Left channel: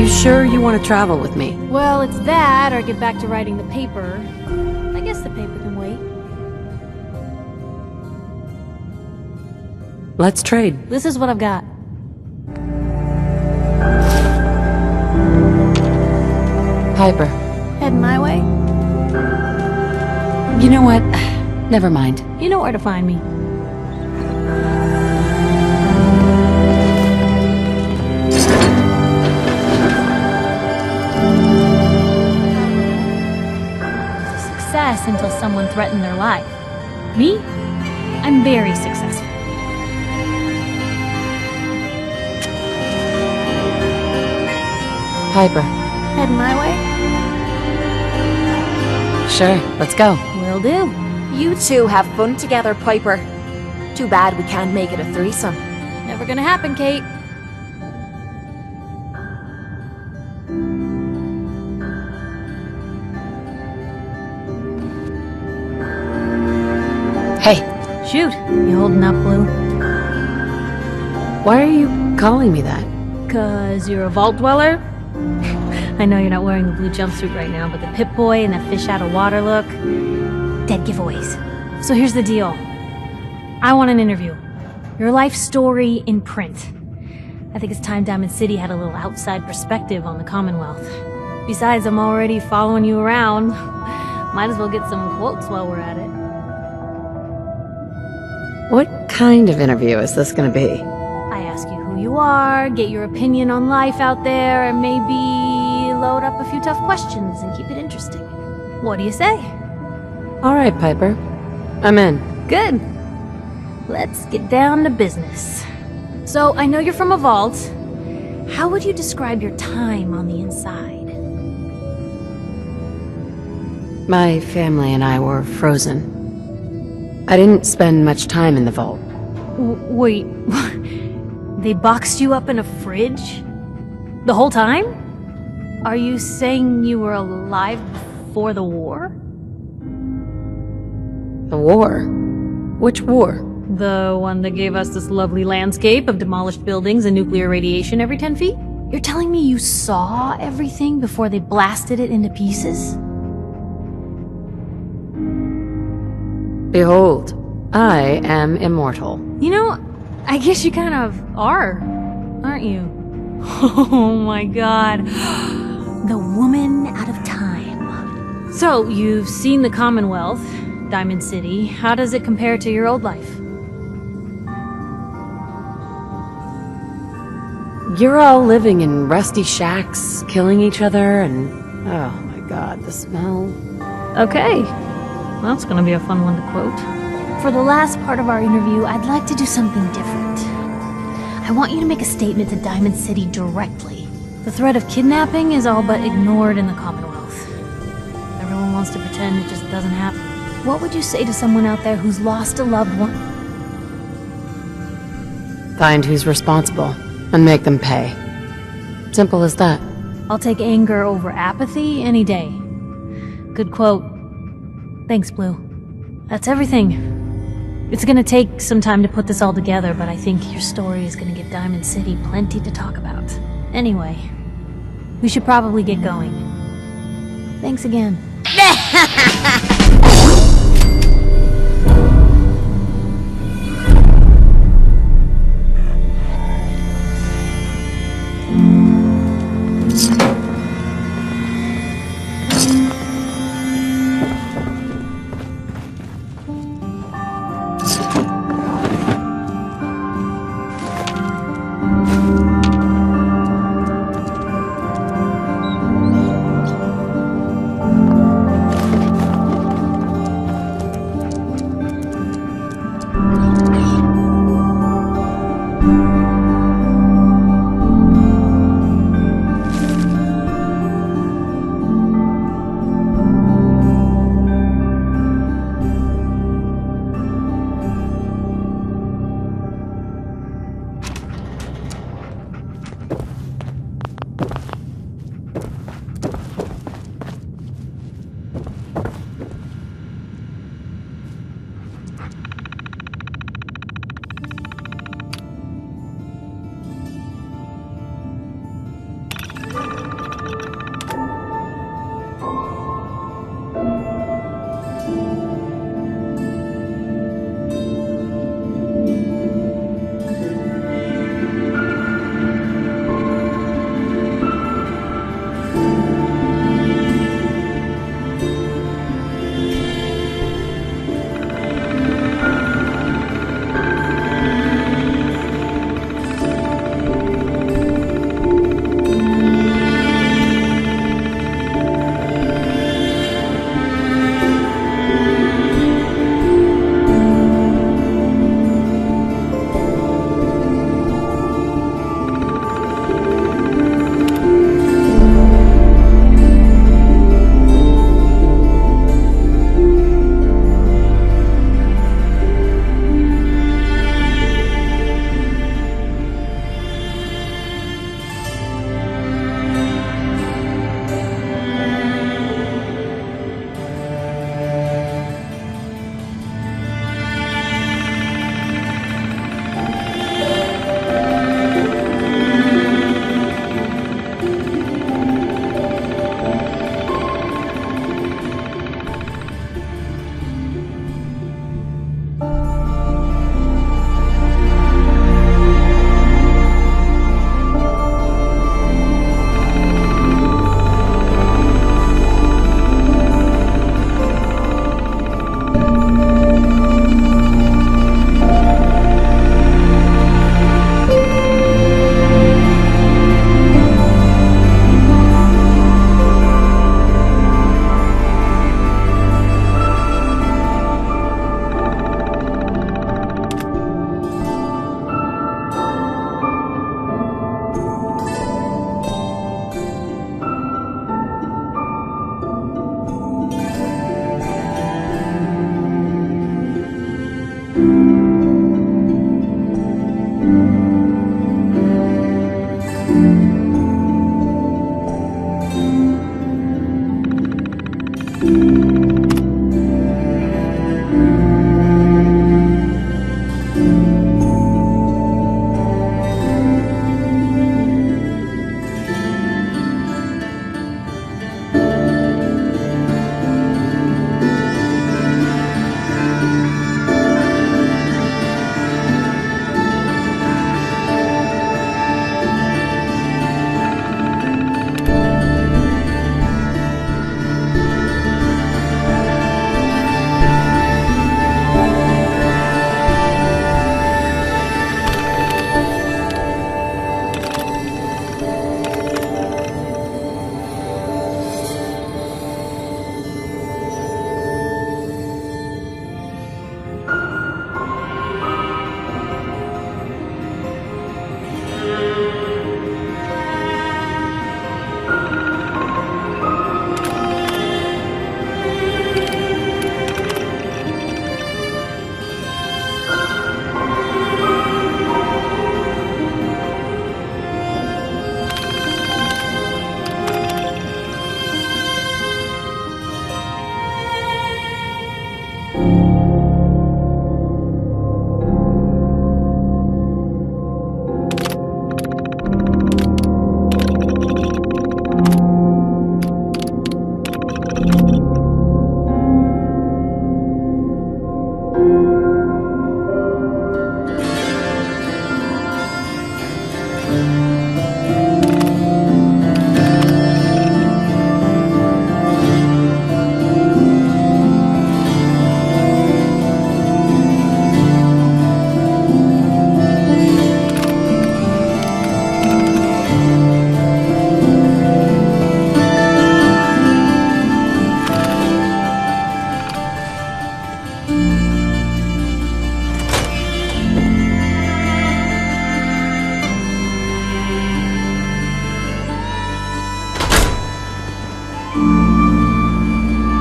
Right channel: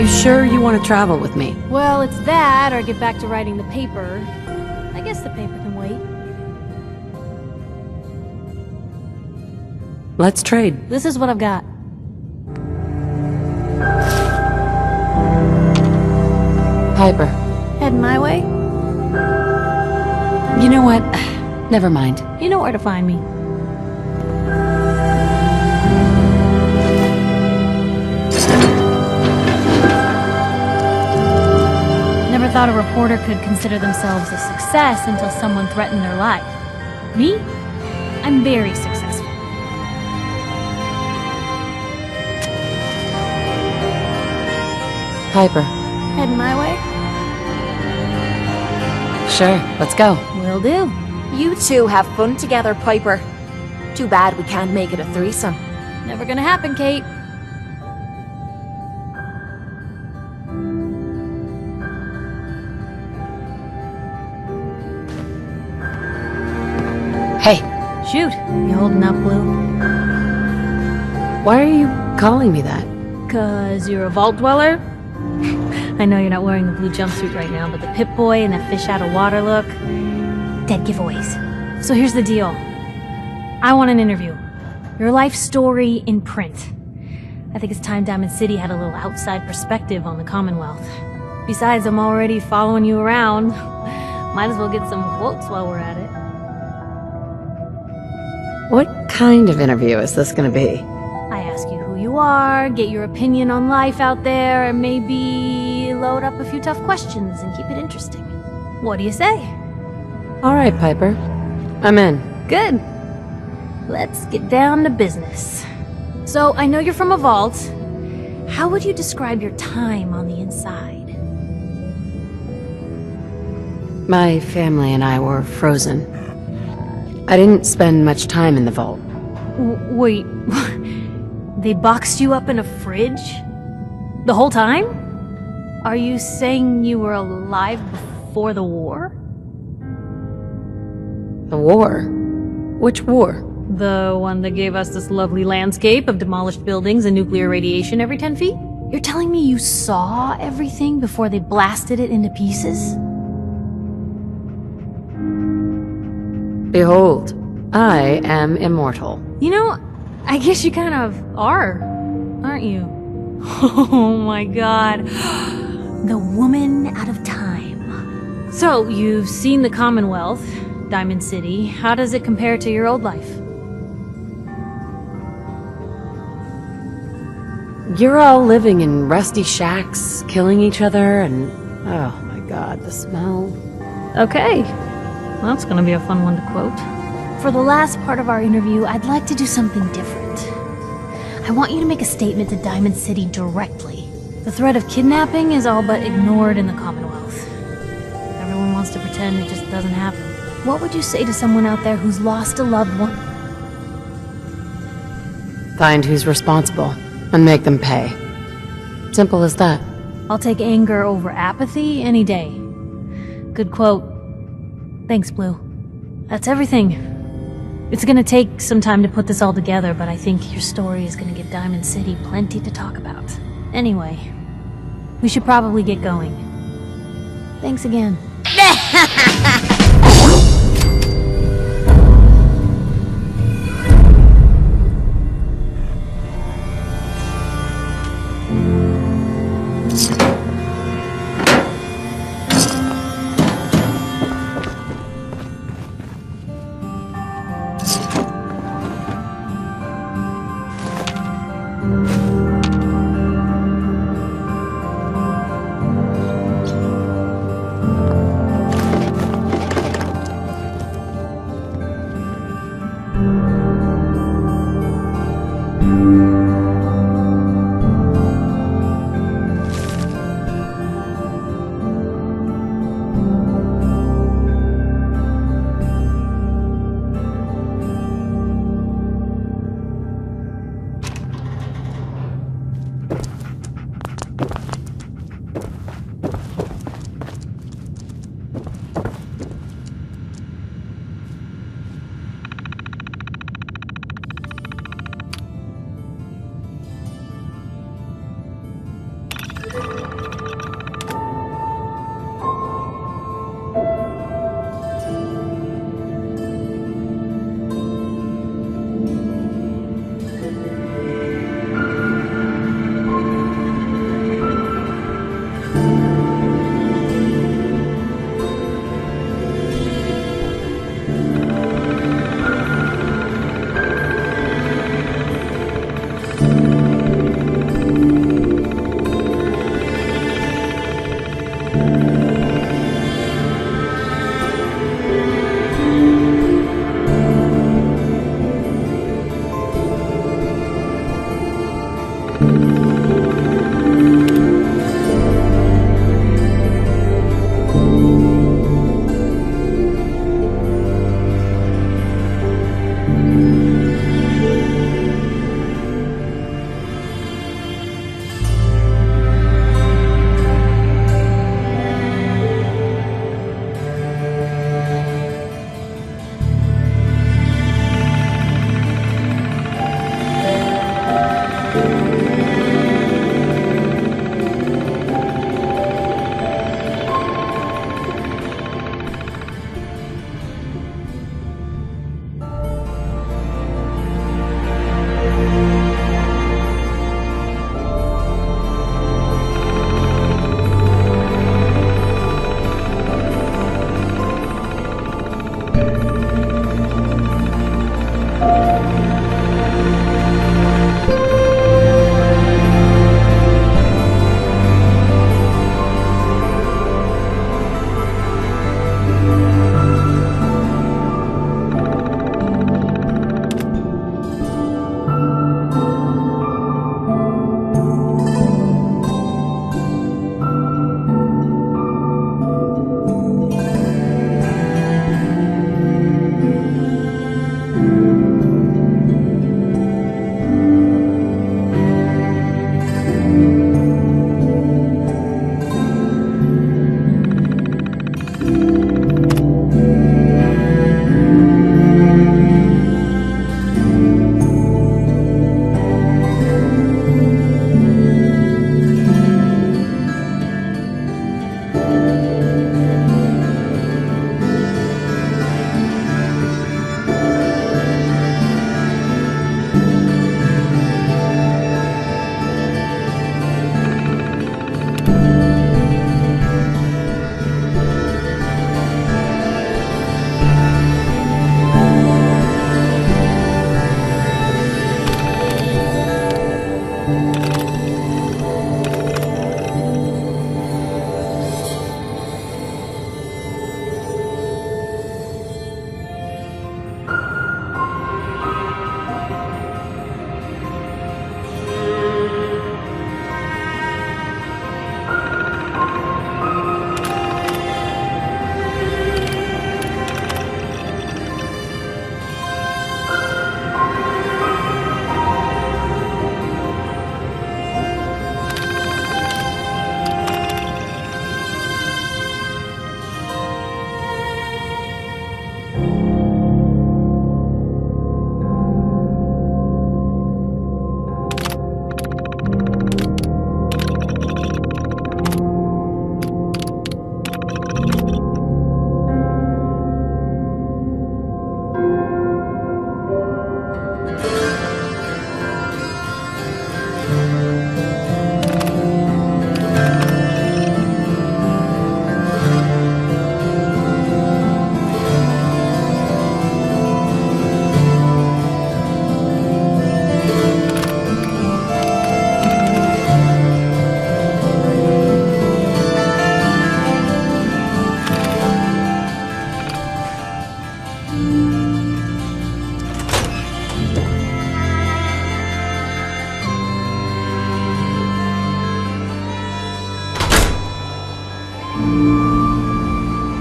You sure you want to travel with me? Well, it's that, or get back to writing the paper. I guess the paper can wait. Let's trade. This is what I've got. Piper. Heading my way? You know what? Never mind. You know where to find me. Never thought a reporter could consider themselves a success until someone threatened their life. Me? I'm very successful. Piper. Heading my way? Sure, let's go. Will do. You two have fun together, Piper. Too bad we can't make it a threesome. Never gonna happen, Kate. Hey, Shoot. You holding up, Blue? why are you calling me that? 'Cause you're a vault dweller? I know you're not wearing the blue jumpsuit right now, but the Pip-Boy and that fish out of water look... dead giveaways. So here's the deal. I want an interview. Your life story in print. I think it's time Diamond City had a little outside perspective on the Commonwealth. Besides, I'm already following you around. Might as well get some quotes while we're at it. What kind of interview is this gonna be? I ask you who you are, get your opinion on life out there, and maybe load up a few tough questions and keep it interesting. What do you say? All right, Piper. I'm in. Good. Let's get down to business. So, I know you're from a vault. How would you describe your time on the inside? My family and I were frozen. I didn't spend much time in the vault. Wait, they boxed you up in a fridge? The whole time? Are you saying you were alive before the war? The war? Which war? The one that gave us this lovely landscape of demolished buildings and nuclear radiation every 10 feet? You're telling me you saw everything before they blasted it into pieces? Behold, I am immortal. You know, I guess you kind of are, aren't you? Oh my god. The woman out of time. So, you've seen the Commonwealth, Diamond City. How does it compare to your old life? You're all living in rusty shacks, killing each other, and... oh my god, the smell. Okay. That's gonna be a fun one to quote. For the last part of our interview, I'd like to do something different. I want you to make a statement to Diamond City directly. The threat of kidnapping is all but ignored in the Commonwealth. Everyone wants to pretend it just doesn't happen. What would you say to someone out there who's lost a loved one? Find who's responsible, and make them pay. Simple as that. I'll take anger over apathy any day. Good quote. Thanks, Blue. That's everything. It's gonna take some time to put this all together, but I think your story is gonna give Diamond City plenty to talk about. Anyway, we should probably get going. Thanks again.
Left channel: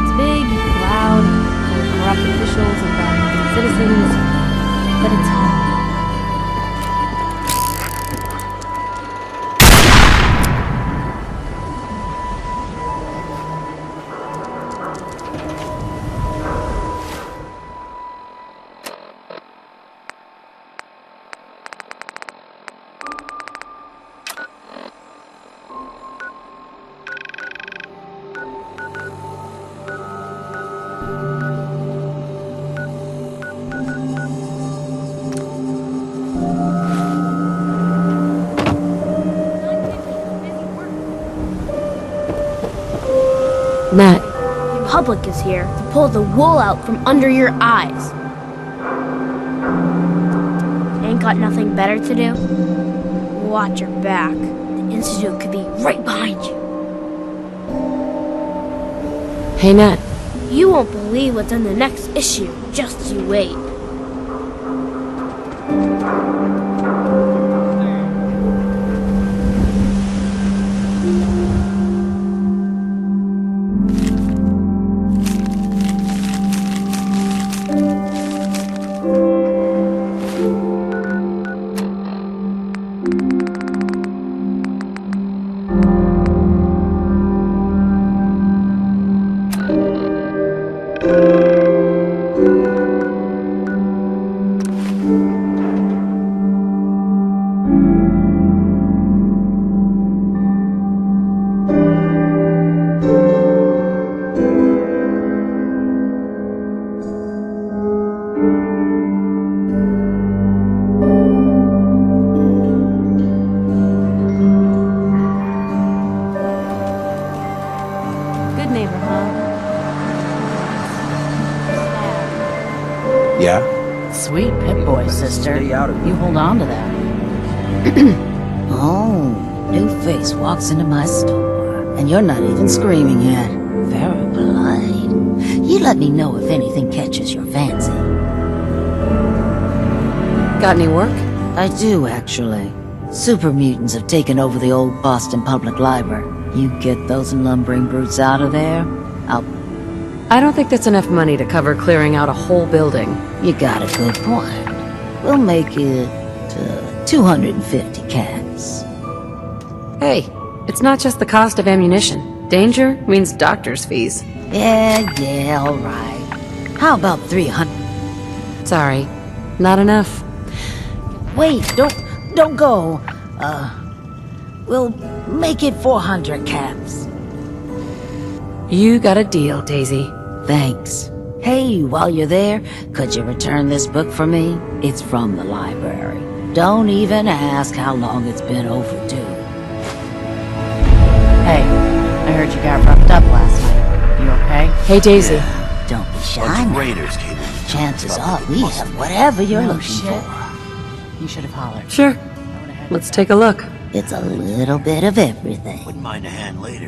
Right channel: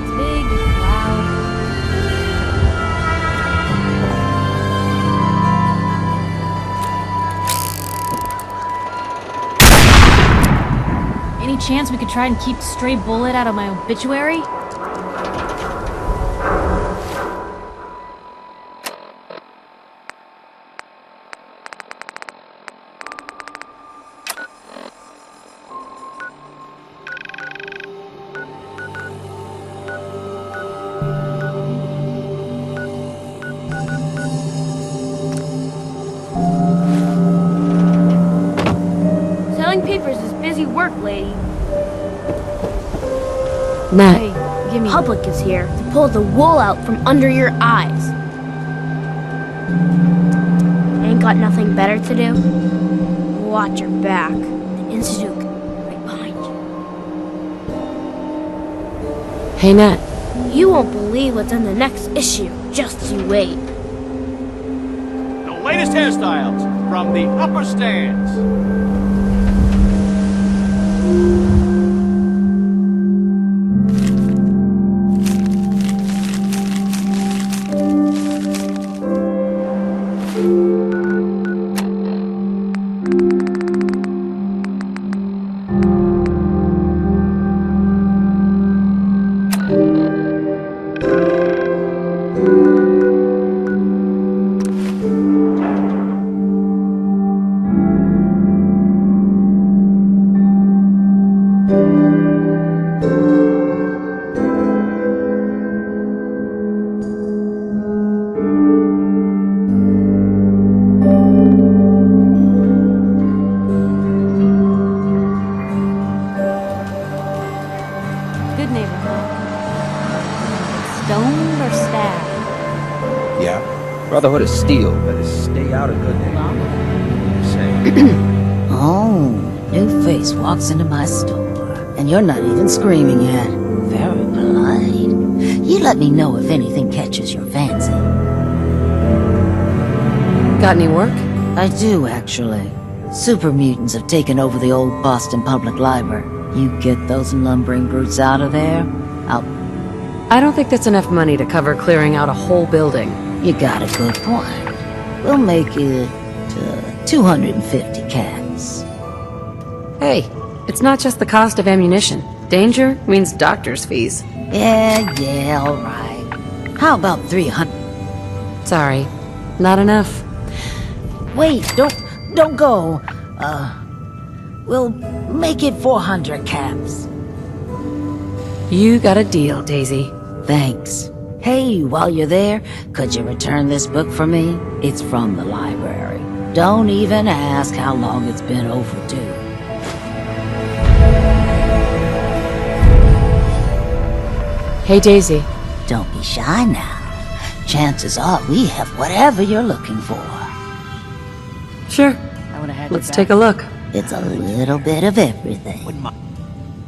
It's big, loud, corrupt officials and citizens, but it's home. Any chance we could try and keep a stray bullet out of my obituary? Selling papers is busy work, lady. Nat, Hey, give me... Public is here to pull the wool out from under your eyes. Ain't got nothing better to do? Watch your back. The Institute could be right behind you. hey Nat. You won't believe what's in the next issue. Just you wait. The latest hairstyles from the upper stands. Good neighbor, huh? Get stoned or stabbed? Yeah? Brotherhood of Sweet Steel, boy, better sister. stay out of You it. hold on to that. Oh, new face walks into my store, and you're not even screaming yet. Very polite. You let me know if anything catches your fancy. Got any work? I do, actually. Super mutants have taken over the old Boston Public Library. You get those lumbering brutes out of there, I'll I don't think that's enough money to cover clearing out a whole building. You got a good point. We'll make it 250 cats. Hey, it's not just the cost of ammunition. Danger means doctor's fees. Yeah, all right. How about 300? Sorry, not enough. Wait, don't go. We'll make it 400 caps. You got a deal, Daisy. Thanks. Hey, while you're there, could you return this book for me? It's from the library. Don't even ask how long it's been overdue. Hey, I heard you got roughed up last night. You okay? Hey, Daisy. Don't be shy now. Chances are we have whatever you're looking for. You should have hollered. Sure. I would have had Let's your take back. a look. It's a little bit of everything. Wouldn't mind a hand later.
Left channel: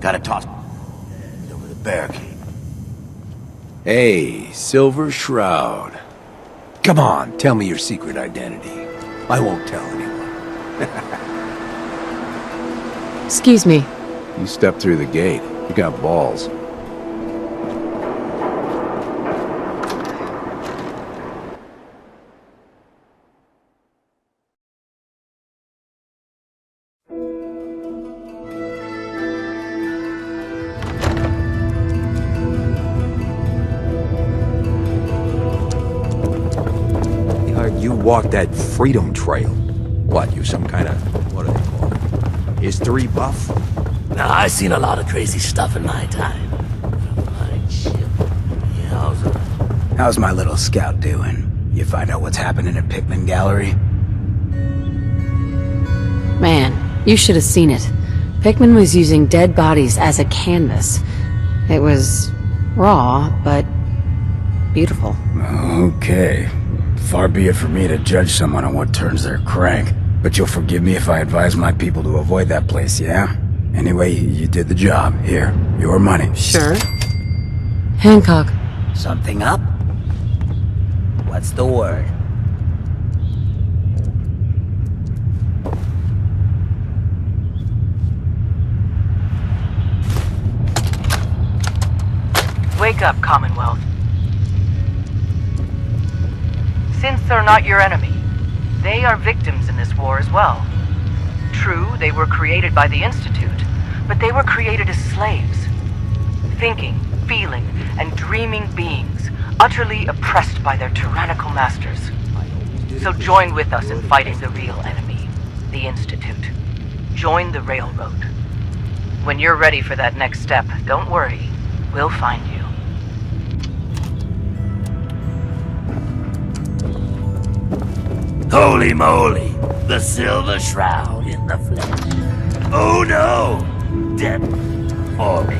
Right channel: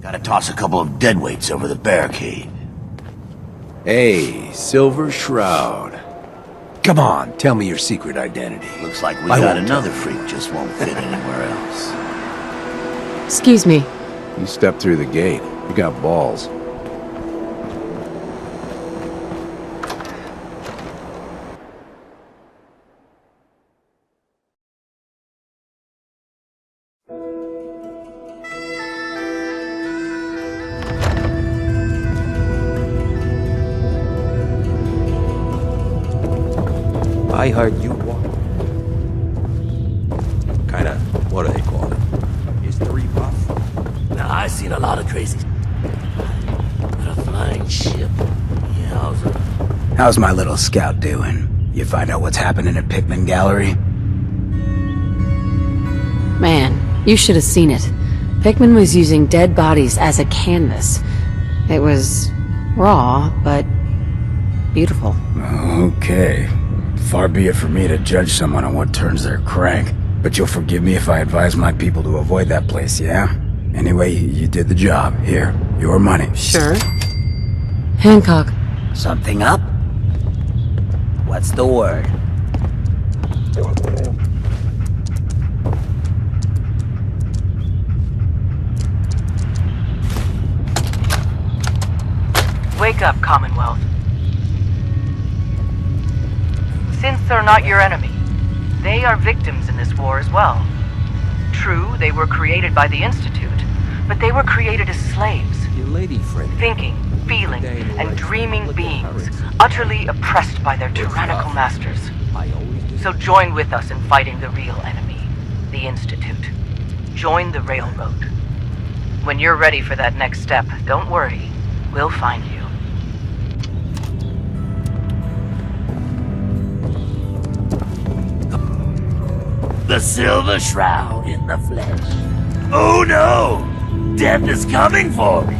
Gotta toss a couple of deadweights over the barricade. Hey, Silver Shroud. Come on, tell me your secret identity. Looks like we I got won't tell another anyone. freak just won't fit anywhere else. Excuse me. You stepped through the gate. You got balls. I heard you walked that Freedom Trail. What, you some kind of, what do they call it? History buff? Now, I seen a lot of crazy stuff in my time. But a flying ship, yowza. How's my little scout doing? You find out what's happening at Pickman Gallery? Man, you should have seen it. Pickman was using dead bodies as a canvas. It was raw, but beautiful. Okay. Far be it for me to judge someone on what turns their crank. But you'll forgive me if I advise my people to avoid that place, yeah? Anyway, you did the job. Here, your money. Sure. Hancock. Something up? What's the word? Wake up, Commonwealth. Synths are not your enemy. They are victims in this war as well. True, they were created by the Institute, but they were created as slaves. Thinking, feeling, and dreaming beings, utterly oppressed by their tyrannical masters. So join with us in fighting the real enemy, the Institute. Join the Railroad. When you're ready for that next step, don't worry, we'll find you. Holy moly, the Silver Shroud in the flesh. Oh no! Death is coming for me!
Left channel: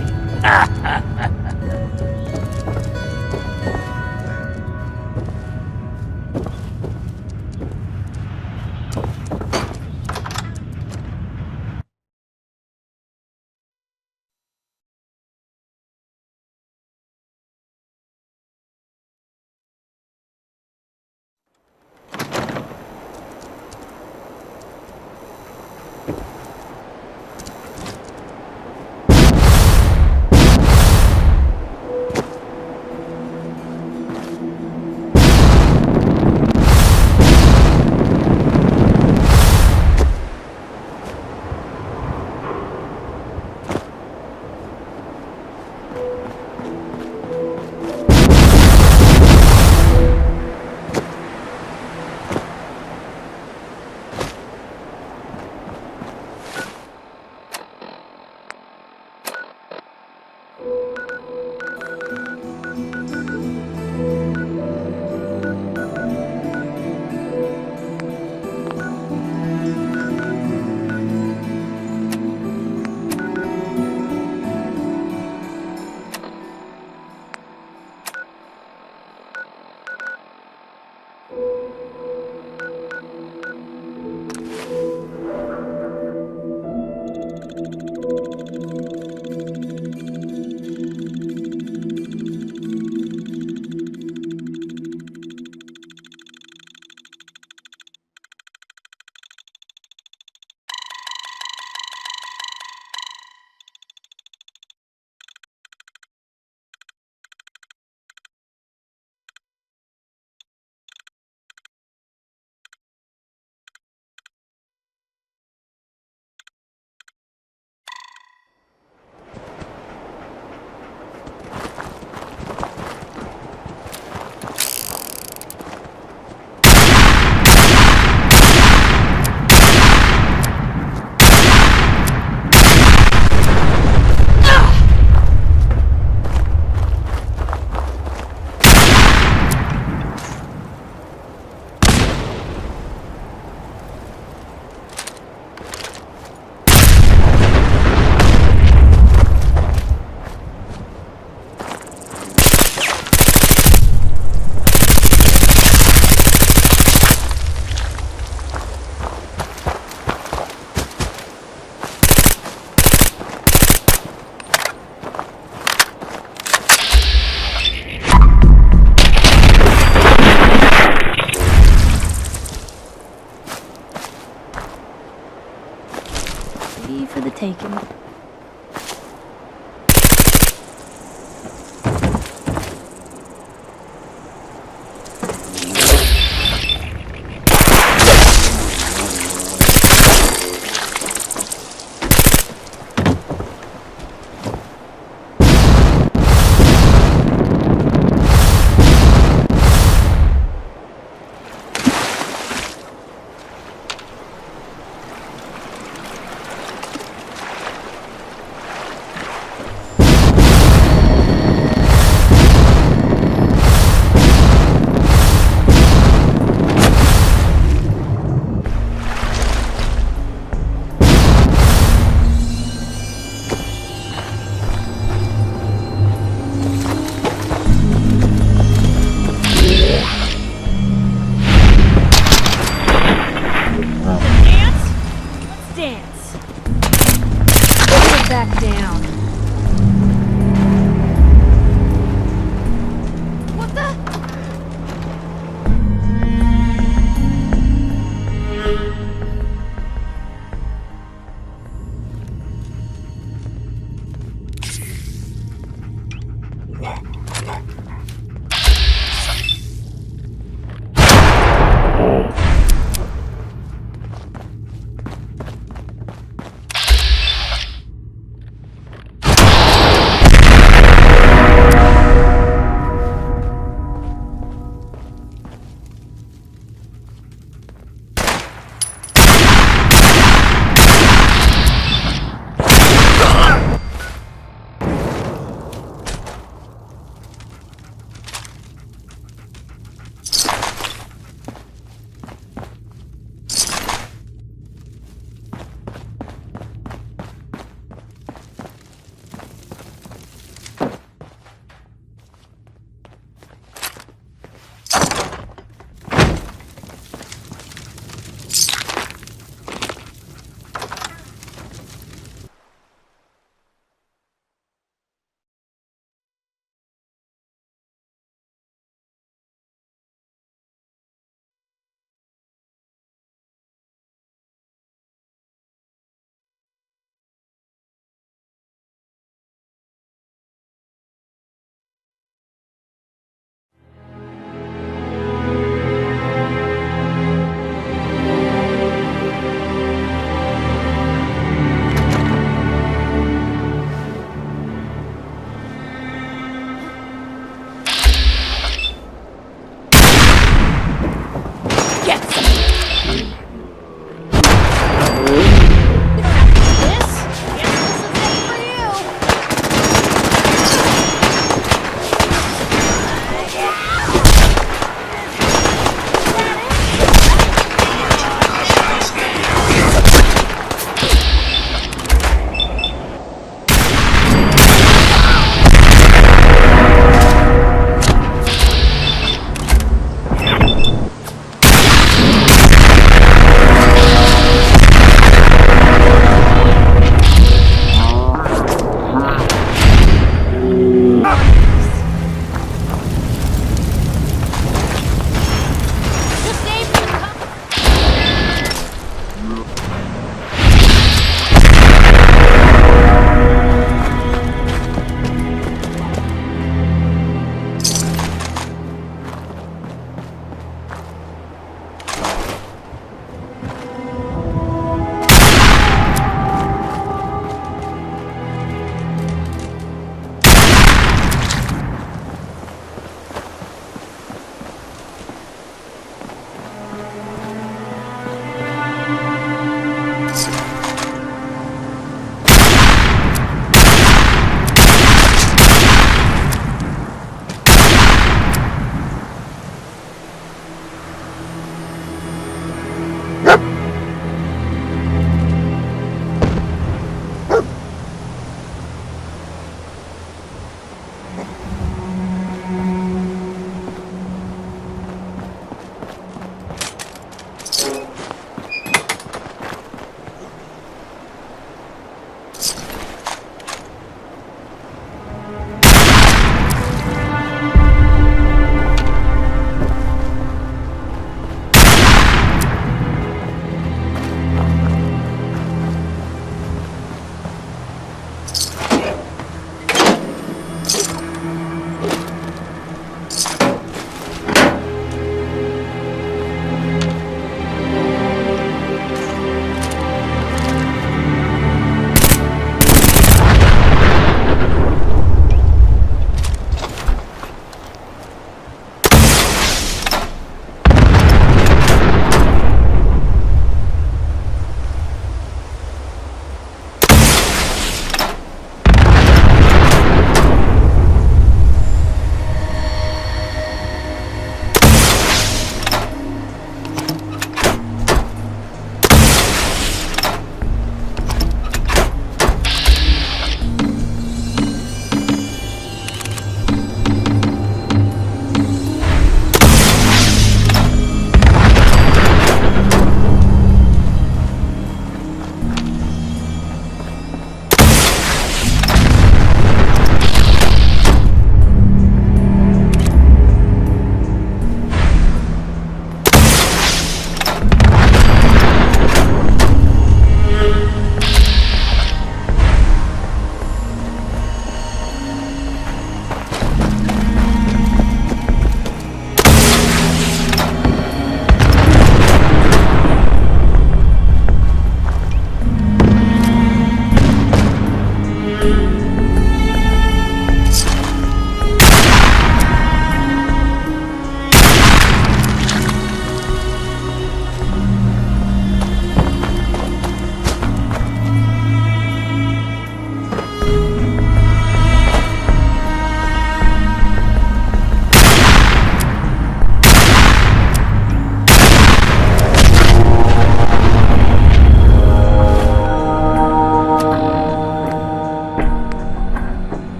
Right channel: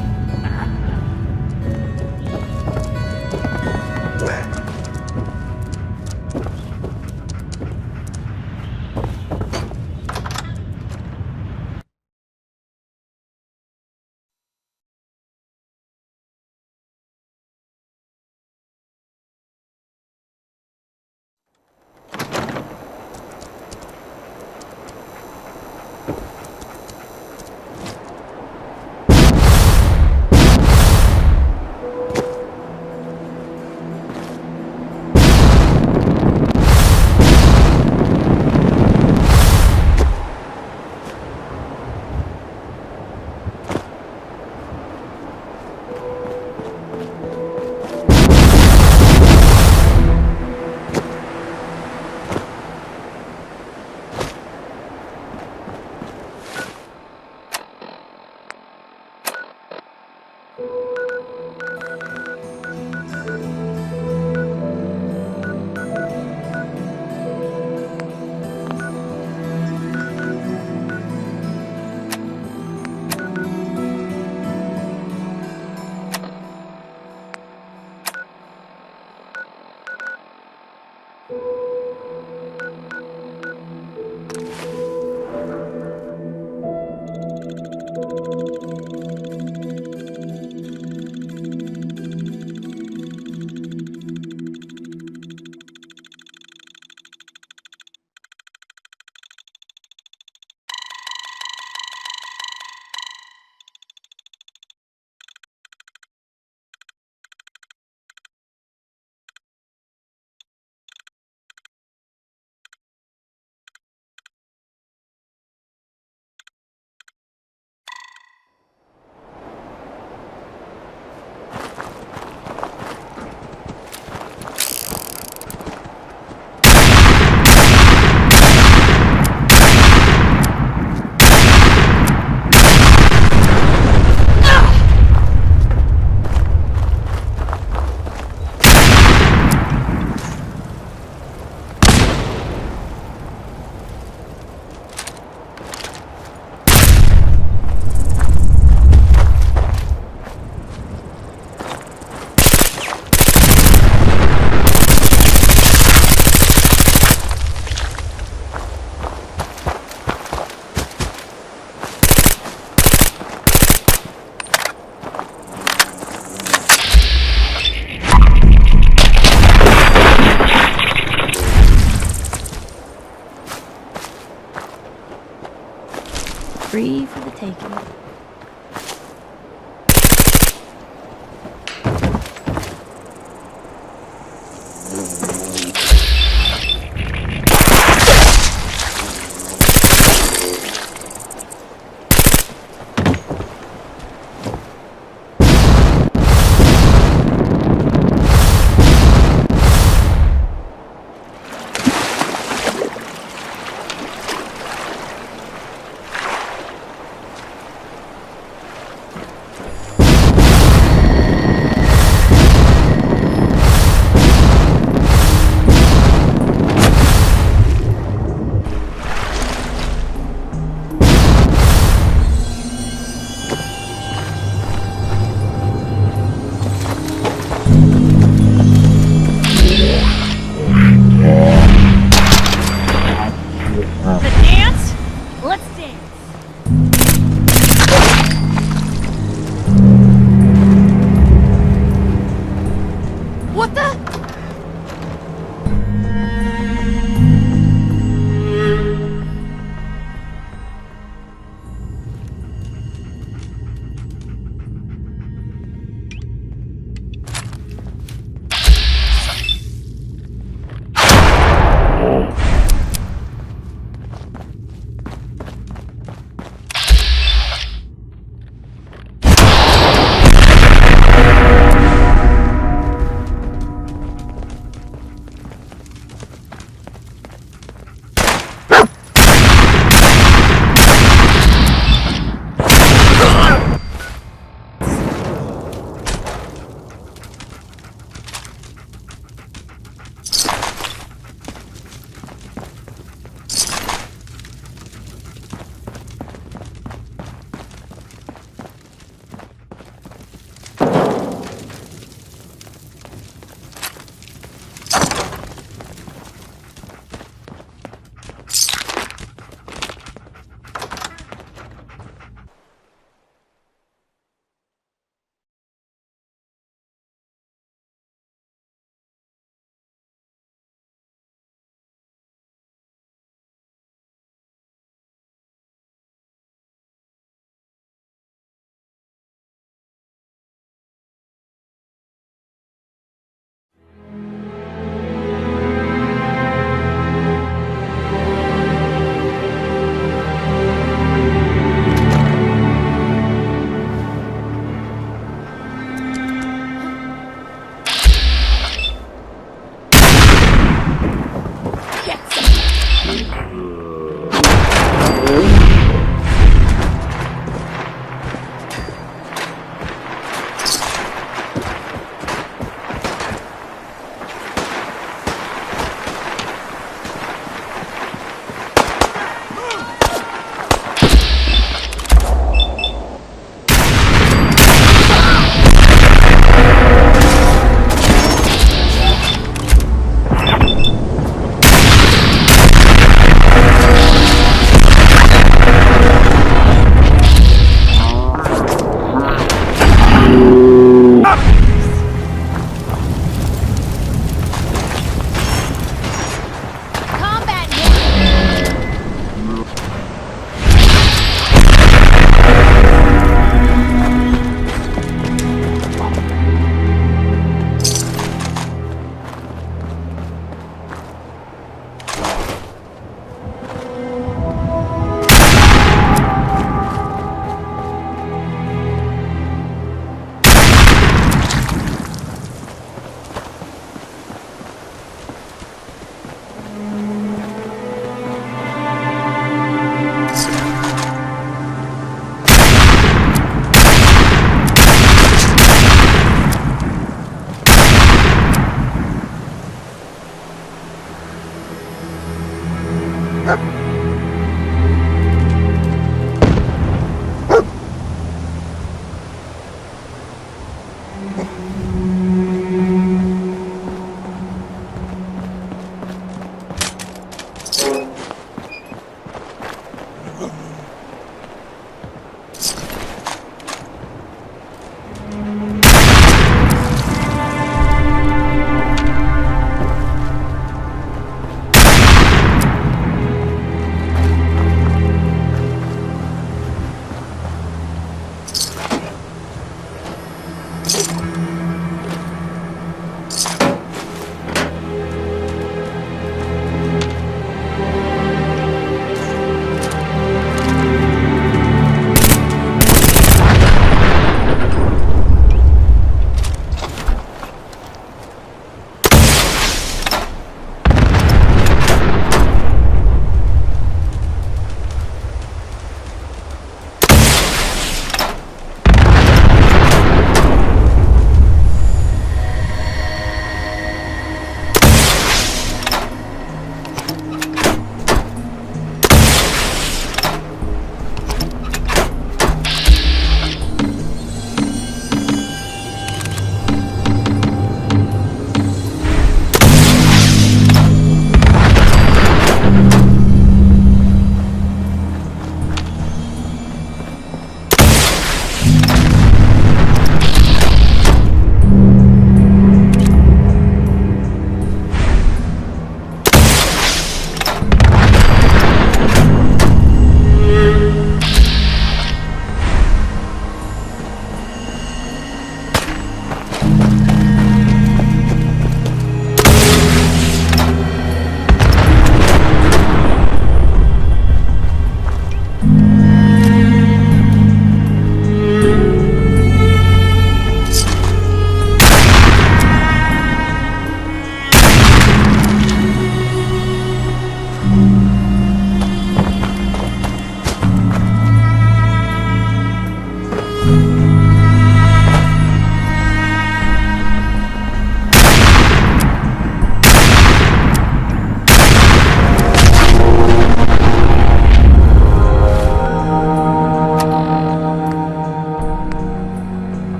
Free for the taking. Get some.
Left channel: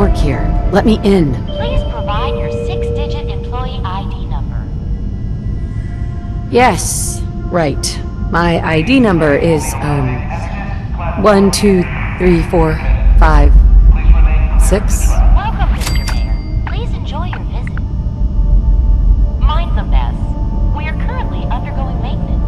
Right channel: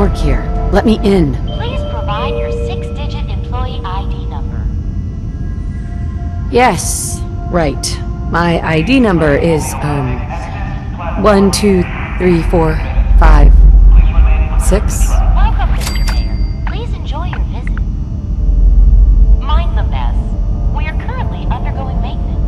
work here. Let me in. Please provide your 6-digit employee ID number. Yes, right. My ID number is, 1, 2, 3, 4, 5, 6. Welcome, Mr. Mayor. Please enjoy your visit. Mind the mess. We are currently undergoing maintenance.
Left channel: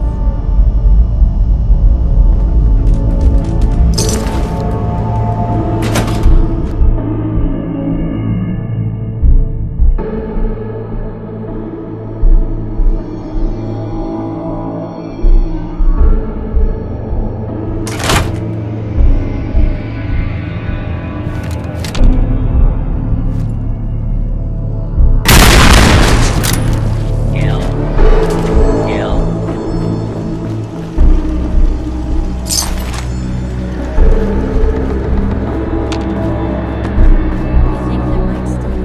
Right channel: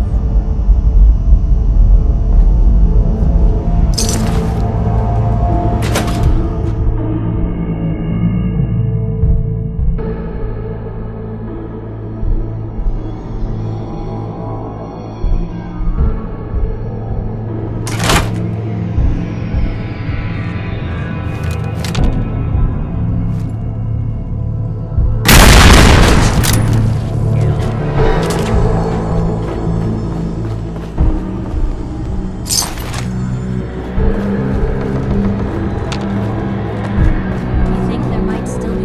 You think there might still be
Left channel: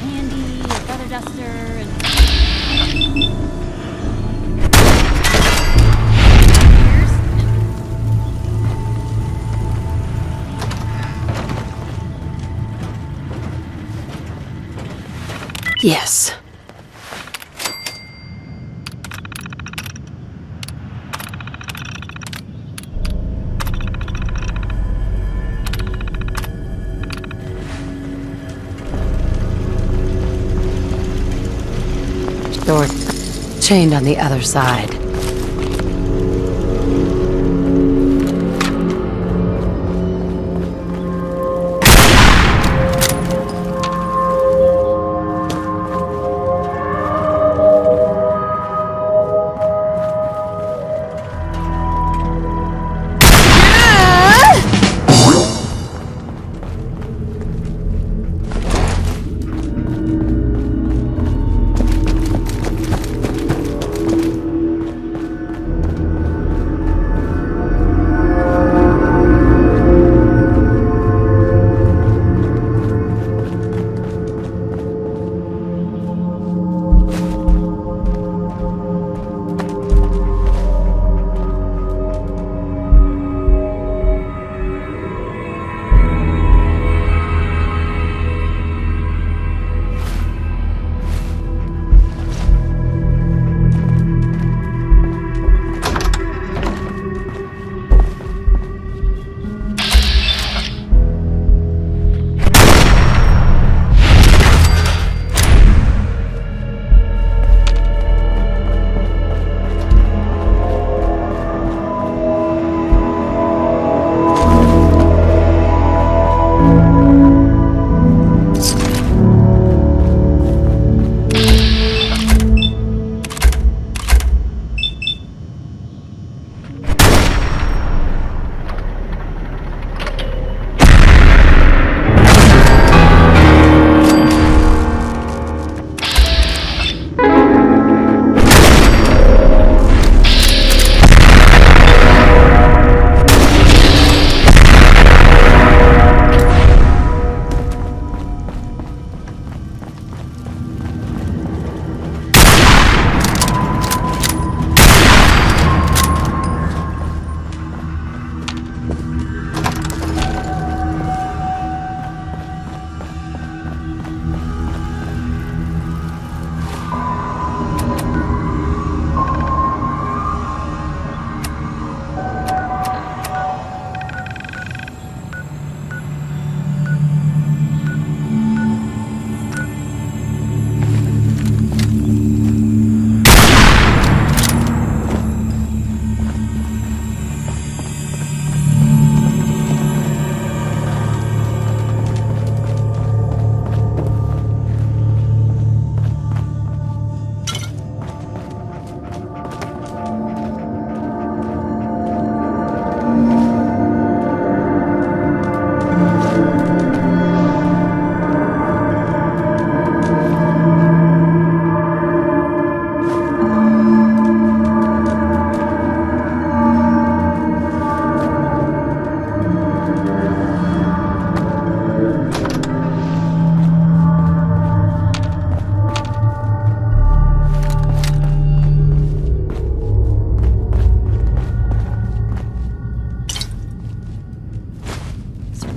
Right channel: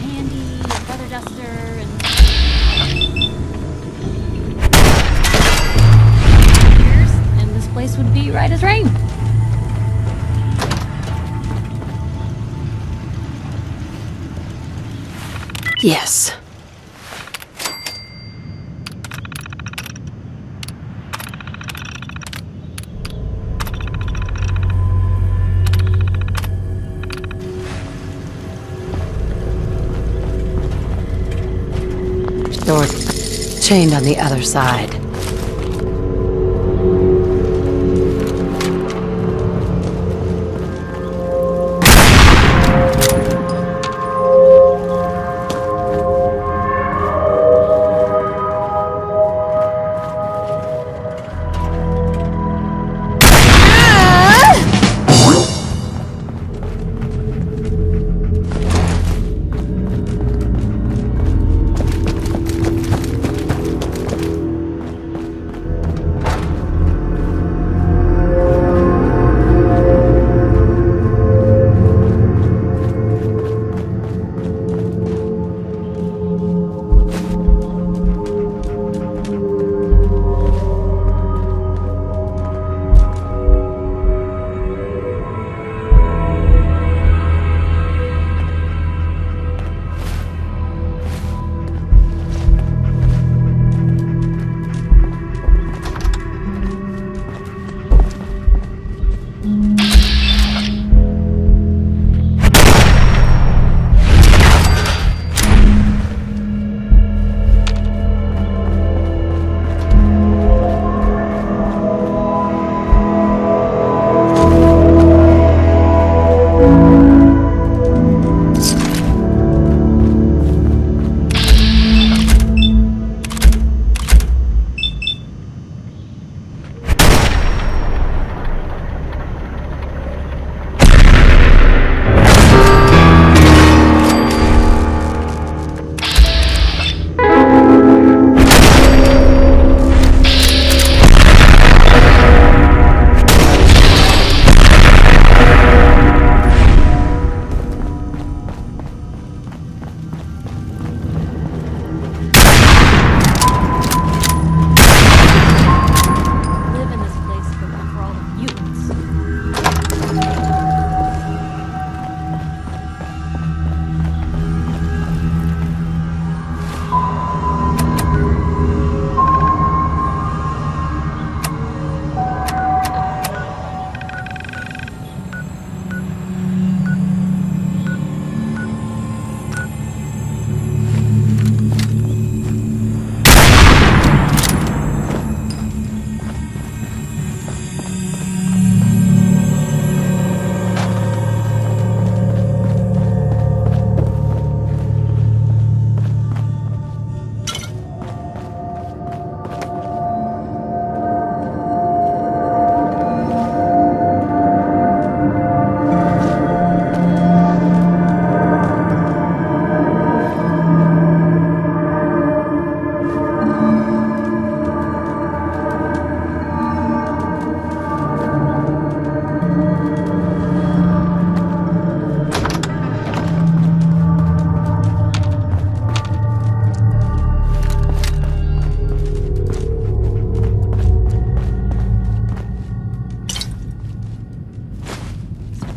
handy, a feather duster, and years, and this place would be right as rain. Yes. Door chained on the other side.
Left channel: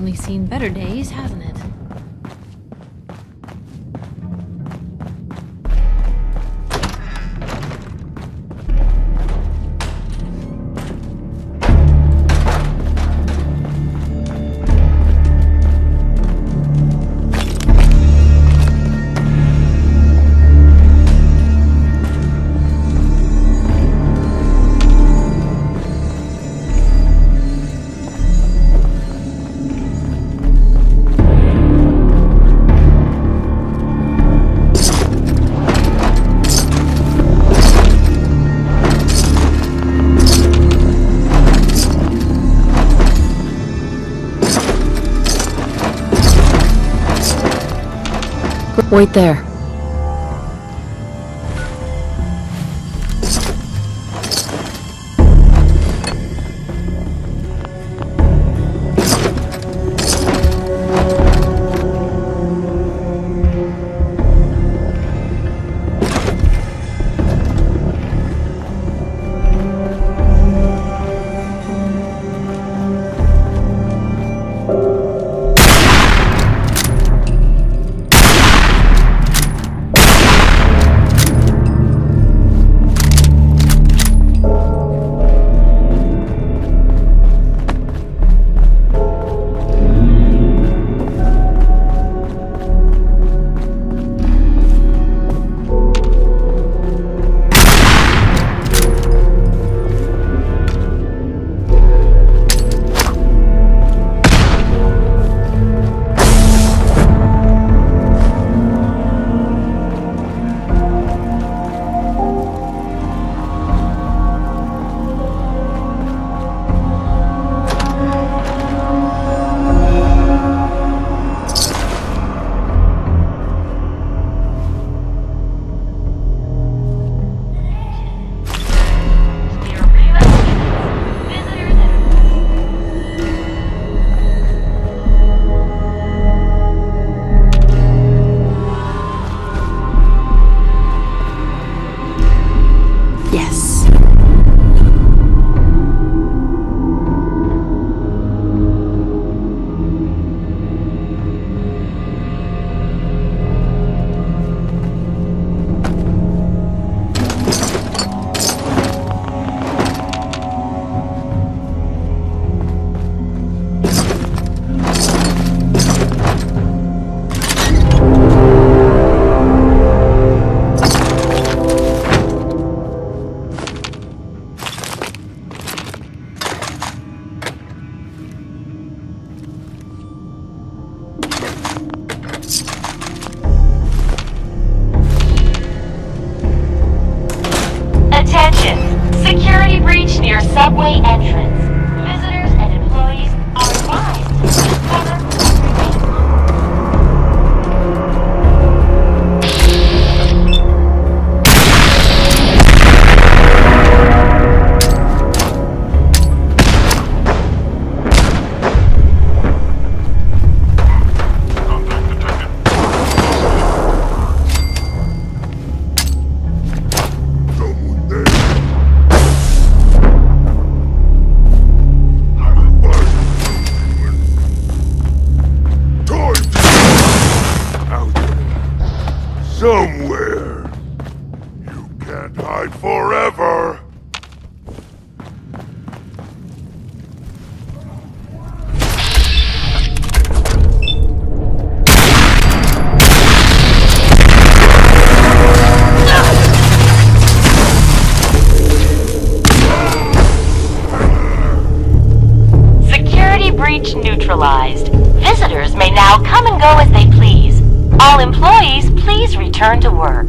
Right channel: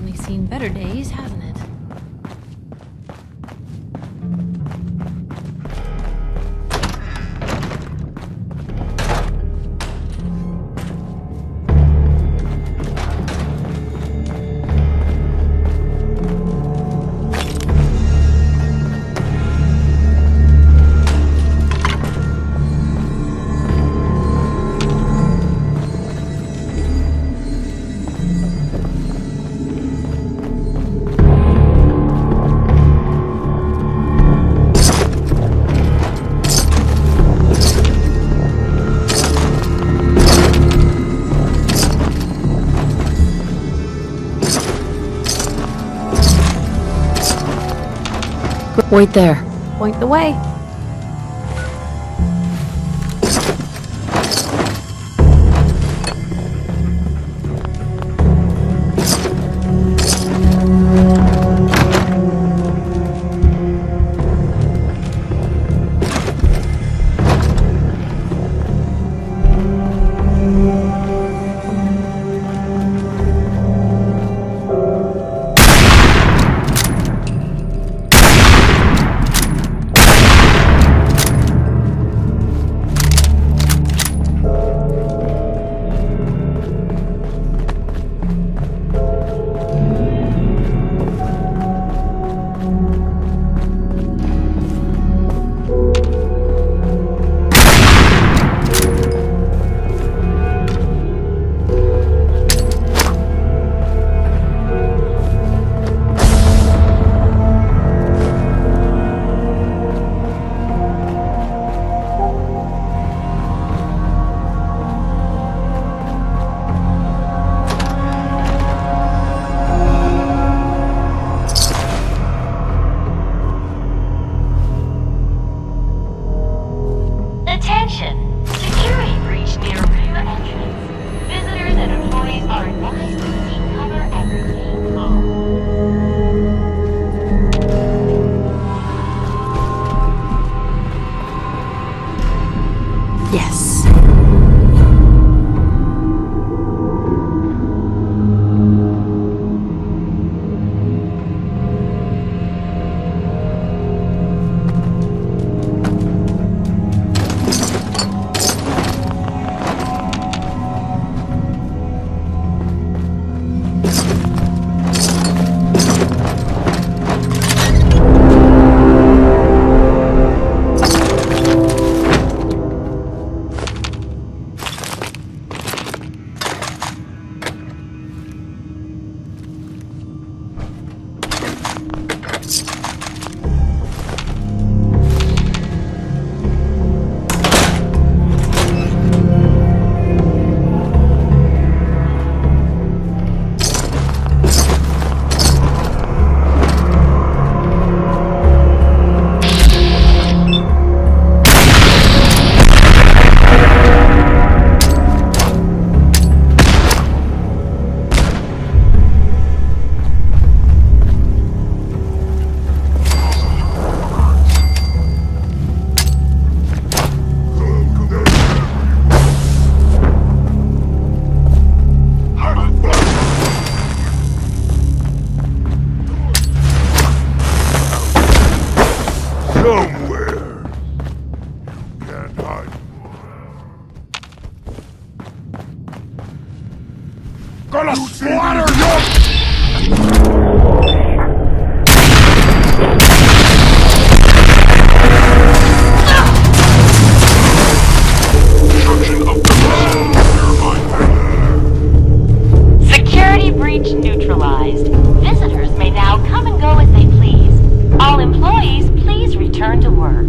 certainly seen better days, hasn't it? Wait there. Point the way. Yes. subway entrance. Visitors and employees are somewhere. You can't hide forever. Gonna slaughter you! Security breach neutralized. Visitors may now come and go as they please. All employees, please return to work.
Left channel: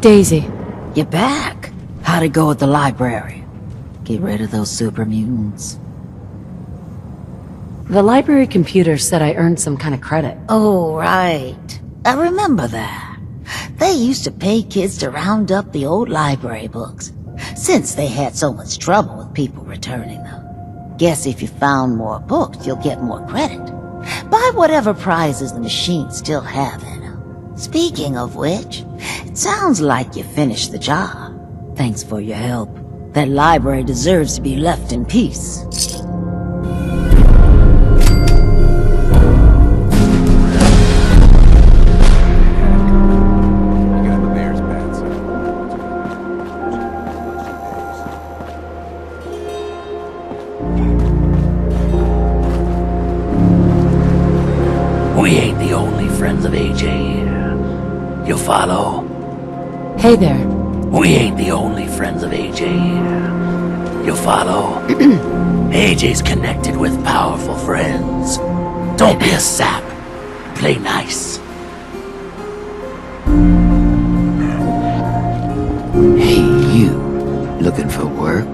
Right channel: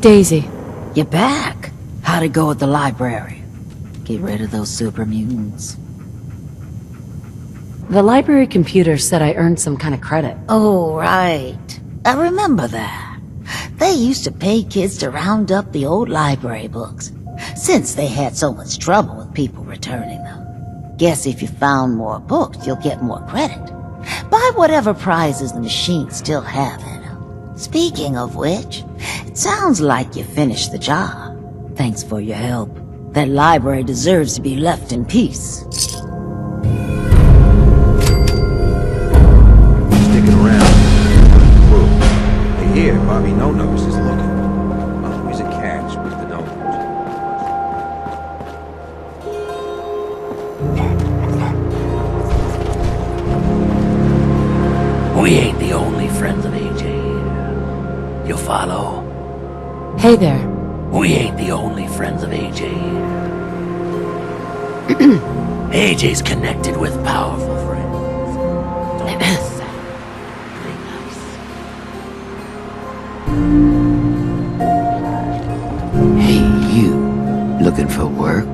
Daisy. You're back. How'd it go at the library? Get rid of those super mutants. The library computer said I earned some kind of credit. Oh, right. I remember that. They used to pay kids to round up the old library books, since they had so much trouble with people returning them. Guess if you found more books, you'll get more credit. Buy whatever prizes the machines still have in them. Speaking of which, it sounds like you finished the job. Thanks for your help. That library deserves to be left in peace. Sticking around. Here, Bobby No-Nose is got the bear's bats. Here's a cash with the We ain't the only friends of AJ here. You follow? Hey there. We ain't the only friends of AJ here. You follow? AJ's connected with powerful friends. Don't be a sap. Play nice. Hey, you. Looking for work?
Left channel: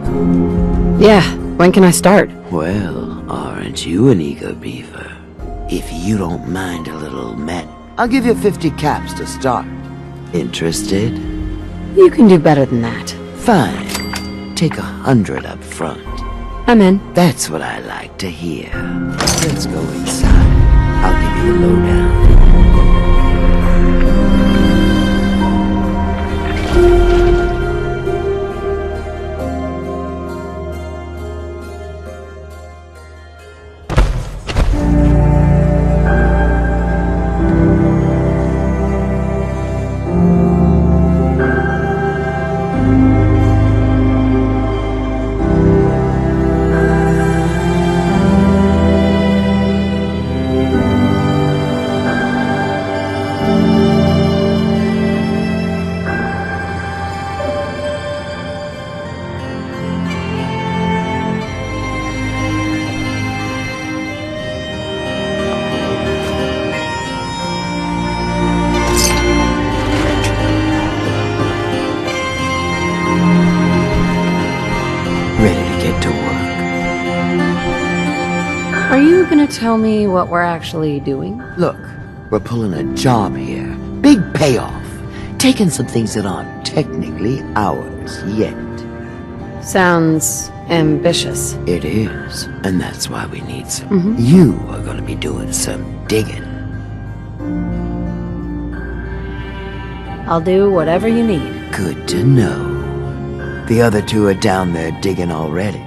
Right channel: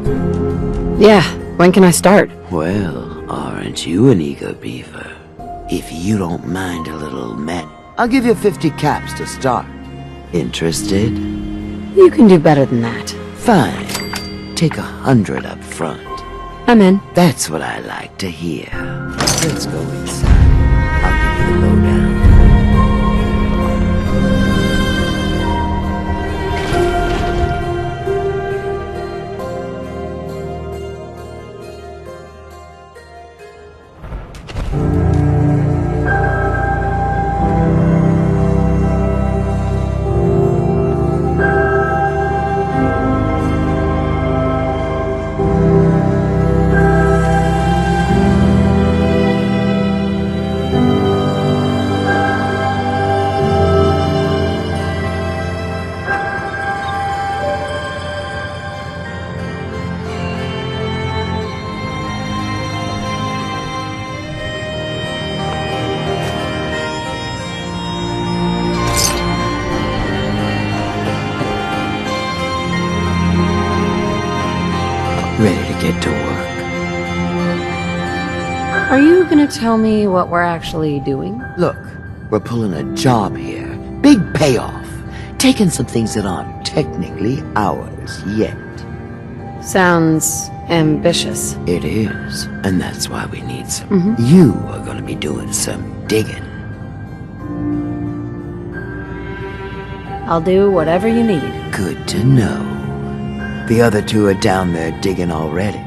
Yeah, when can I start? Well, aren't you an ego beaver? If you don't mind a little I'll give you 50 caps to start. Interested? You can do better than that. Fine. Take 100 up front. I'm in. That's what I like to hear. Let's go inside. I'll give you the lowdown. Ready to get to work? Are you gonna tell me what we're actually doing? Look, we're pulling a job here. Big payoff. Taking some things that aren't technically ours yet. Sounds ambitious. It is, and that's why we need some. You are gonna be doing some digging. I'll do whatever you need. Good to know. The other two are down there digging already.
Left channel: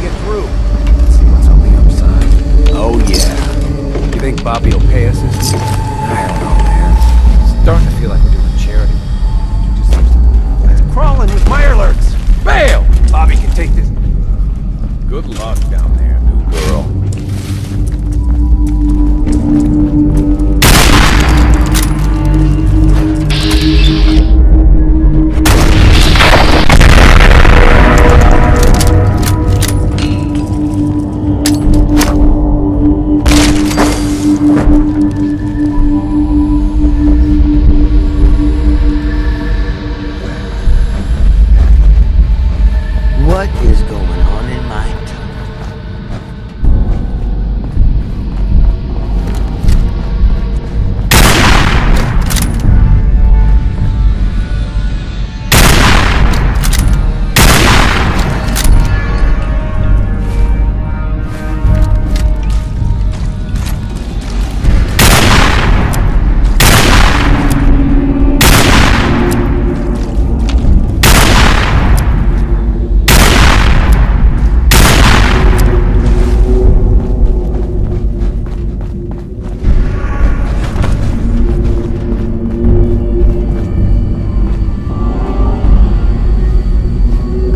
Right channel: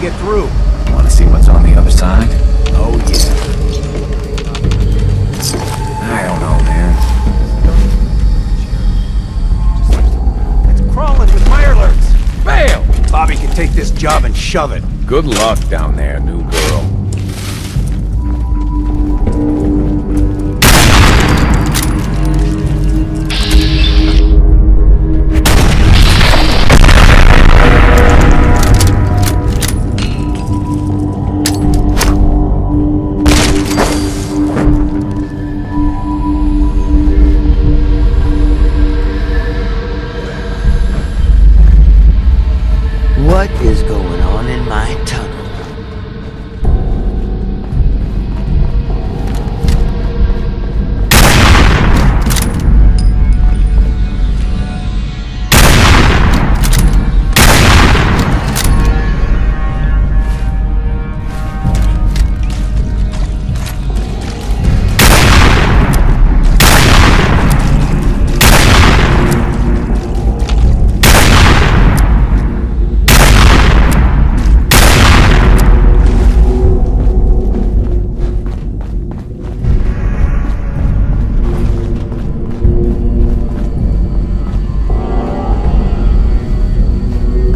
Get through. Want to see what's on the other side? Oh yeah. You think Bobby will pay us? I don't know, man. It's starting to feel like doing charity. It's crawling with my alerts. Bail! Bobby can take this job and shove it. Good luck down there, new girl. What is going on in my tunnel?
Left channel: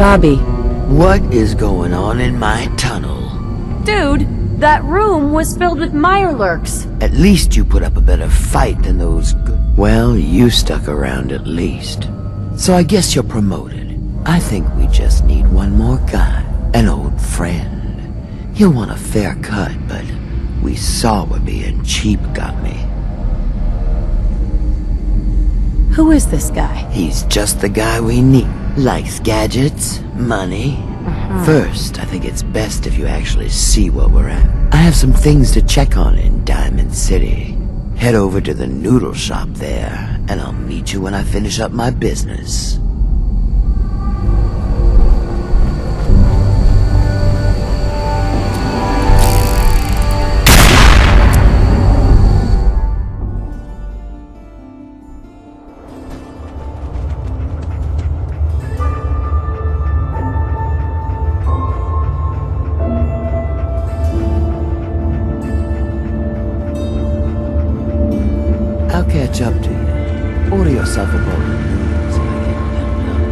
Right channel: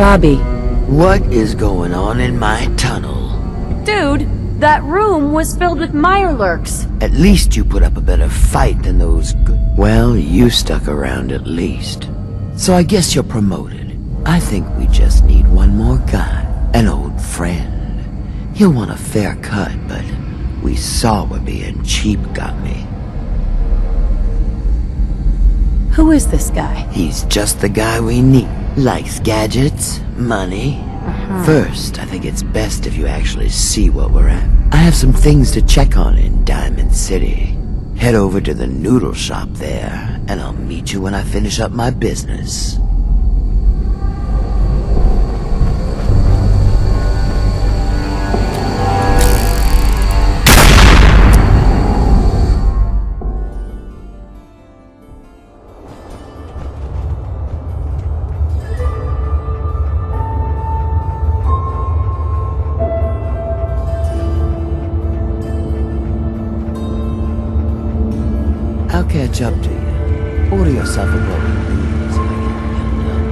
Bobby. What is going on in my tunnel? Dude, that room was filled with mirelurks. At least you put up a better fight than those good... Well, you stuck around at least. So I guess you're promoted. I think we just need one more guy. An old friend. He'll want a fair cut, but we saw what being cheap got me. Who is this guy? He's just the guy we need. Likes gadgets, money. First, I think it's best if you actually see what we're at. I have some things to check on in Diamond City. Head over to the noodle shop there, and I'll meet you when I finish up my business. I'll catch up to you. Order yourself a bowl of noodles if I get held up.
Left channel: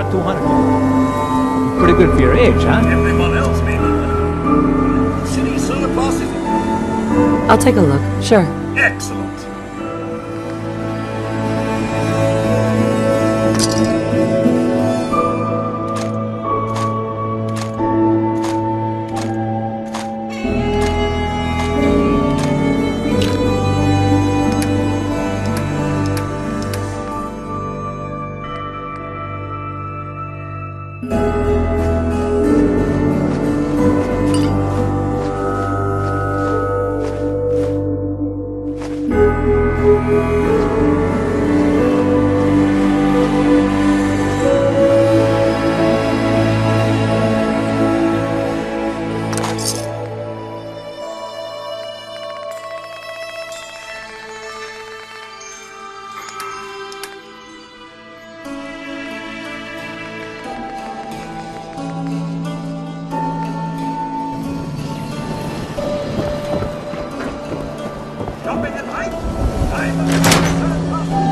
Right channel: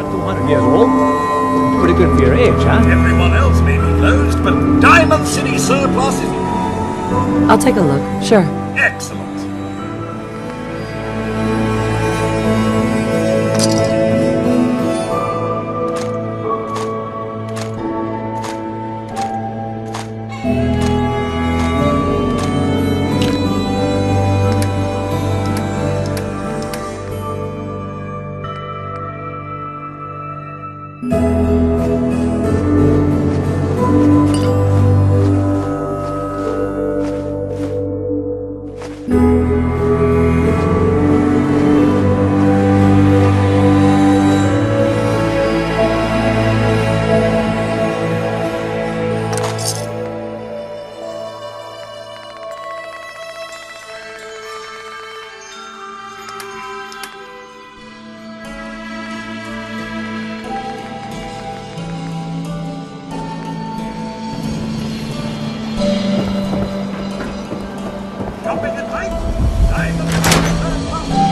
Not 200 years old. Pretty good for your age, huh? Everyone else may be closed, but Diamond City surplus is I'll take a look, sure. excellent. Shopping at night? Diamond City surplus.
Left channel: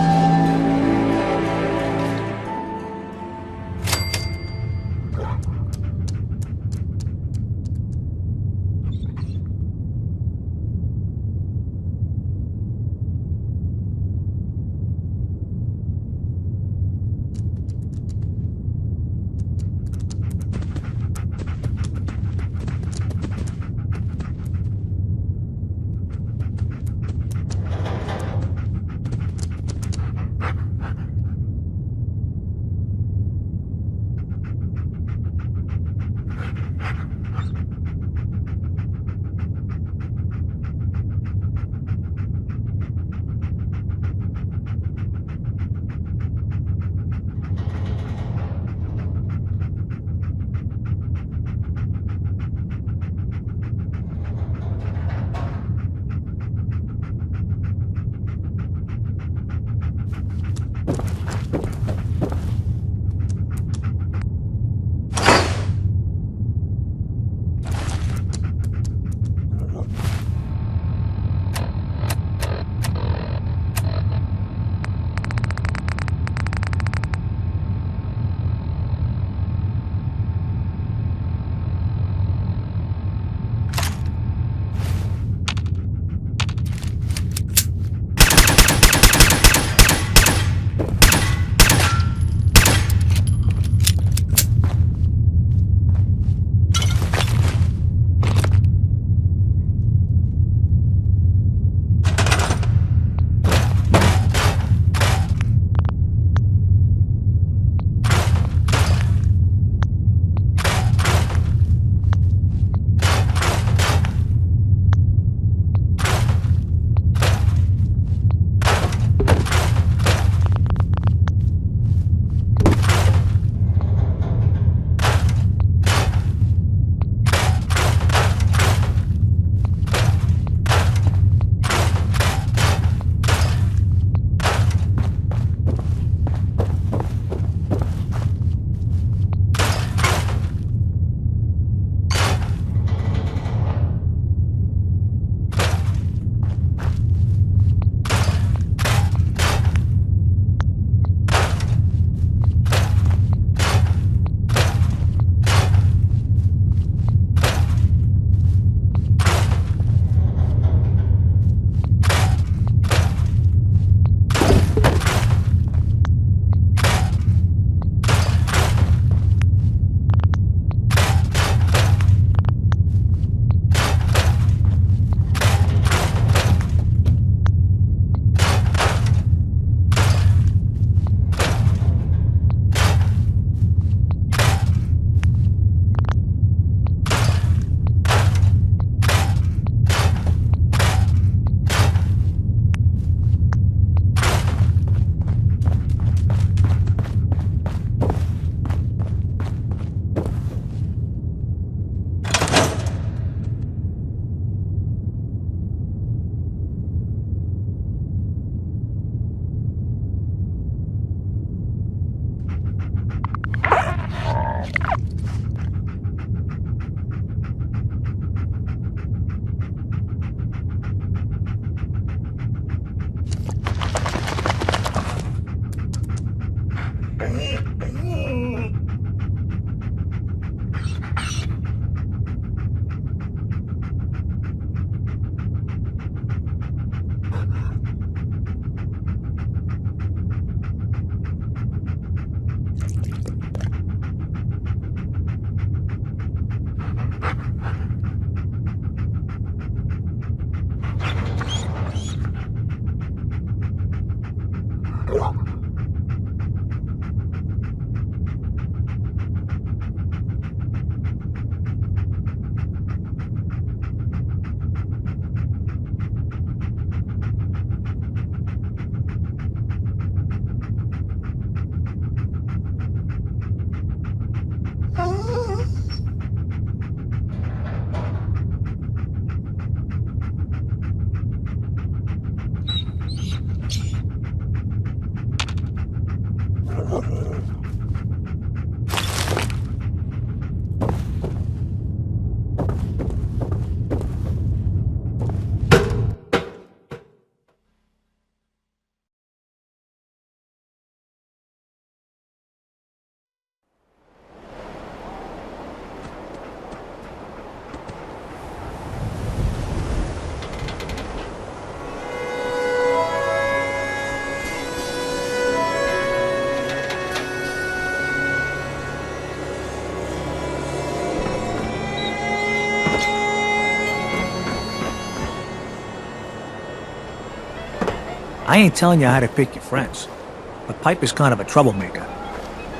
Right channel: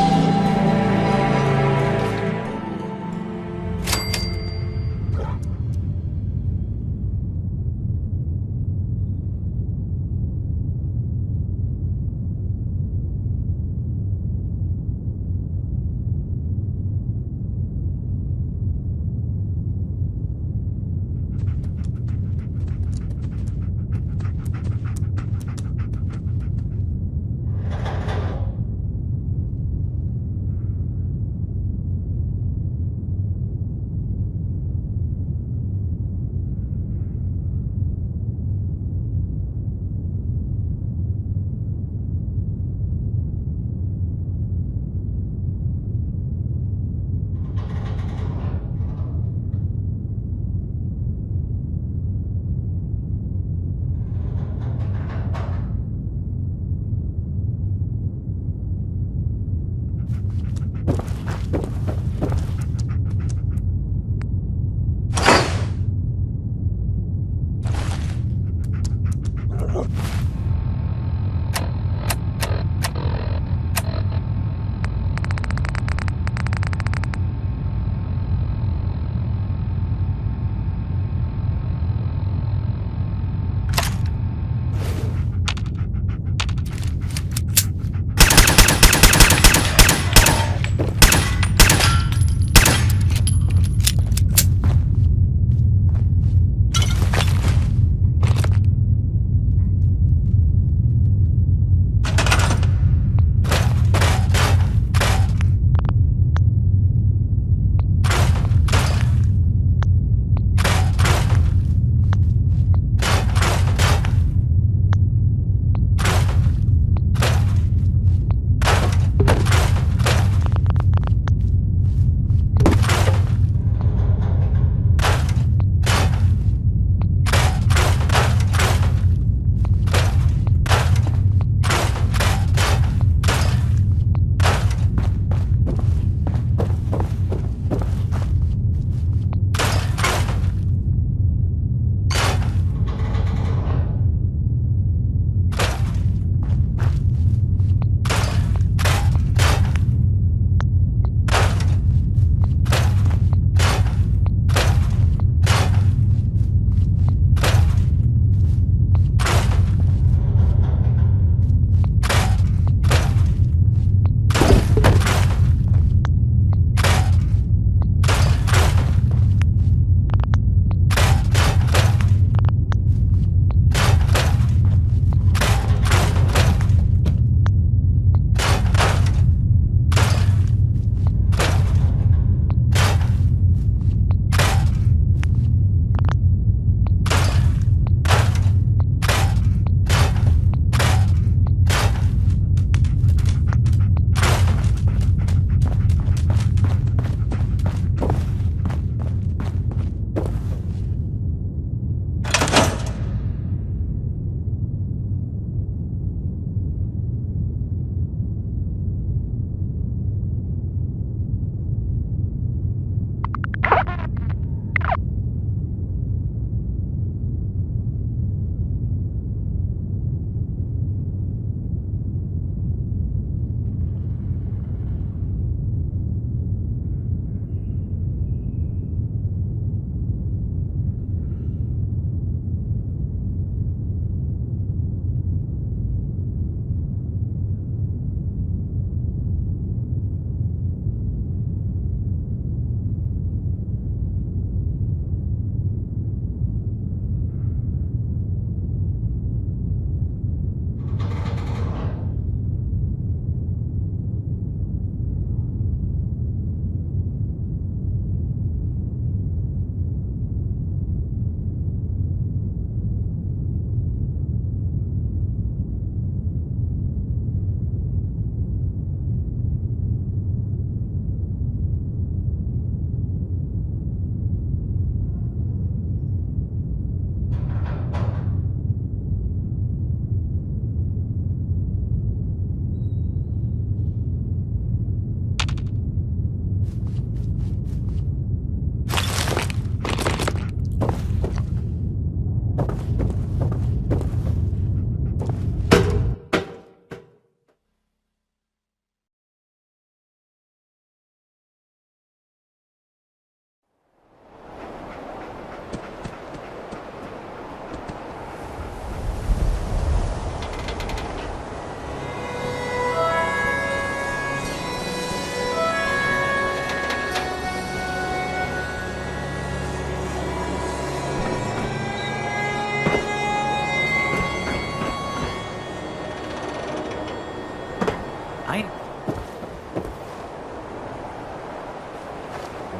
I ain't telling you how to pick your friends, but Piper's kind of a troublemaker.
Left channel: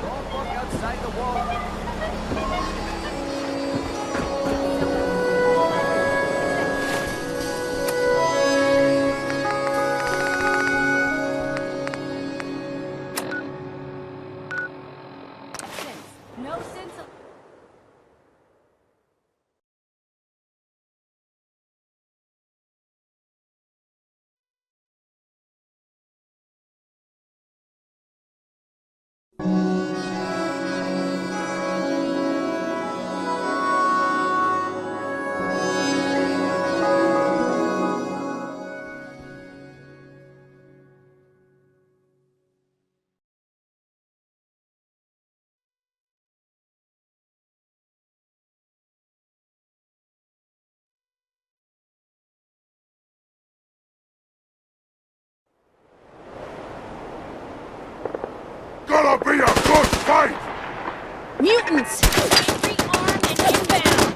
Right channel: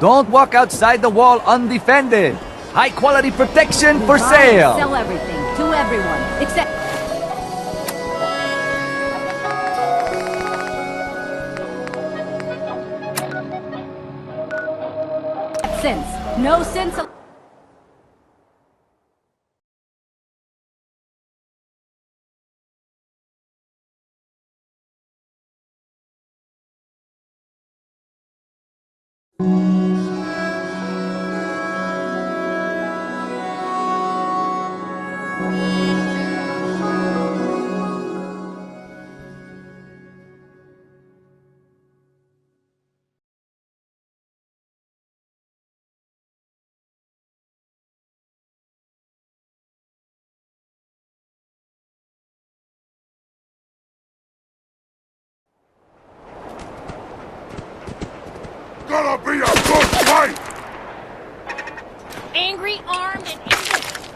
Don't walk outside the wall undefended. High-quality protection for sale. Sell everything to everyone, except... sense. No sense of... Gonna be a good fight! Mutants! Angry, armed, and inbound!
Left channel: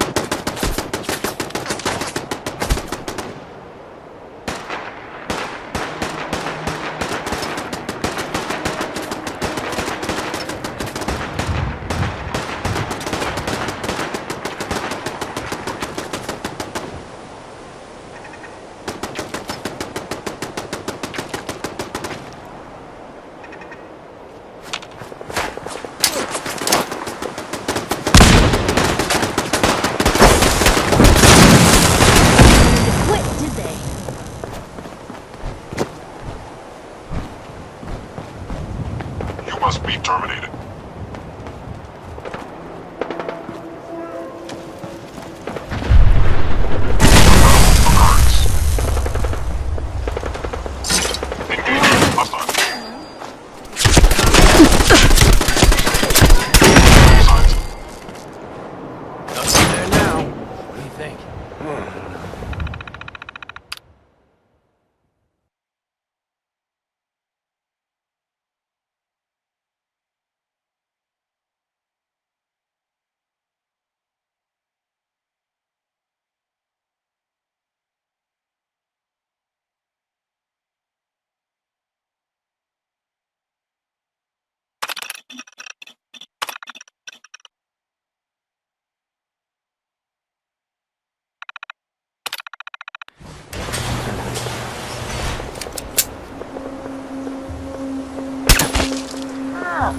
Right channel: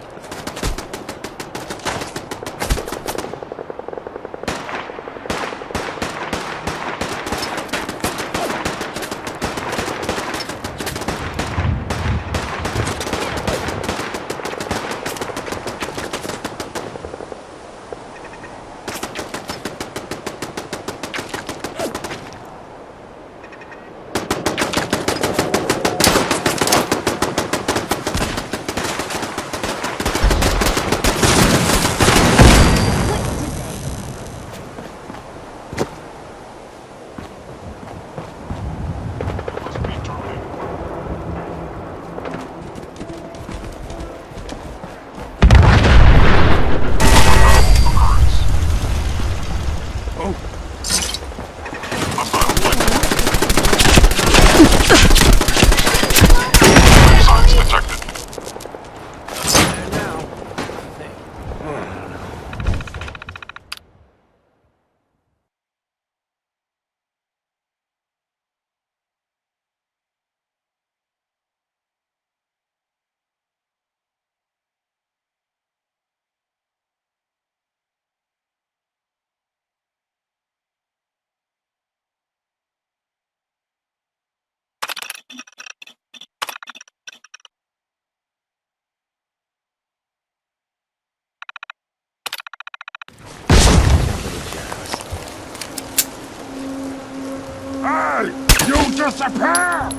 Hey! You disappear!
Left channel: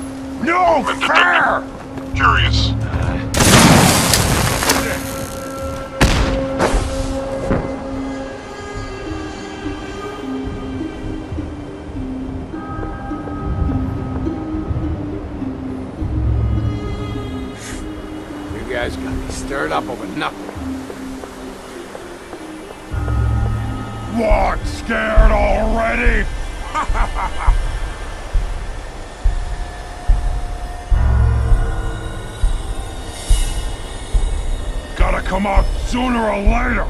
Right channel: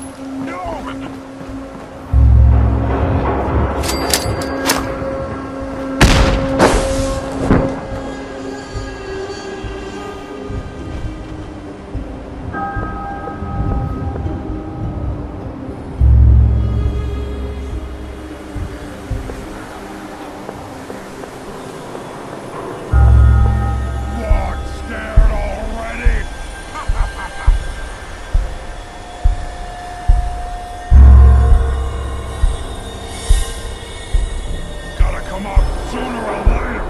No fair! Curious. You guys got me stirred up over nothing. What? Scared already? Gotta come out sooner or later.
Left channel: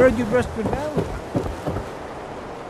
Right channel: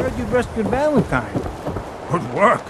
Heard you rescued Valentine. Good work.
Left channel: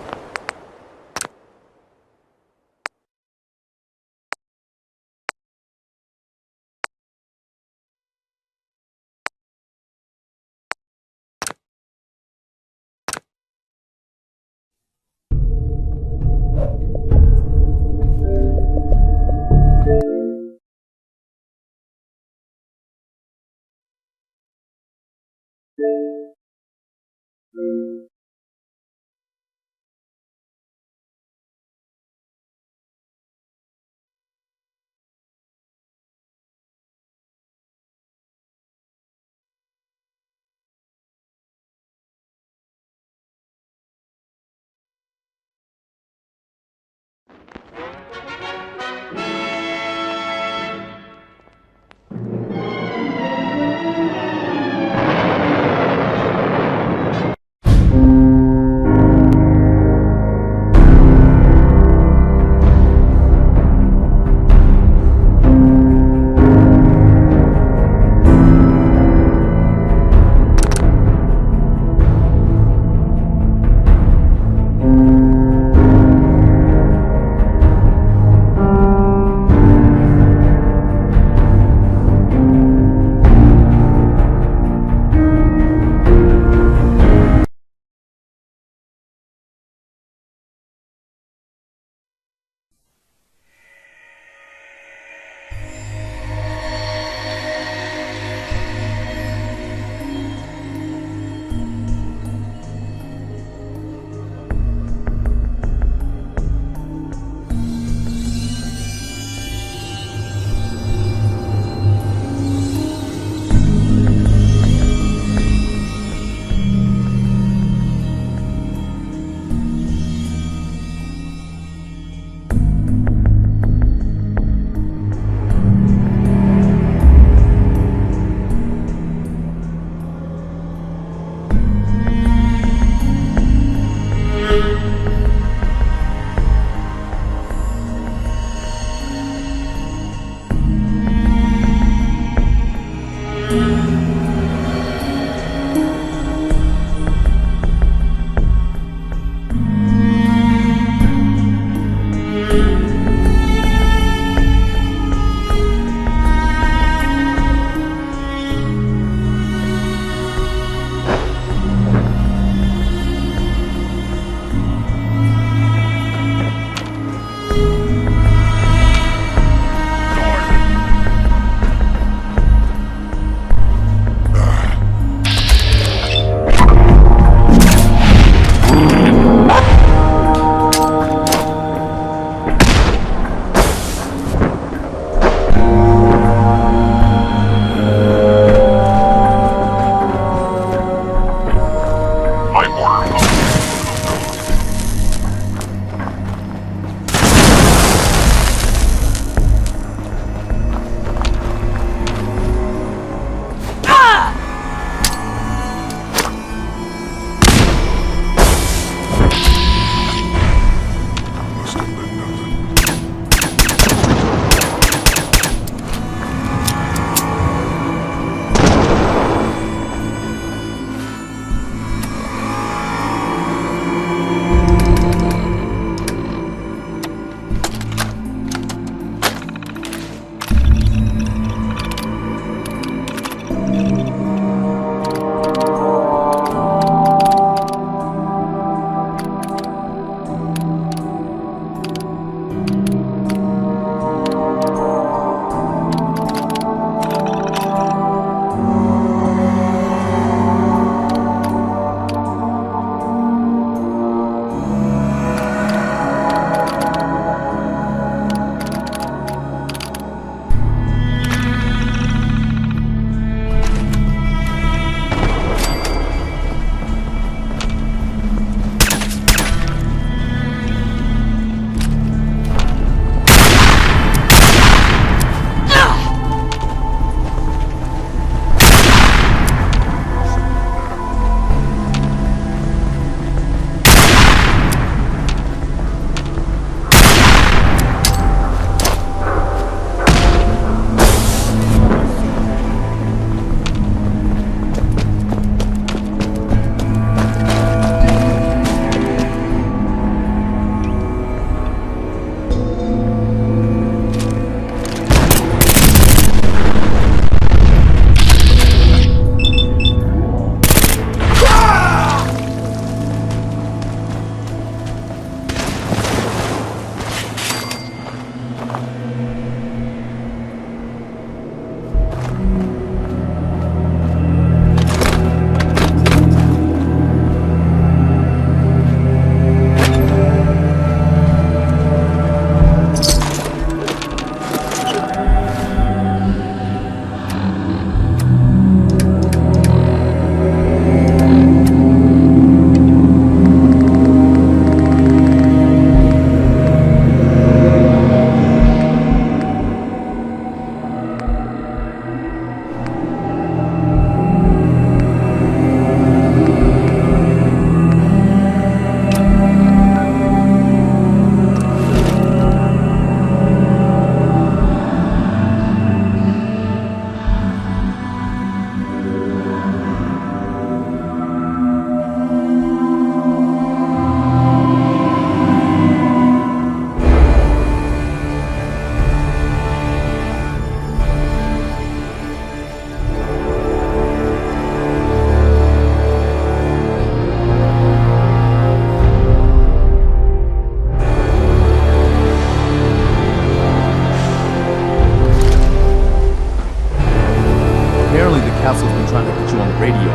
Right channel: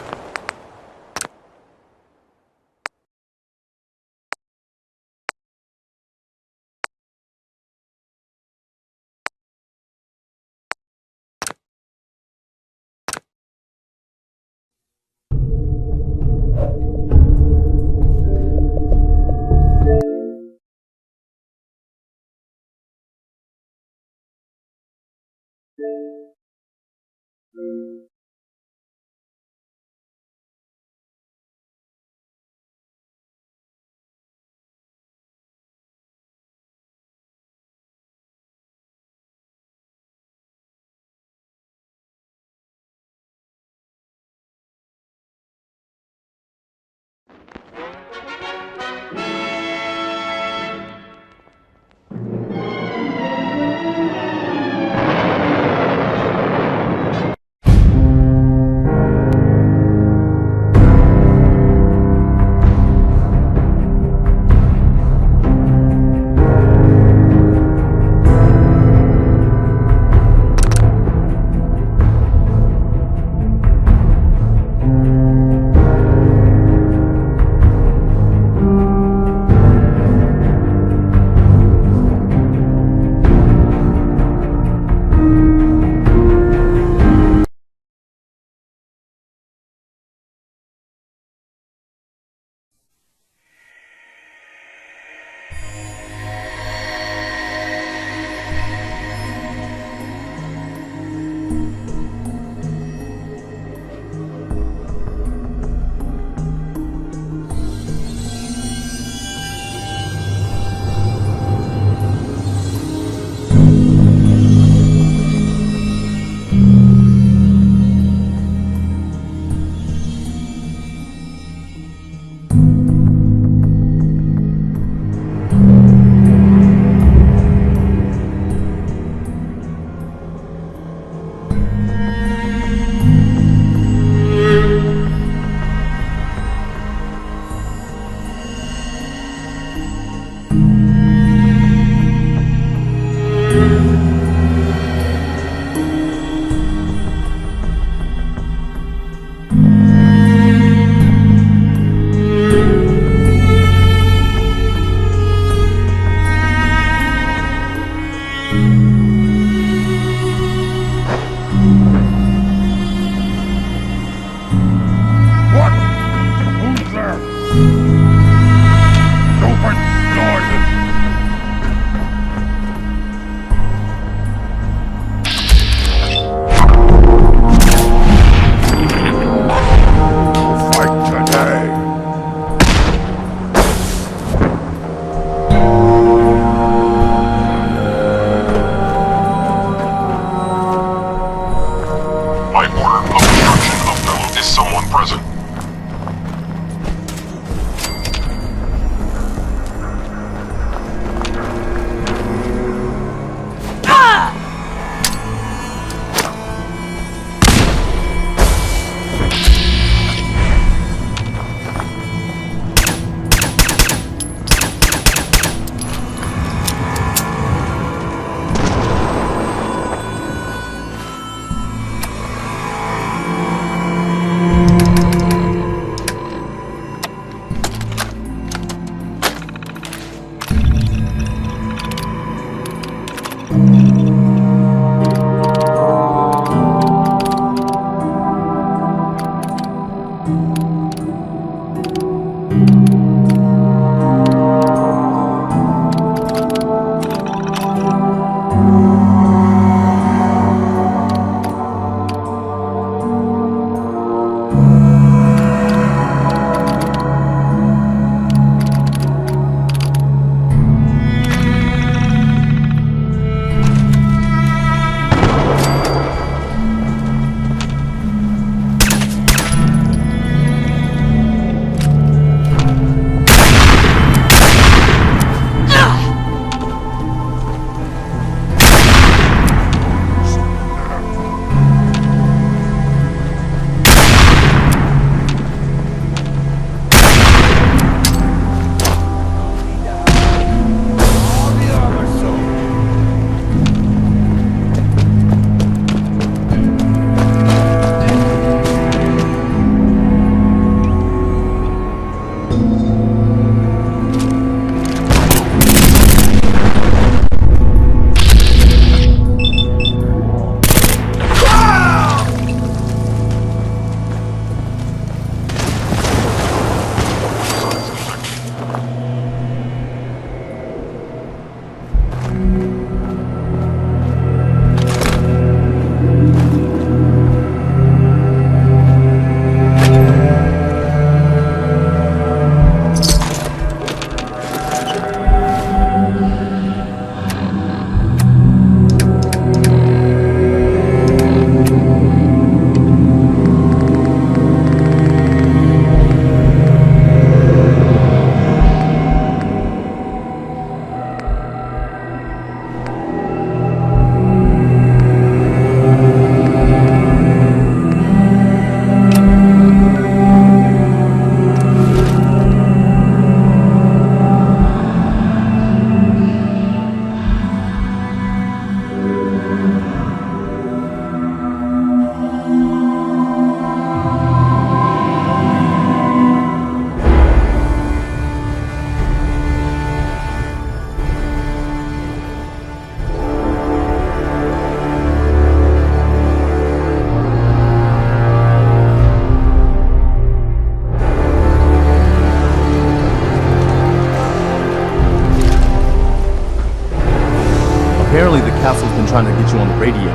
trying to get you on the radio.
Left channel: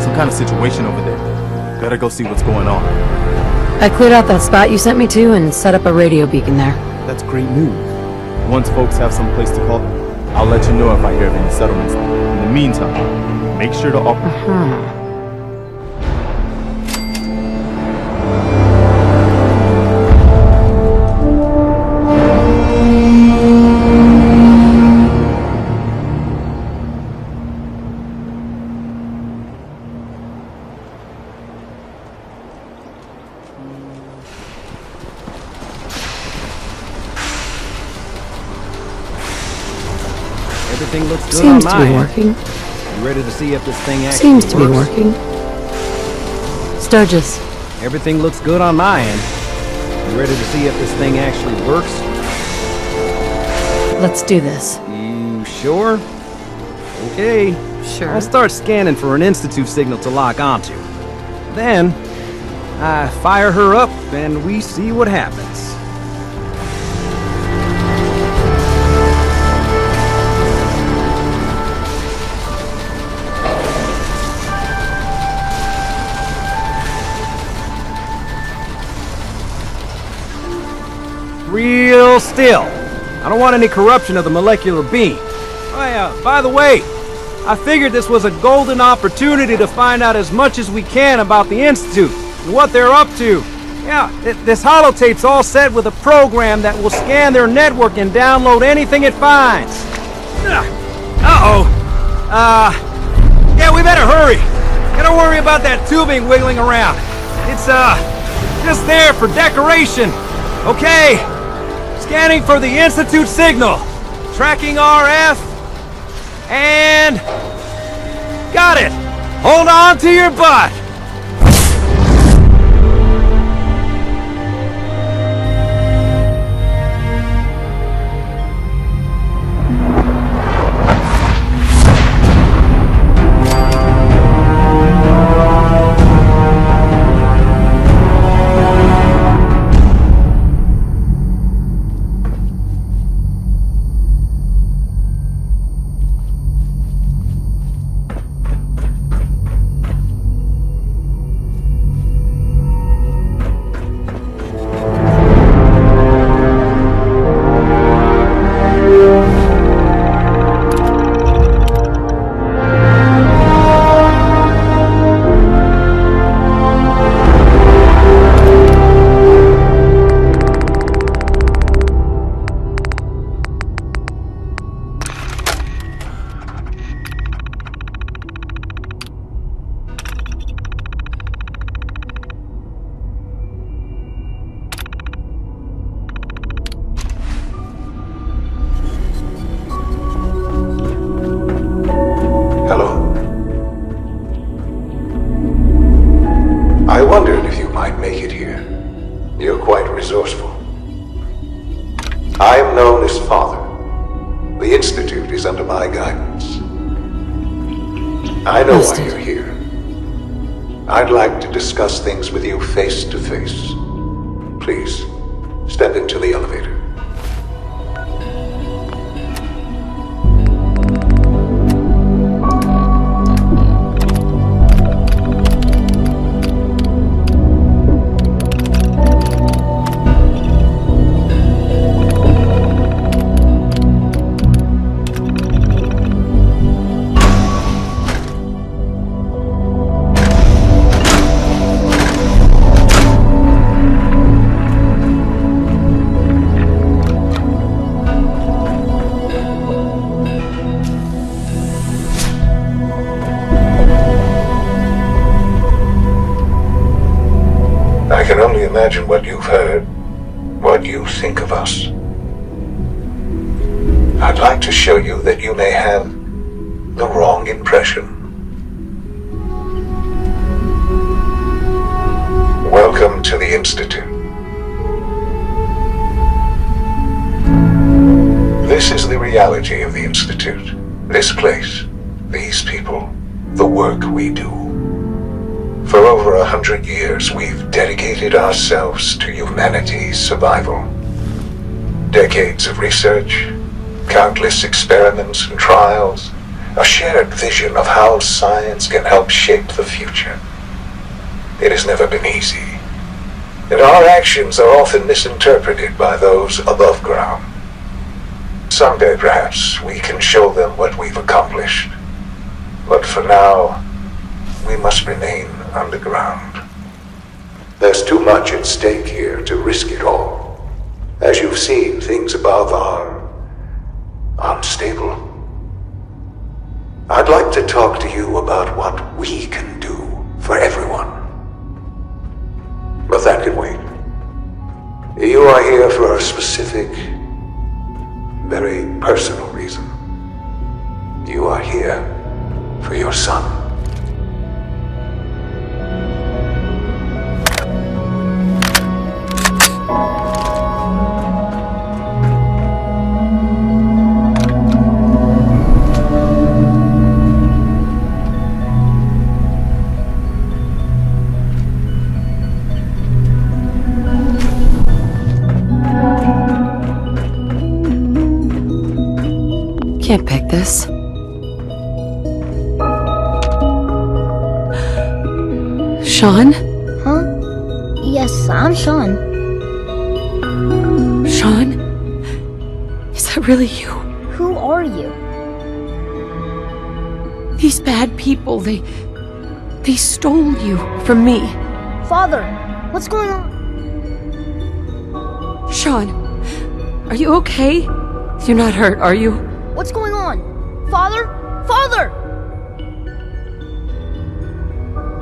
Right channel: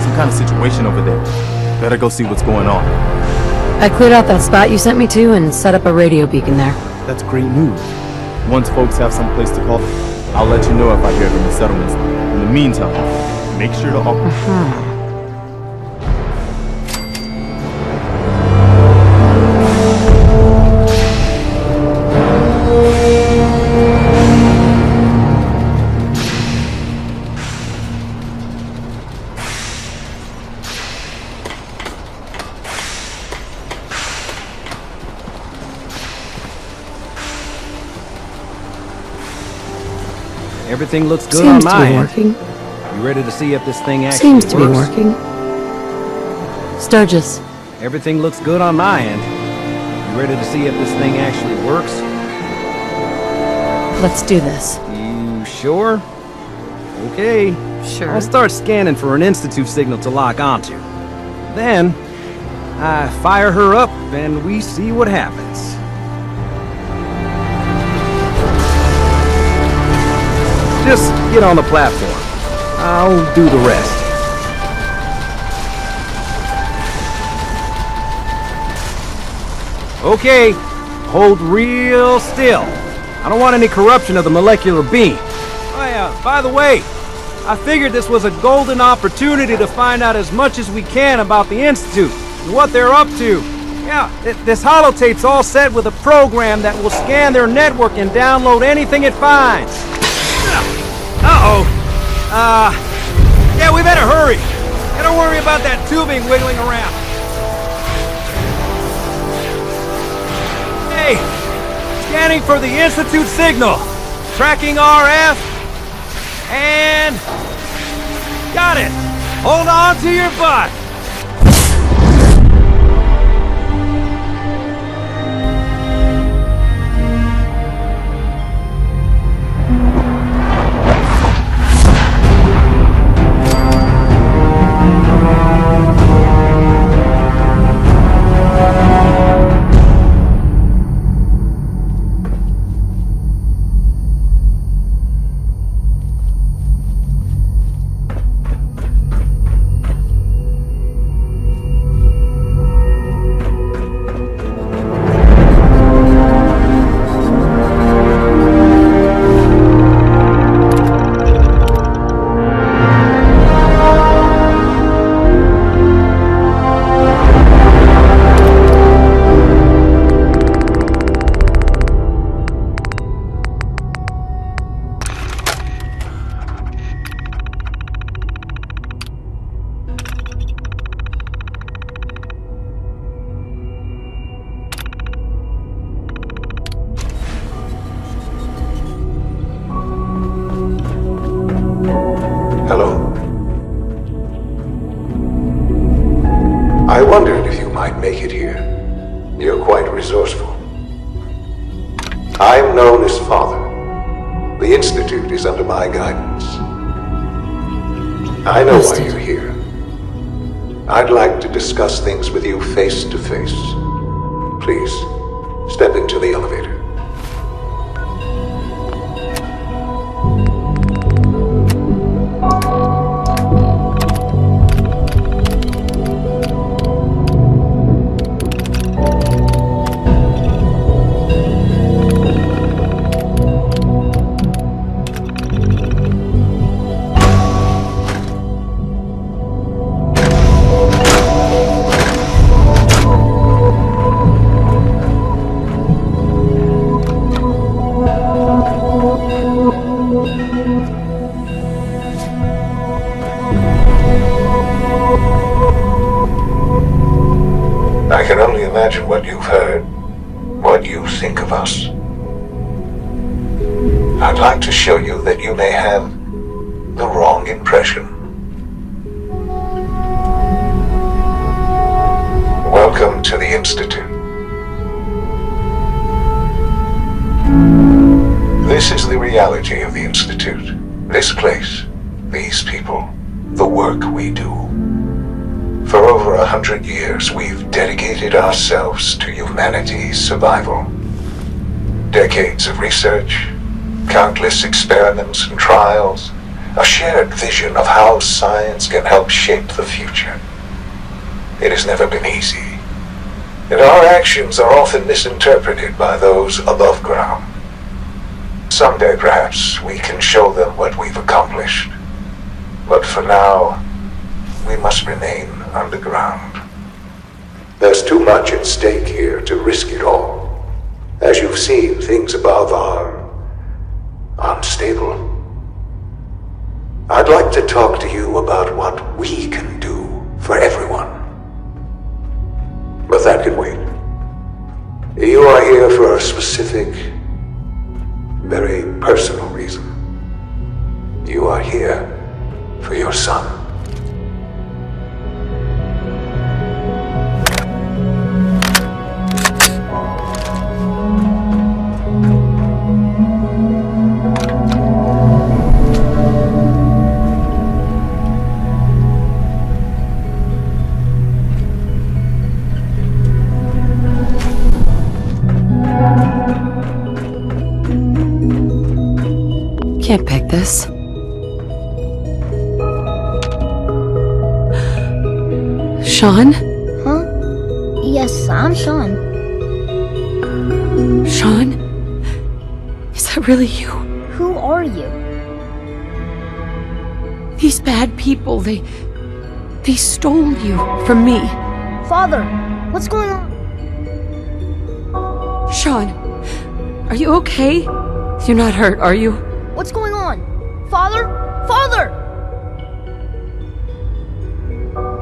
Some kind of situation over there. Better go see what's going on. I cleared out that spot you sent me to and set up a radio beacon there. That's great news. Once folks have some place to call, I'll let you know if I hear of any settlements. In the meantime, make sure to offer... Everything looks good Seems on to my be end. working. You ready to see if this thing actually Seems works? to be working. Sturgis. Everything looks good on my end. You ready to see if this thing actually works? Let's do this. You sure? Okay. Sure. I'll start scanning for an Institute signal to lock onto. Then, I fire her up and we see what happens. Just get on the platform. I'll do the rest. Okay, hold real still. I don't want any corruption of the molecular beam. Oh yeah, by the way, I figured this was a golden opportunity to find out as much as we can about the Institute and what they're up to. Yeah, this holotape's all set with a program that will scan their network and download anything it finds. Yeah, we better hurry. And don't worry about that tubing wiggling around. It's, just there for decoration. Okay, scanning for the Institute signal. Tracking RF. And... got it. Hold on to your butt. Hello. I wondered if you might make it here. You're quite resourceful. I'm known as Father. The Institute is under my guidance. I know why you're here. I'd like to discuss things with you face to face. Please, step into the elevator. I can only imagine what you've heard, what you think of us. I'd like to show you that you may have the wrong impression. Welcome to the Institute. This is the reality of the Institute. This place, these people, the work we do. For over 100 years, we've dedicated ourselves to humanity's survival. Decades of research, countless experiments and trials, a shared vision of how science can help shape the future. It has never been easy, and our actions are often misinterpreted by those above ground. Someday, perhaps, we can show them what we've accomplished. But for now, we must remain underground. There's too much at stake here to risk it all. As you've seen, things above are unstable. I'd like to talk to you about what we can do for everyone. But that can wait. You are here for a specific, very personal reason. You are here for your son. Can't pick this. Sean? Huh? Yes, I'm Sean. Sean? Is that really you? Who are you? These bad people, they stole you from me. Father, what's going on? Sean, are you okay? You're not hurt, are you? What's going on? Father? Father!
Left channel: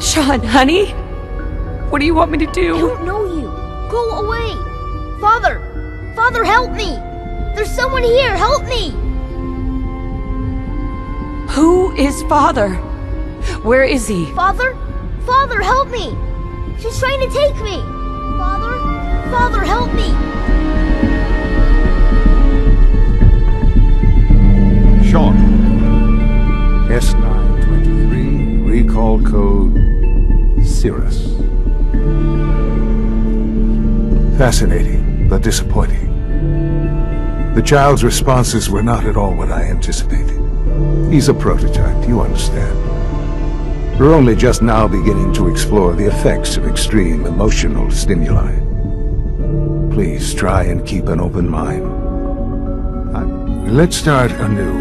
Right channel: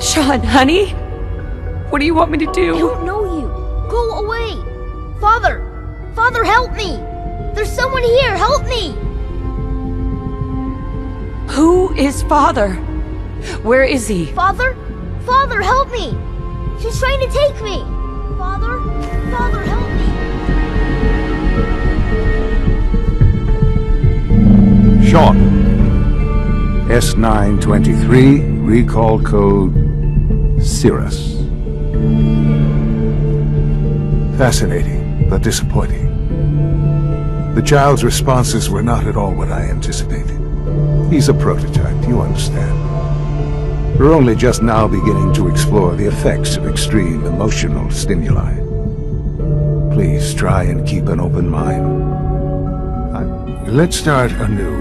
Sean, honey? What do you want me to do? I don't know you. Go away. Father! Father, help me! There's someone here, help me! Who is Father? Where is he? Father? Father, help me! She's trying to take me! Father? Father, help me! Sean. S923, recall code Cirrus. Fascinating, but disappointing. The child's responses were not at all what I anticipated. He's a prototype, you understand. We're only just now beginning to explore the effects of extreme emotional stimuli. Please try and keep an open mind. Let's start anew.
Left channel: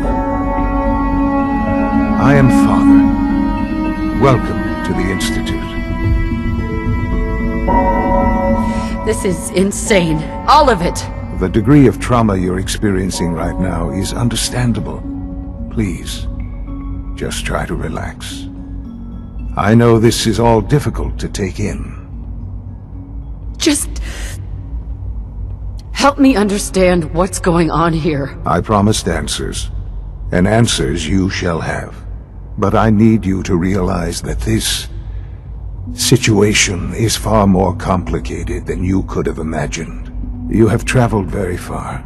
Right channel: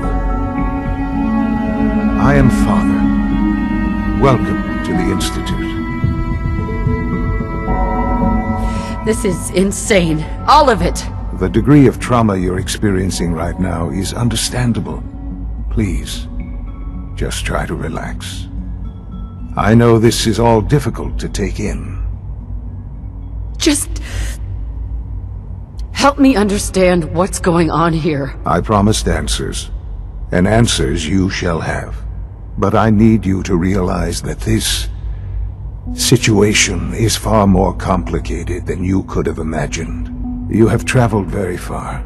I am Father. Welcome to the Institute. This is insane. All of it. The degree of trauma you're experiencing right now is understandable. Please, just try to relax. I know this is all difficult to take in. Just help me understand what's going on here. I promised answers, and answers you shall have. But I need you to realize that this situation is far more complicated than you could have imagined. You have traveled very far,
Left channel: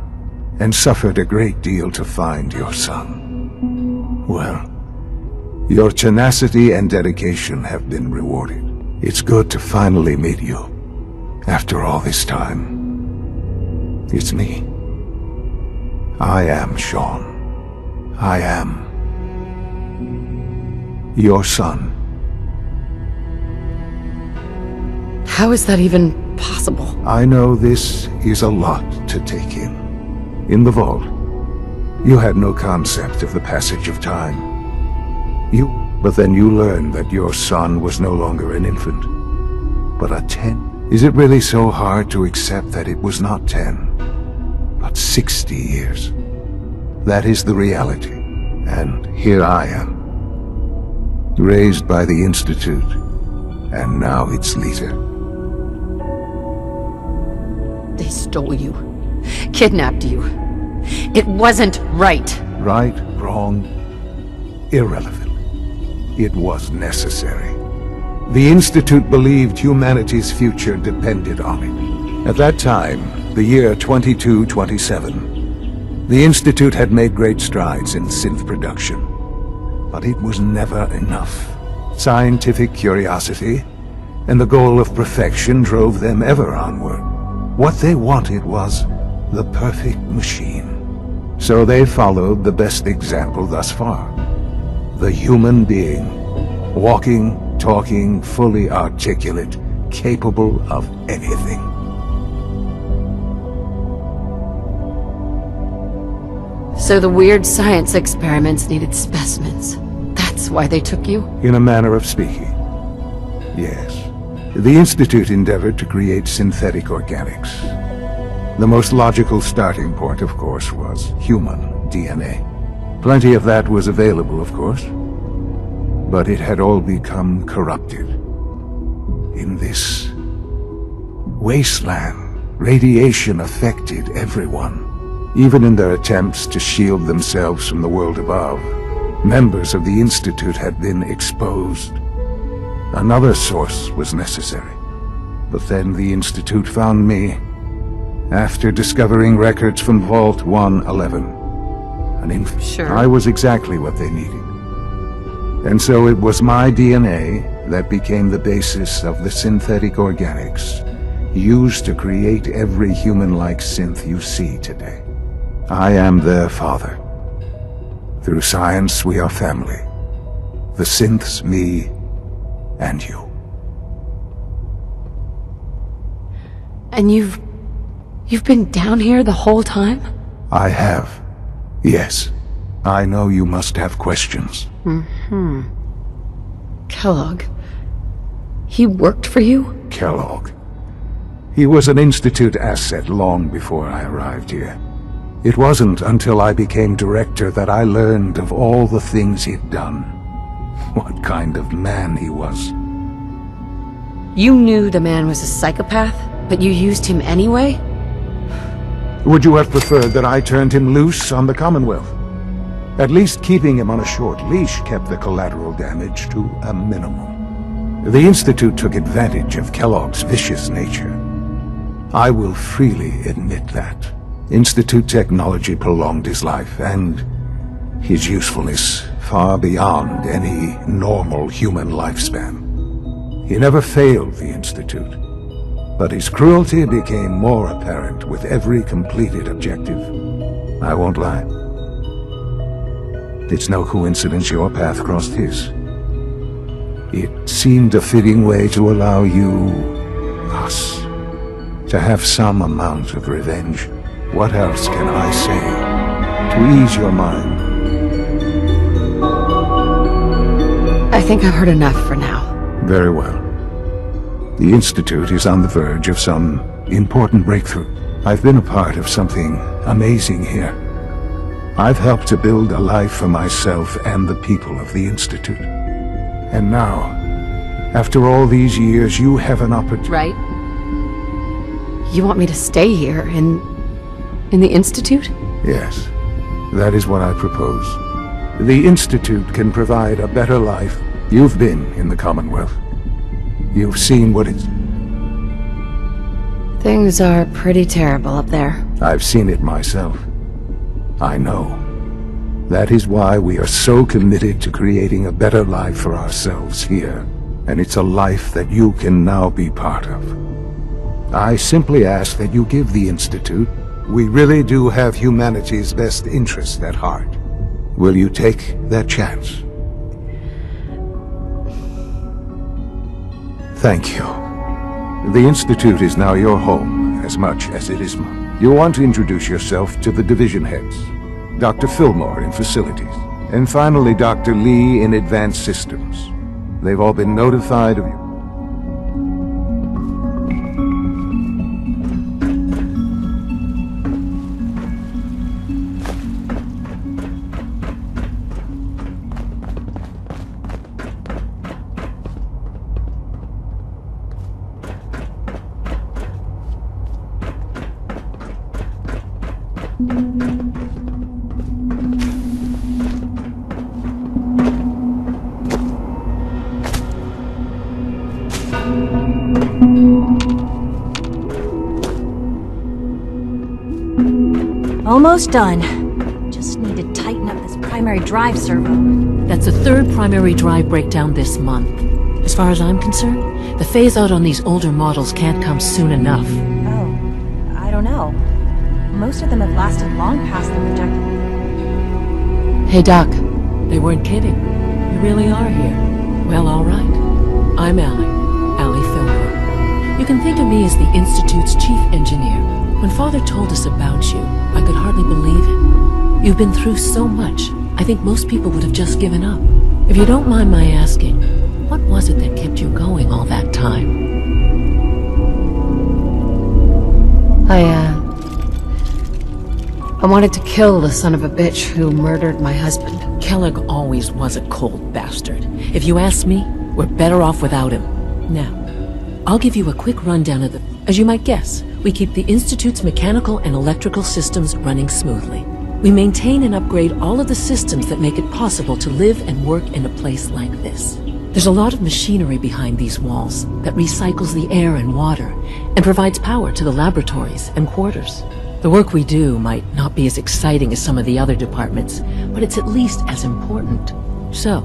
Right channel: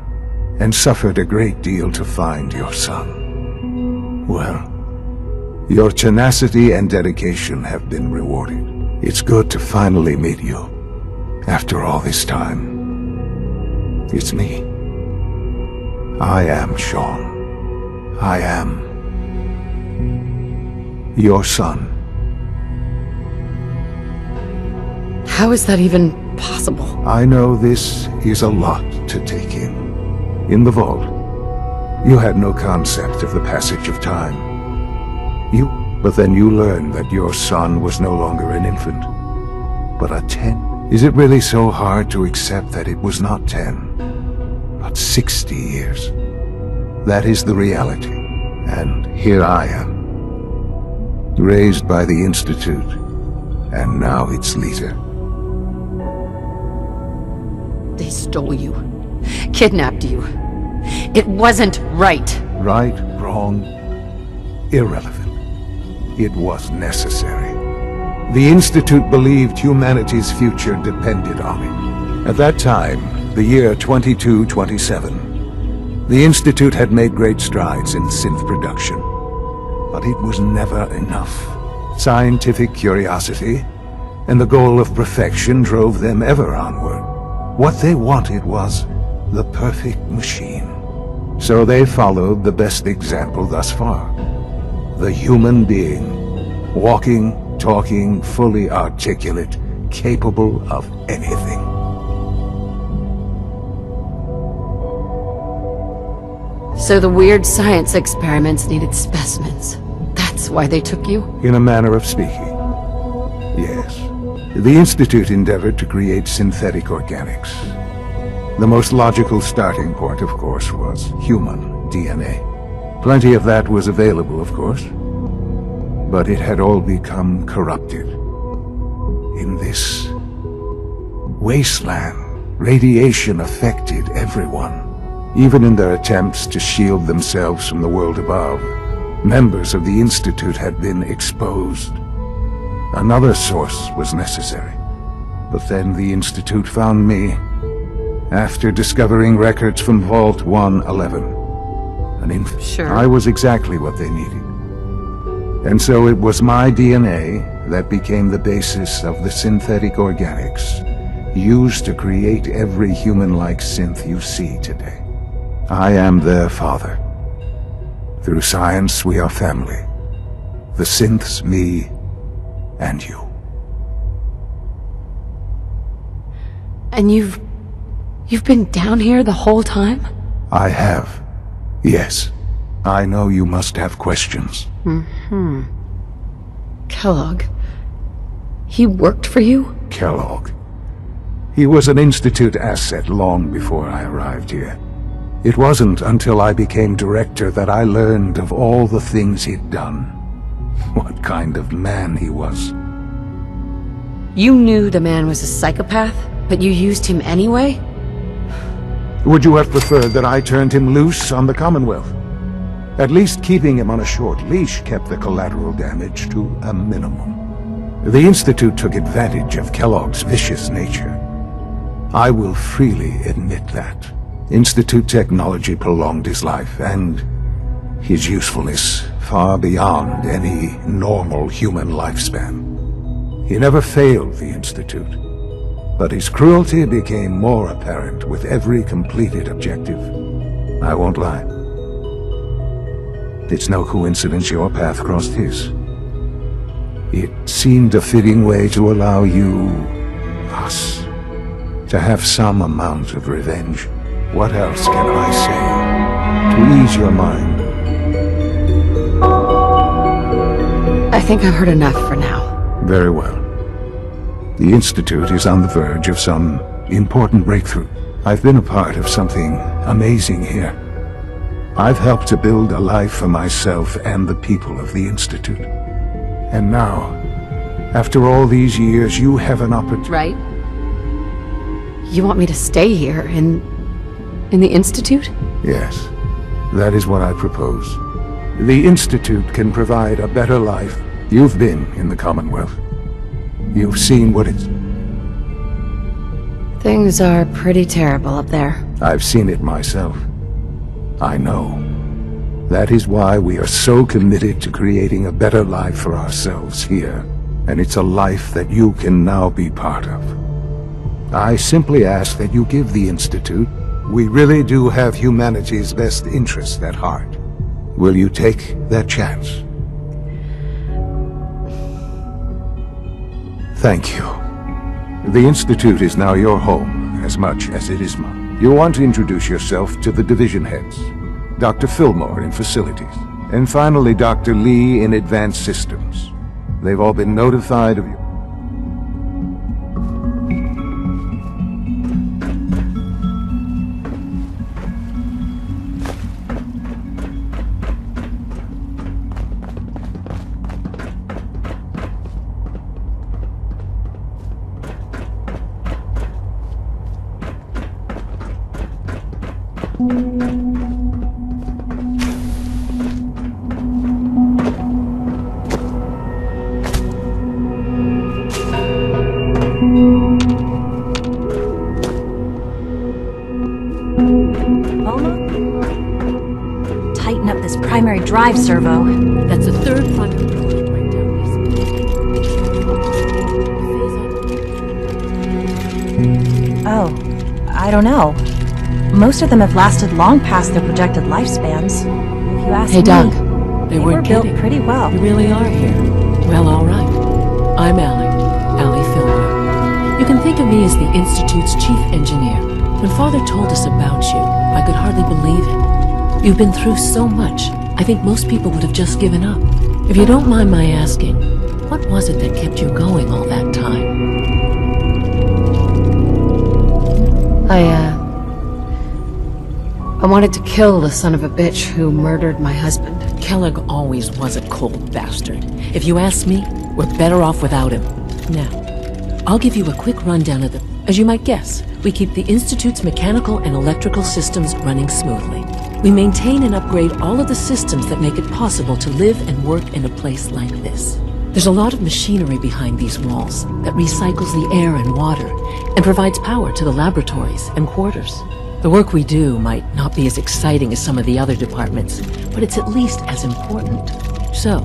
and suffered a great deal to find your son. Well, your tenacity and dedication have been rewarded. It's good to finally meet you, after all this time. It's me. I am Sean. I am your son. How is that even possible? I know this is a lot to take in. In the vault, you had no concept of the passage of time. But then you learned that your son was no longer an infant, but a 10. Is it really so hard to accept that it was not 10, but 60 years? That is the reality, and here I am. Raised by the Institute, and now its leader. They stole you. Kidnapped you. It wasn't right. Right, wrong, irrelevant. It was necessary. The Institute believed humanity's future depended on it. At that time, the year 2227, the Institute had made great strides in synth production. But it was never enough. Scientific curiosity and the goal of perfection drove them ever onward. What they wanted was the perfect machine. So they followed the best example thus far. the human being. Walking, talking, fully articulate, capable of anything. So the weird science experiments needed specimens. That's why they took you? In a manner of speaking. Yes. The Institute endeavored to create synthetic organics. The most logical starting point, of course, was human DNA. Plenty of that was available, of course. But it had all become corrupted. In this wasteland, radiation affected everyone. Even in their attempts to shield themselves from the world above, members of the Institute had been exposed. Another source was necessary. But then the Institute found me, after discovering records from Vault 111. Sure. I was exactly what they needed. And so it was my DNA that became the basis of the synthetic organics used to create every human-like synth you see today. I am their father. Through science, we are family. The synths, me, and you. And you've been down here the whole time? I have. Yes. I know you must have questions. Mm-hmm. Kellogg. He worked for you? Kellogg. He was an Institute asset long before I arrived here. It wasn't until I became director that I learned of all the things he'd done. What kind of man he was. You knew the man was a psychopath, but you used him anyway? Would you have preferred that I turned him loose on the Commonwealth? At least keeping him on a short leash kept the collateral damage to a minimum. The Institute took advantage of Kellogg's vicious nature. I will freely admit that. Institute technology prolonged his life, and his usefulness far beyond any normal human lifespan. He never failed the Institute, but his cruelty became more apparent with every completed objective. I won't lie. It's no coincidence your path crossed his. It seemed a fitting way to allow you, us, to have some amount of revenge. What else can I say to ease your mind? I think I've heard enough for now. Very well. The Institute is on the verge of some important breakthrough. I've been a part of something amazing here. I've helped to build a life for myself and the people of the Institute. And now, after all these years, you have an opportunity. Right? You want me to stay here in the Institute? Yes, that is what I propose. The Institute can provide a better life. You've been in the Commonwealth. You've seen what it's... Things are pretty terrible up there. I've seen it myself. I know. That is why we are so committed to creating a better life for ourselves here. And it's a life that you can now be part of. I simply ask that you give the Institute. We really do have humanity's best interest at heart. Will you take that chance? Thank you. The Institute is now your home, as much as it is mine. You'll want to introduce yourself to the division heads. Dr. Fillmore in Facilities. And finally, Dr. Lee in Advanced Systems. They've all been notified of you. Almost done. Just need to tighten up this primary drive servo. That's the third primary drive breakdown this month. As far as I'm concerned, the phase-out on these older models can't come soon enough. Oh, I don't know. Most of them have lasted long past their projected lifespans. If you ask Hey, Doc. me. They weren't built kidding. pretty well. You really are here. Well, all right. I'm Allie Fillmore. You can think of me as the Institute's chief engineer. When Father told us about you, I could hardly believe it. You've been through so much, I think most people would have just given up. If you don't mind my asking, what was it that kept you going all that time? I wanted to kill the son of a bitch who murdered my husband. Kellogg always was a cold bastard. If you ask me, we're better off without him. Now, I'll give you a quick rundown of the... As you might guess, we keep the Institute's mechanical and electrical systems running smoothly. We maintain and upgrade all of the systems that make it possible to live and work in a place like this. There's a lot of machinery behind these walls that recycles the air and water and provides power to the laboratories and quarters. The work we do might not be as exciting as some of the other departments, but it's at least as important. So,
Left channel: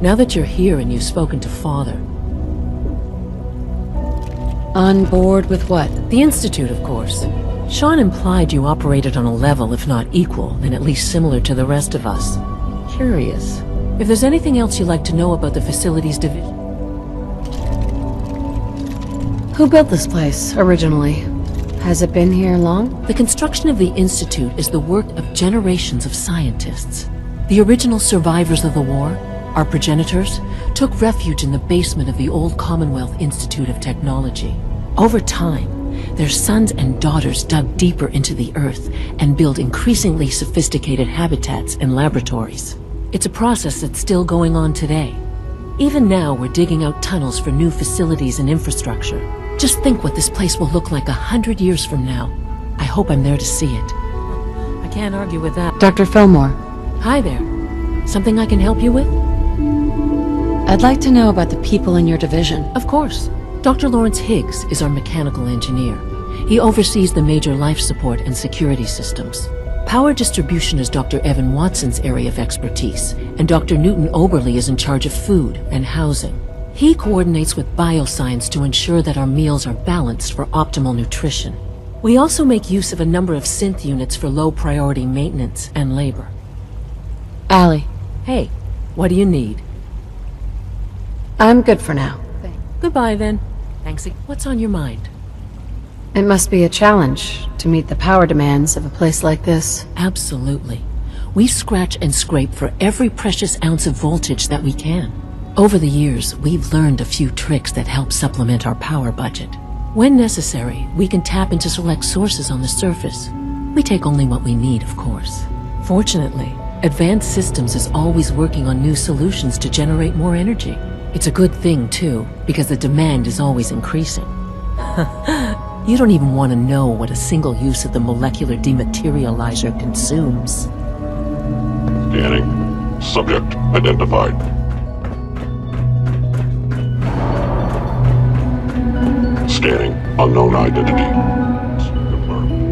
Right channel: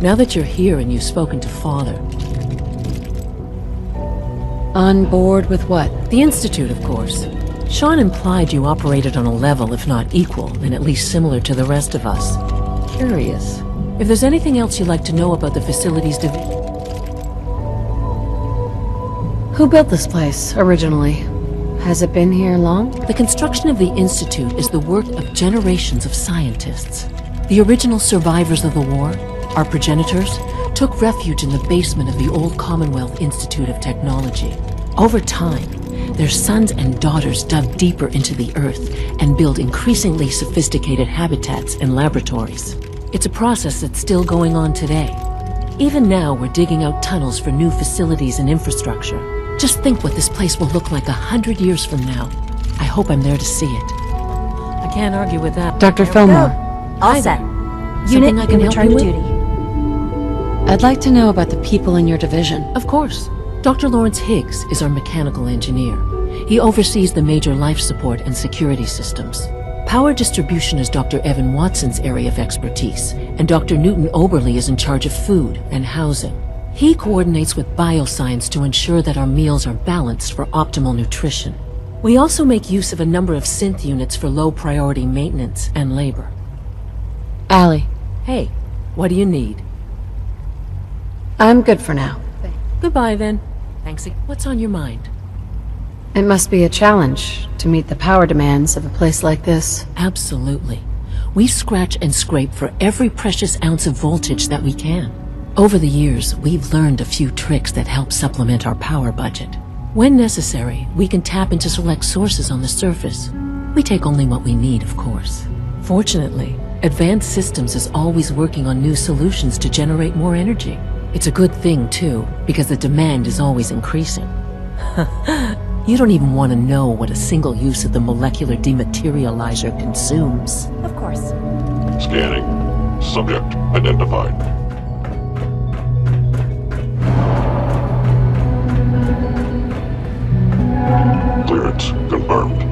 now that you're here and you've spoken to Father... On board with what? The Institute, of course. Sean implied you operated on a level, if not equal, then at least similar to the rest of us. Curious. If there's anything else you'd like to know about the facilities division... Who built this place, originally? Has it been here long? The construction of the Institute is the work of generations of scientists. The original survivors of the war, our progenitors, took refuge in the basement of the old Commonwealth Institute of Technology. Over time, their sons and daughters dug deeper into the earth and built increasingly sophisticated habitats and laboratories. It's a process that's still going on today. Even now, we're digging out tunnels for new facilities and infrastructure. Just think what this place will look like 100 years from now. I hope I'm there to see it. I can't argue with that. Dr. Fillmore. Hi there. Something I can help you with? I'd like to know about the people in your division. Of course. Dr. Lawrence Higgs is our mechanical engineer. He oversees the major life support and security systems. Power distribution is Dr. Evan Watson's area of expertise, and Dr. Newton Oberly is in charge of food and housing. He coordinates with bioscience to ensure that our meals are balanced for optimal nutrition. We also make use of a number of synth units for low-priority maintenance and labor. Allie. Hey, what do you need? I'm good for now. Goodbye, then. Thanks. What's on your mind? It must be a challenge to meet the power demands of a place like this. Absolutely. We scratch and scrape for every precious ounce of voltage that we can. Over the years, we've learned a few tricks that help supplement our power budget. When necessary, we can tap into select sources on the surface. We take only what we need, of course. Fortunately, Advanced Systems is always working on new solutions to generate more energy. It's a good thing, too, because the demand is always increasing. You don't even want to know what a single use of the molecular dematerializer consumes. Of course. Scanning. Subject identified. Scanning. Unknown identity. Clearance confirmed.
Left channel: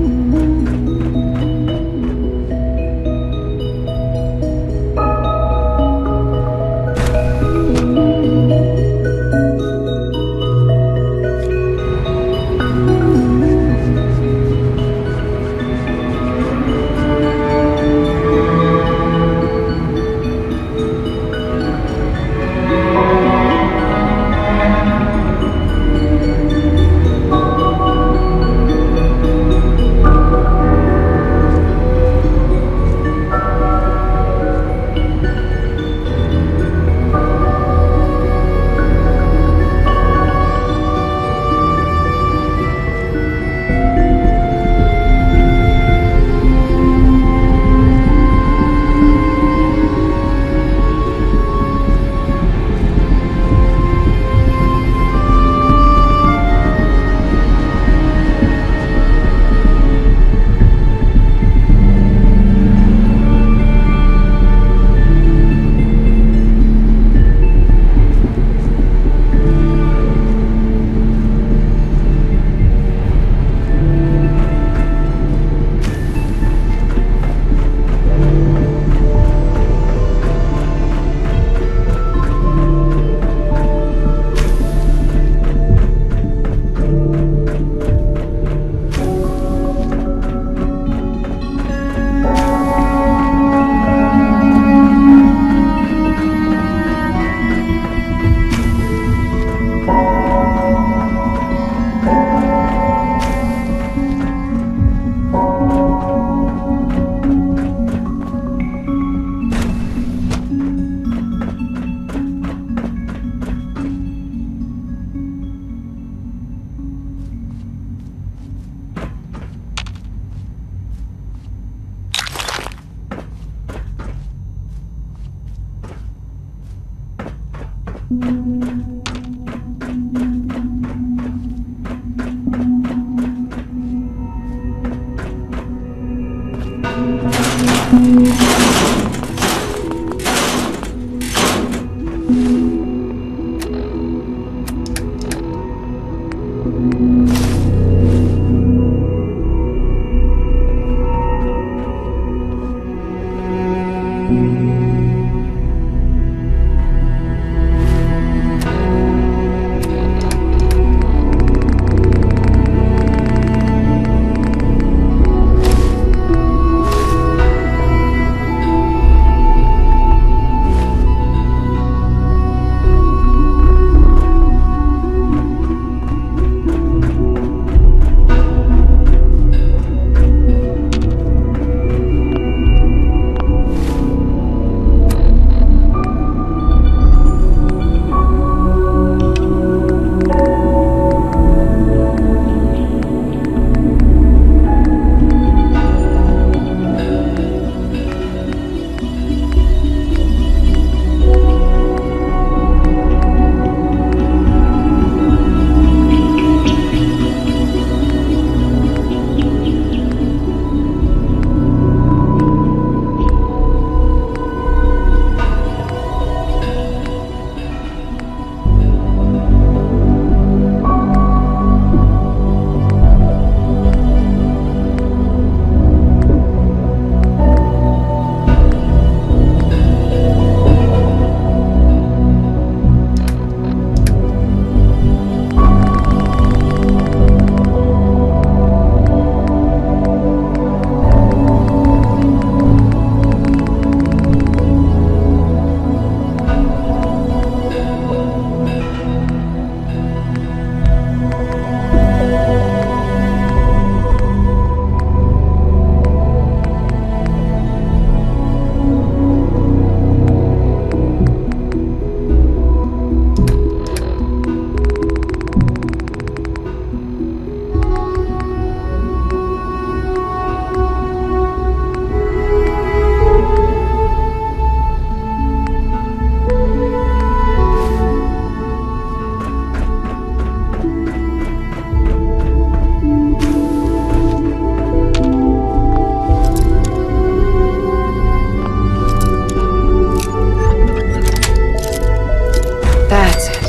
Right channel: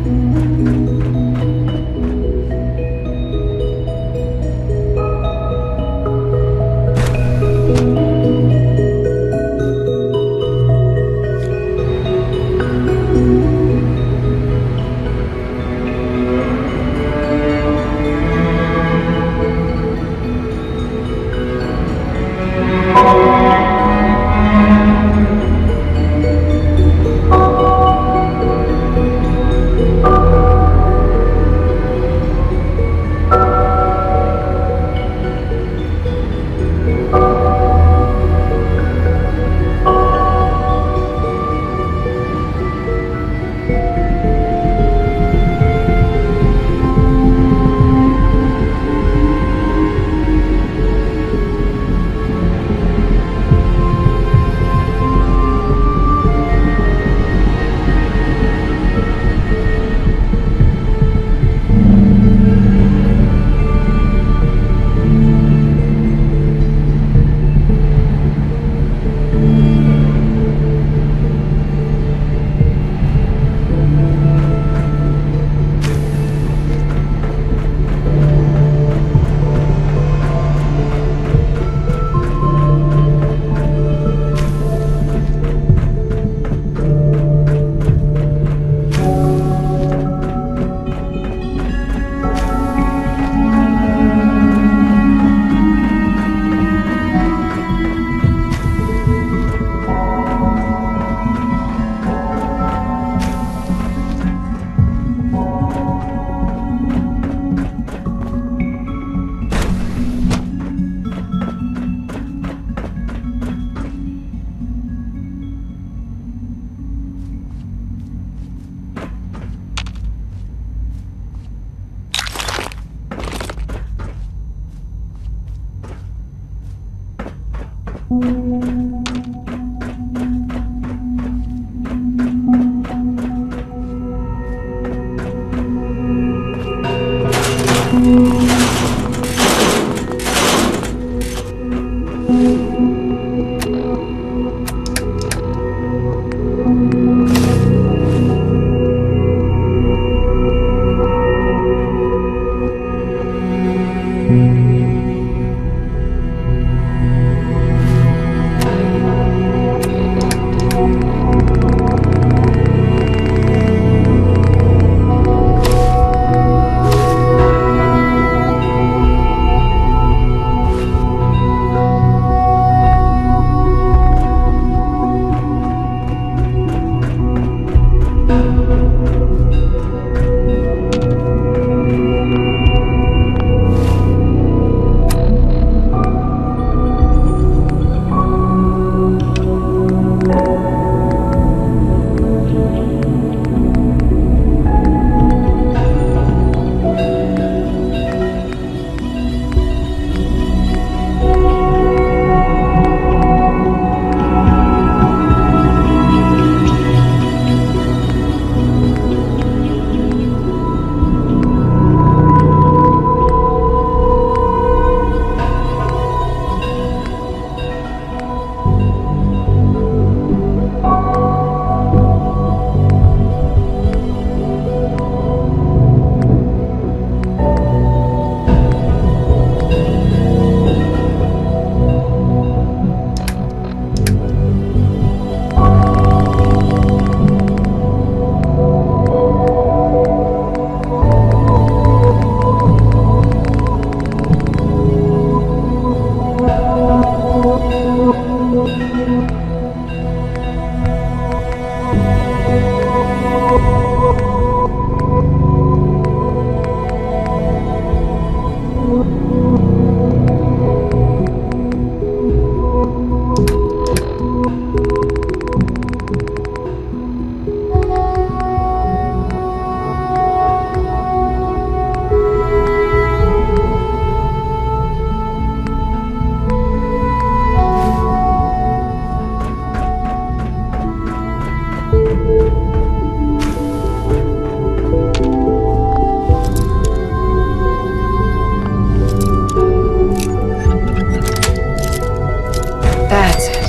That's it.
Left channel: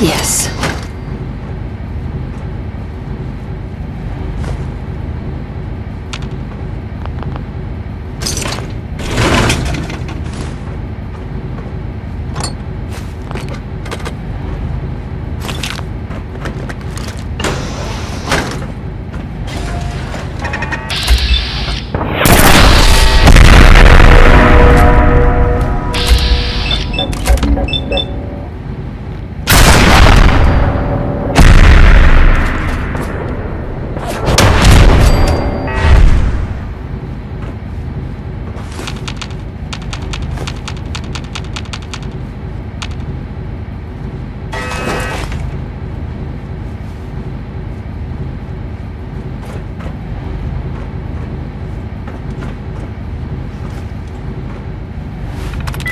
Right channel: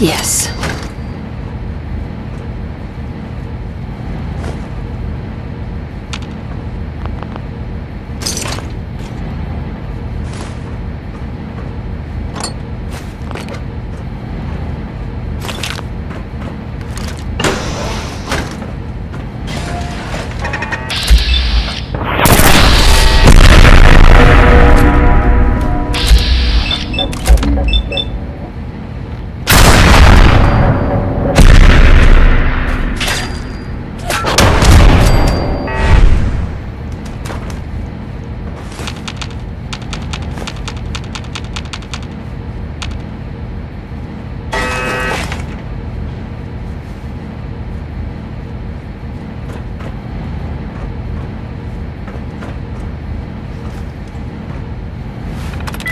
Yes.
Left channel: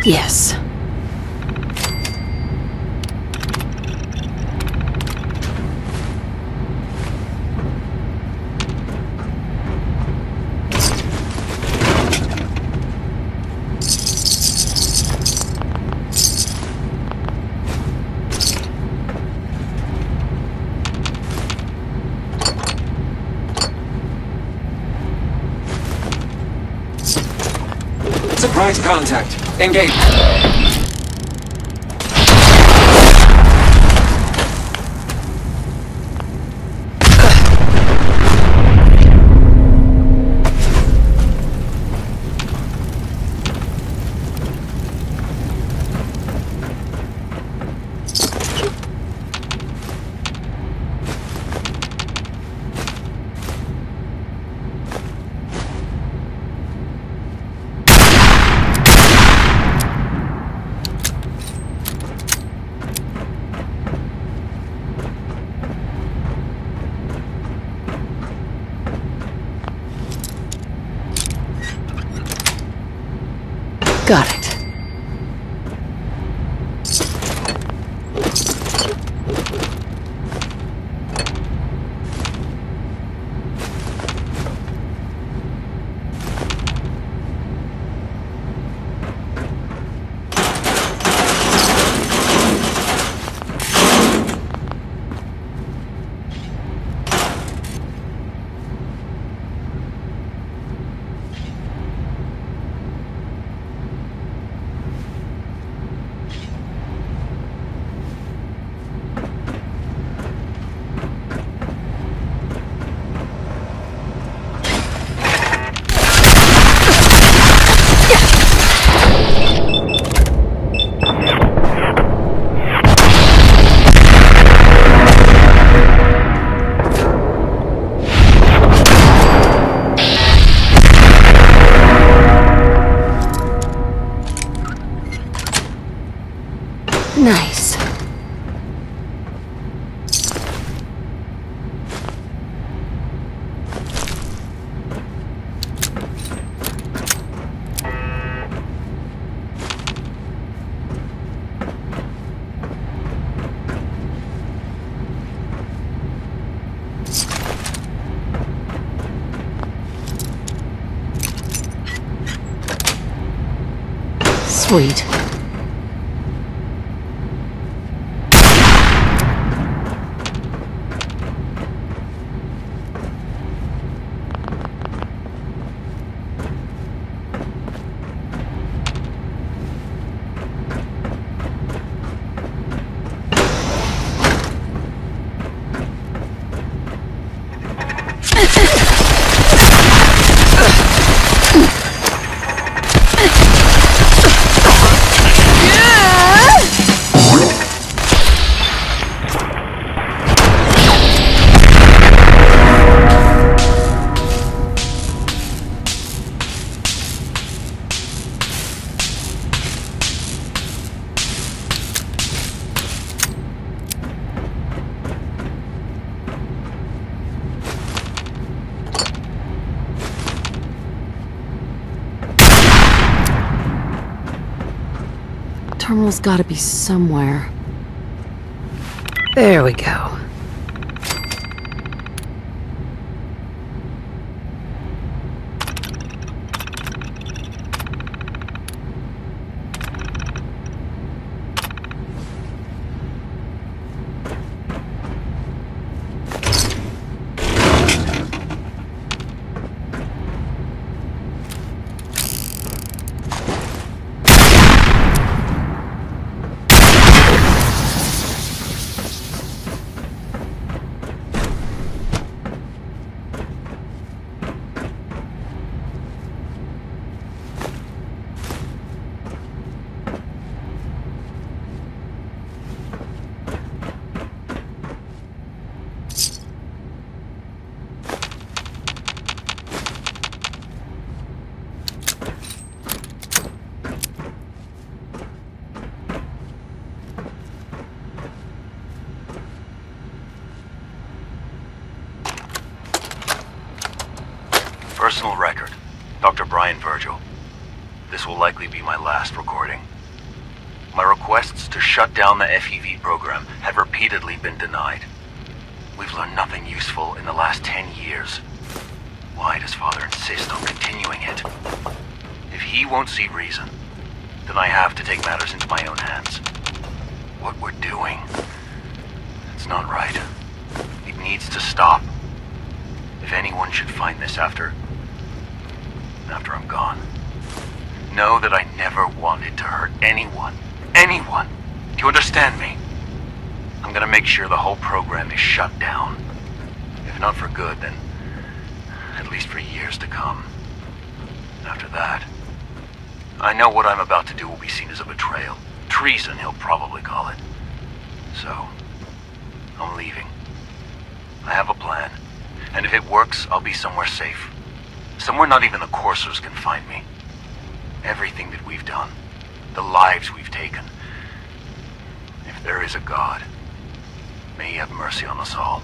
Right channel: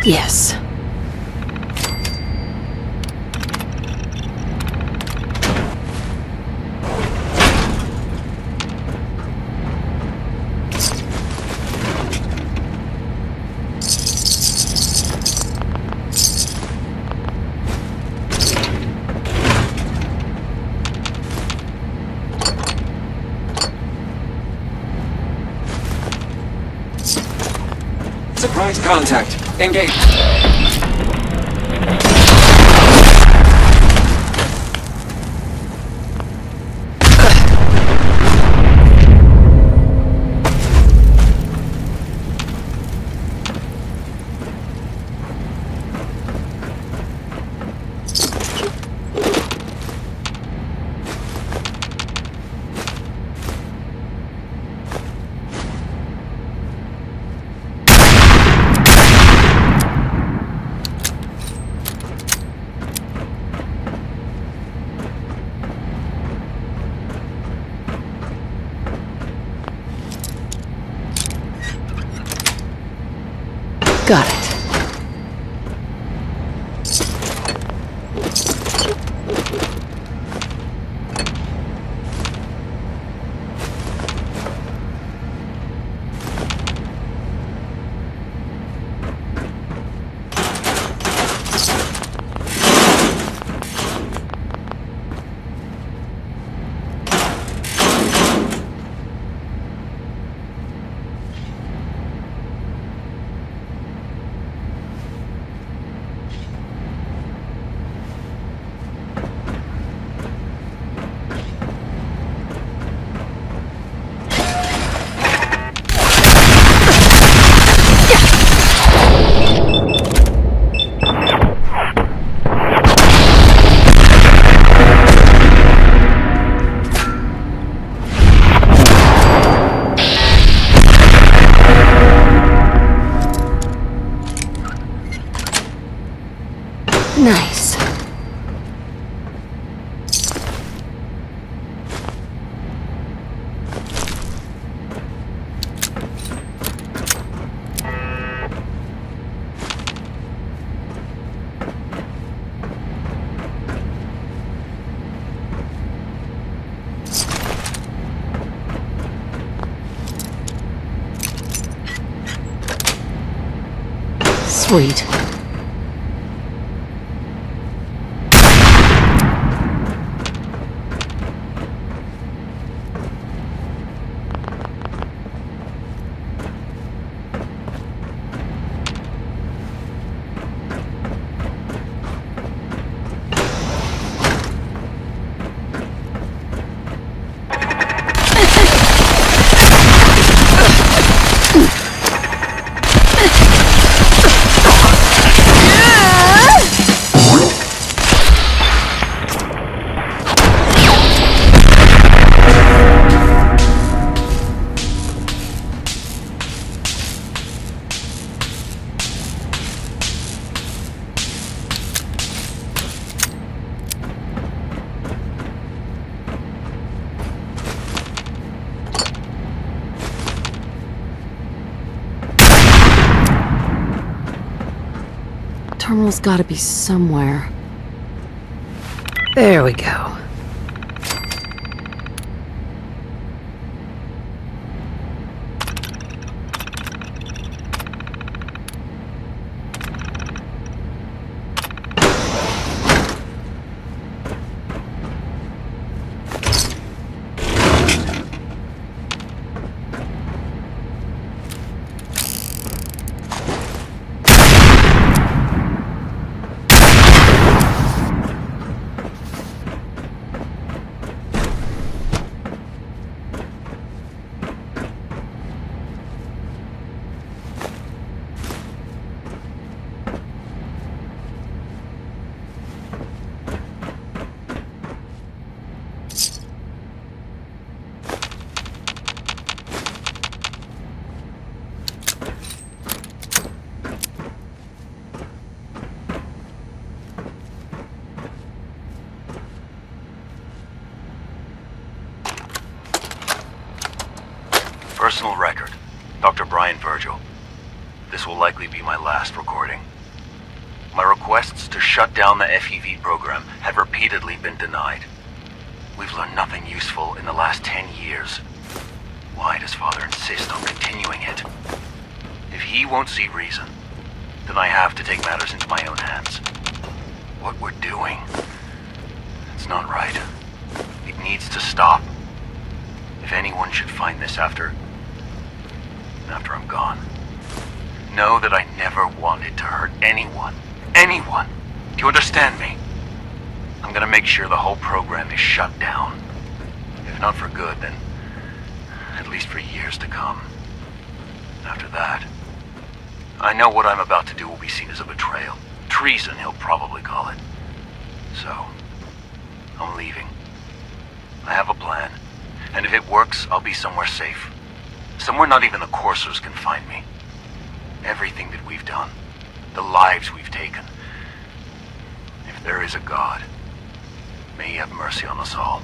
Yes. Surprise contact. Engage. Got it. Nice. Sweet. Terminal's gotta be somewhere. There we go. Personal record, Dr. Brian Virgil. This will likely be my last recording. My requests to shut down the FEV program have repeatedly been denied. We've learned nothing useful in the last 10 years. Why does Father insist on continuing it? If he won't see reason, then I have to take matters into my own hands. What we're doing, it's not right. It needs to stop. If anyone should find this after I'm gone, know that I never wanted to hurt anyone. Anyone! Do you understand me? I'm gonna make sure the whole program is shut down. If not for good, then at least for years to come. After that, I know what I'm about to do will be seen as a betrayal. Treason, he'll probably call it. So, I'm leaving. I have a plan, and if it works, I'll be somewhere safe. Somewhere not even the coursers can find me. Everything that we've done, the lives we've taken. If there is a God, may he have mercy on us all.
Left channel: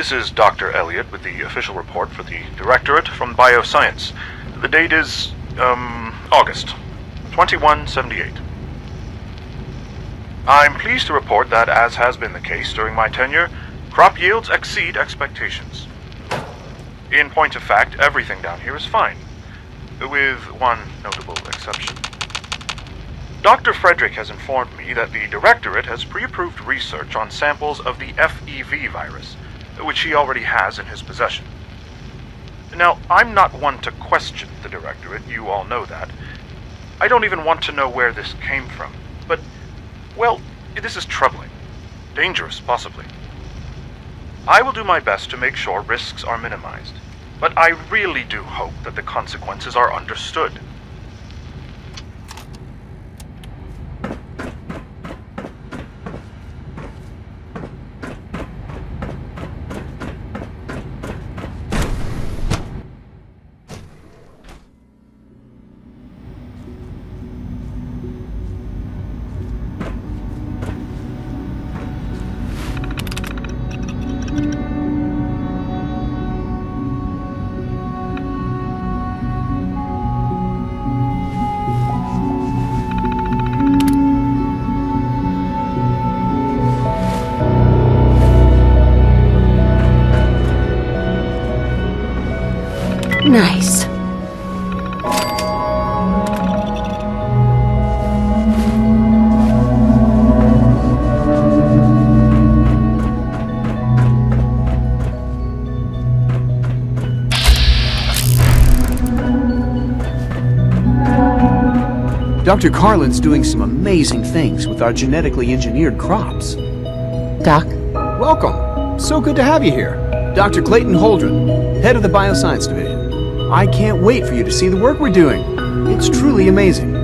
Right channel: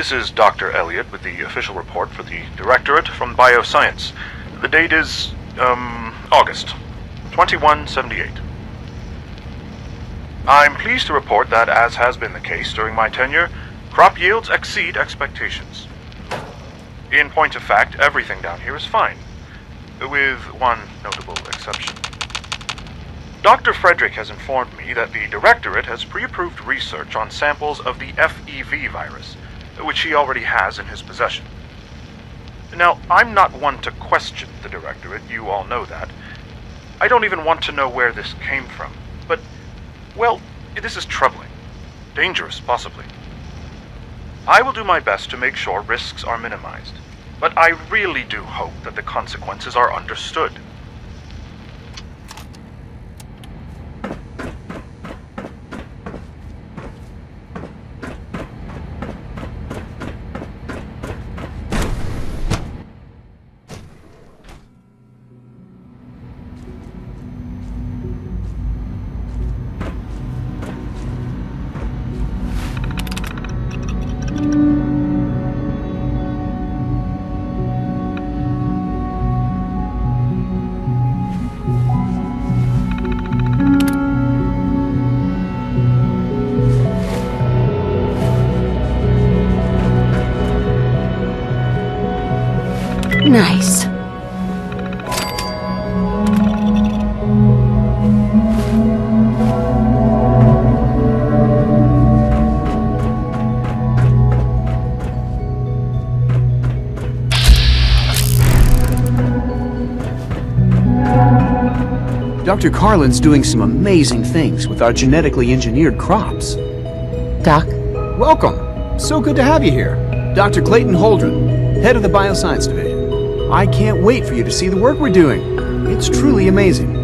This is Dr. Elliot with the official report for the Directorate from Bioscience. The date is, August 2178. I'm pleased to report that, as has been the case during my tenure, crop yields exceed expectations. In point of fact, everything down here is fine, with one notable exception. Dr. Frederick has informed me that the Directorate has pre-approved research on samples of the FEV virus, which he already has in his possession. Now, I'm not one to question the Directorate, you all know that. I don't even want to know where this came from, but, well, this is troubling. Dangerous, possibly. I will do my best to make sure risks are minimized, but I really do hope that the consequences are understood. Nice. Dr. Carlin's doing some amazing things with our genetically engineered crops. Doc? Welcome. So good to have you here. Dr. Clayton Holdren, head of the Bioscience Division. I can't wait for you to see the work we're doing. It's truly amazing.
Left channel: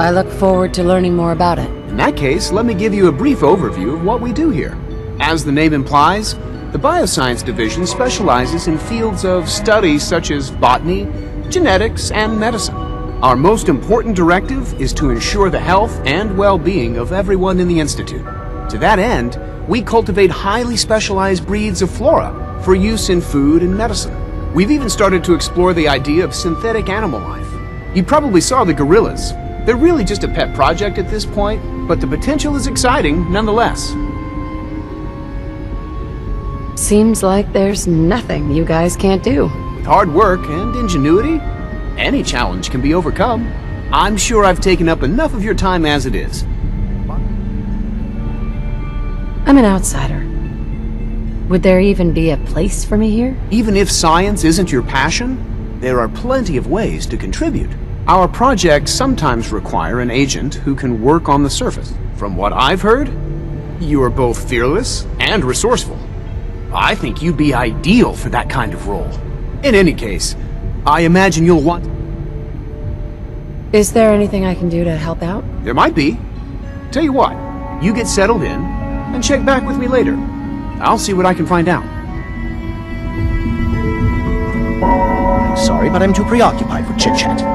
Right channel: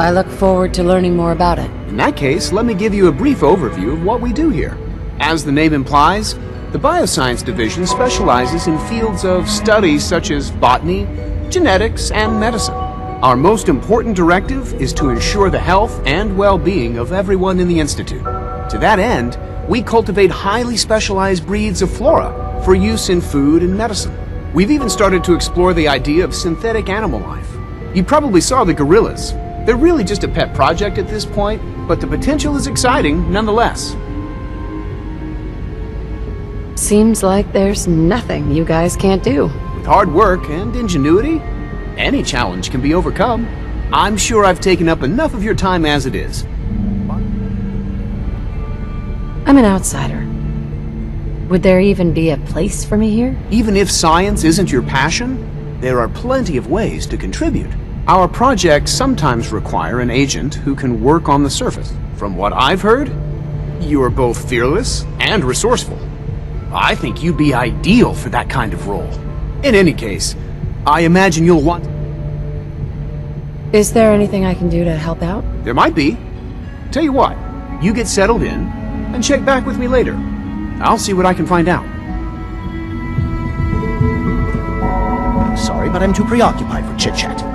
I look forward to learning more about it. In that case, let me give you a brief overview of what we do here. As the name implies, the Bioscience Division specializes in fields of study such as botany, genetics, and medicine. Our most important directive is to ensure the health and well-being of everyone in the Institute. To that end, we cultivate highly specialized breeds of flora for use in food and medicine. We've even started to explore the idea of synthetic animal life. You probably saw the gorillas. They're really just a pet project at this point, but the potential is exciting nonetheless. Seems like there's nothing you guys can't do. With hard work and ingenuity, any challenge can be overcome. I'm sure I've taken up enough of your time as it is. I'm an outsider. Would there even be a place for me here? Even if science isn't your passion, there are plenty of ways to contribute. Our projects sometimes require an agent who can work on the surface. From what I've heard, you are both fearless and resourceful. I think you'd be ideal for that kind of role. In any case, I imagine you'll want... Is there anything I can do to help out? There might be. Tell you what, you get settled in, and check back with me later. I'll see what I can find out. Sorry, but I'm too preoccupied for chit-chat.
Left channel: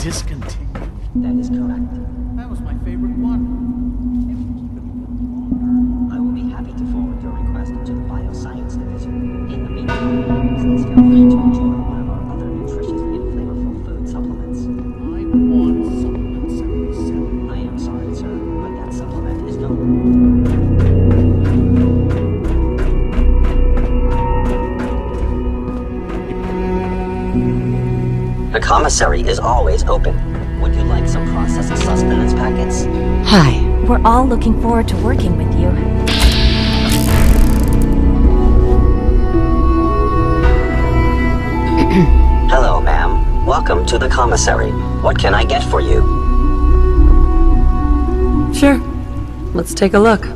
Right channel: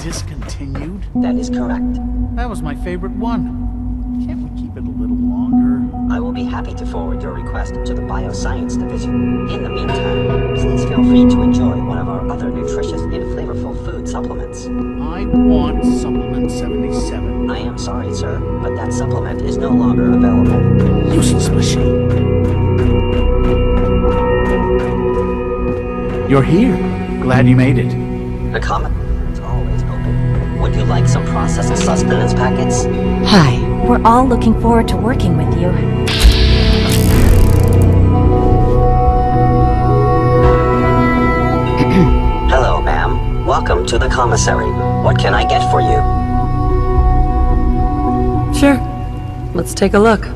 Discontinued? That is correct. That was my favorite one. Can't we keep it a little longer? I will be happy to forward your request to the Bioscience Division. In the meantime, please feel free to enjoy one of our other nutritious and flavorful food supplements. I want Supplement 77. I am sorry, sir, but that supplement is no longer available. Useless machine. You're here. Glad you made it. The commissary is always open. Would you like some processed sustenance packets? Hi. We're all looking forward to working with you. Hello, ma'am. Welcome to the commissary. What can I get for you? Sure. Let's take a look.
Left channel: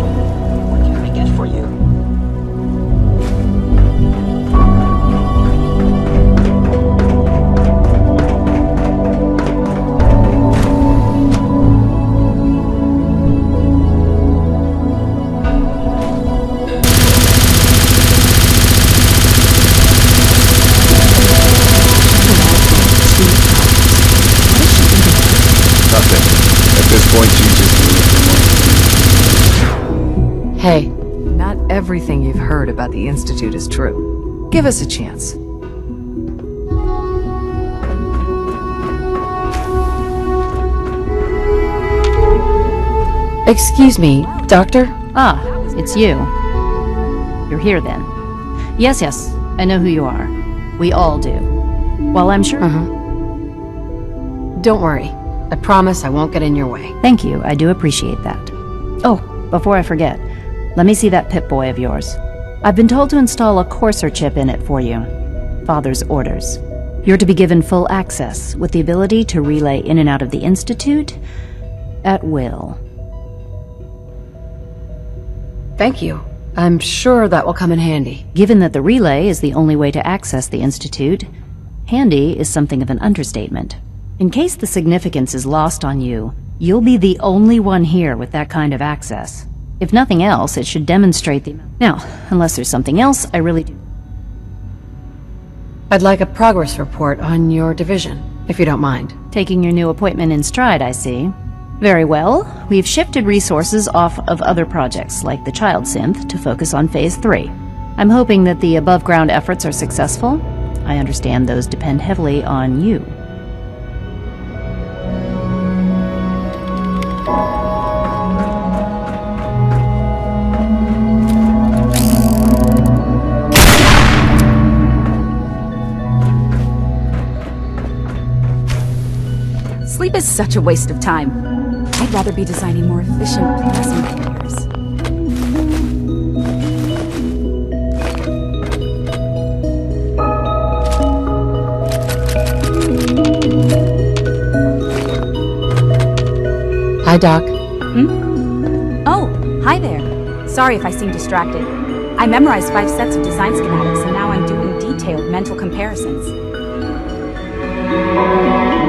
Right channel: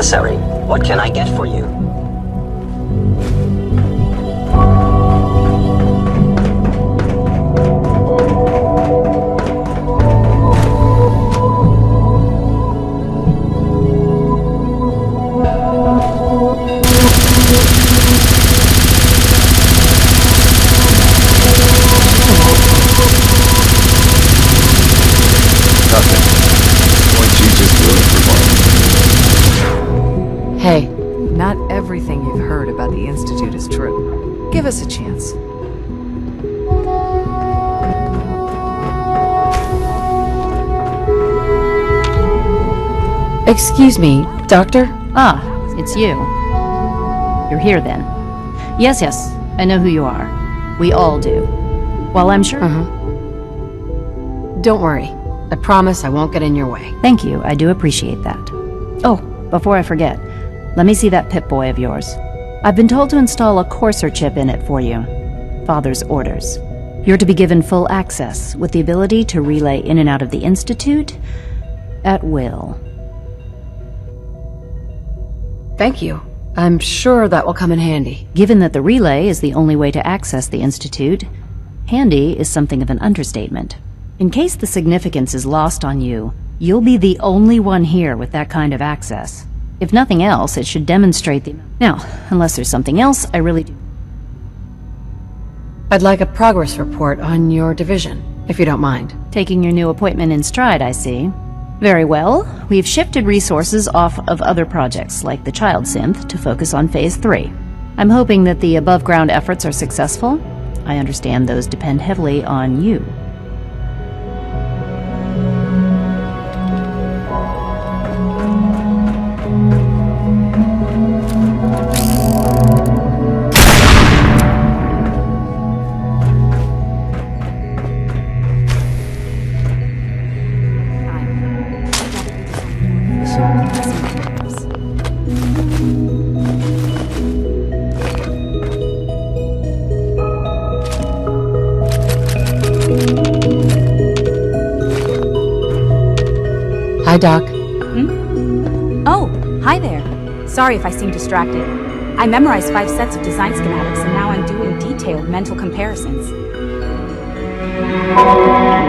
Emissary, what can I get for you? Nothing. At this point, she's just doing it for fun. Hey, not everything you've heard about the Institute is true. Give us a chance. Excuse me, Doctor? Ah, it's you. You're here then. Yes, I know who you are. We all do. Well, I'm sure... Don't worry. I promise I won't get in your way. Thank you, I do appreciate that. Oh, before I forget, let me see that Pip-Boy of yours. I've been told to install a courser chip in it for you. Father's orders. You're to be given full access, with the ability to relay in and out of the Institute at will. Thank you. I'm sure that will come in handy. Given that the relay is the only way to access the Institute, handy is something of an understatement. In case the significance is lost on you, you'll be the only one here with that kind of access. If nothing else, it should demonstrate the... Now, unless there's something else, I really do... I'd like a progress report on your division, if you don't mind. Taking your new appointment in stride, I see. Very well. We've shifted resources off of other projects, like the Child Synth, to focus on Phase 3. I'm hoping that the above-ground efforts are successful. I understand those depend heavily on you. Sleep is such a waste of time. I'd rather be designing more efficient plasma carriers. Hi, Doc. Oh, hi there. Sorry if I seem distracted. I memorized 5 sets of design schematics and now I'm doing detailed mental comparisons.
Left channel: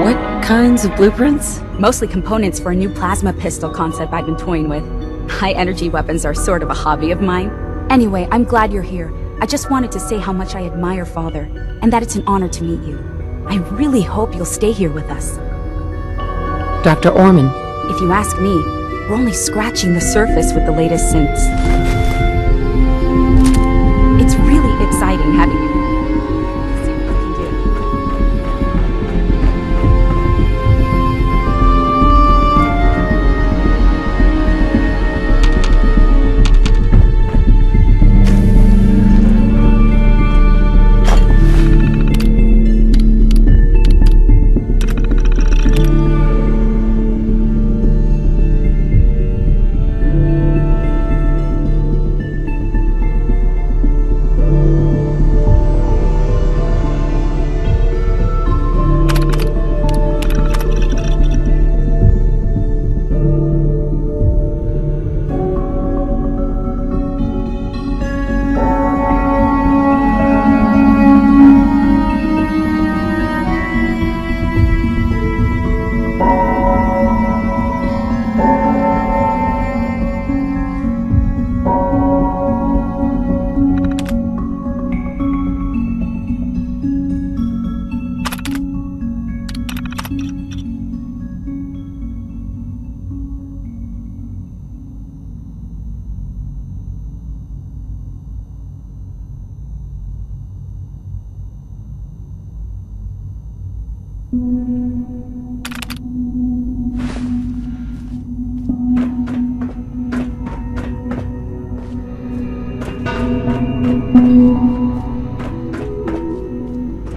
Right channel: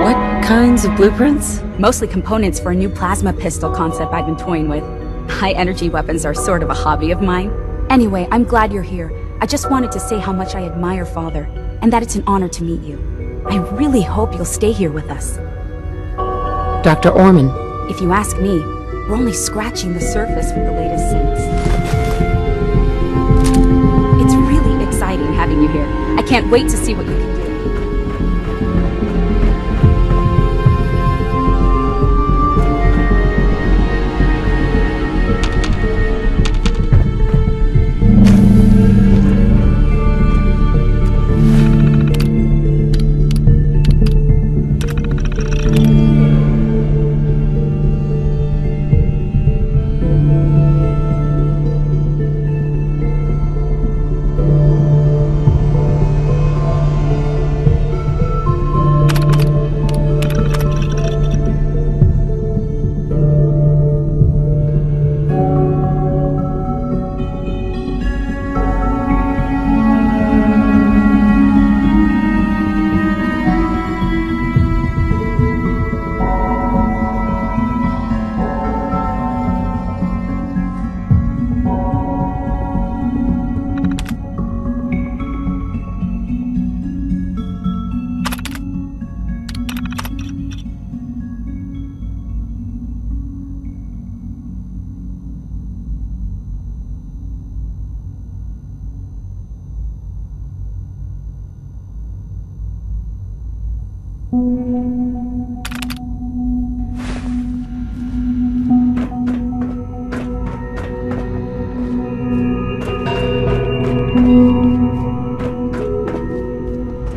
What kinds of blueprints? Mostly components for a new plasma pistol concept I've been toying with. High-energy weapons are sort of a hobby of mine. Anyway, I'm glad you're here. I just wanted to say how much I admire Father, and that it's an honor to meet you. I really hope you'll stay here with us. Dr. Orman. If you ask me, we're only scratching the surface with the latest synths. It's really exciting having you here. I can't wait to see what you can do.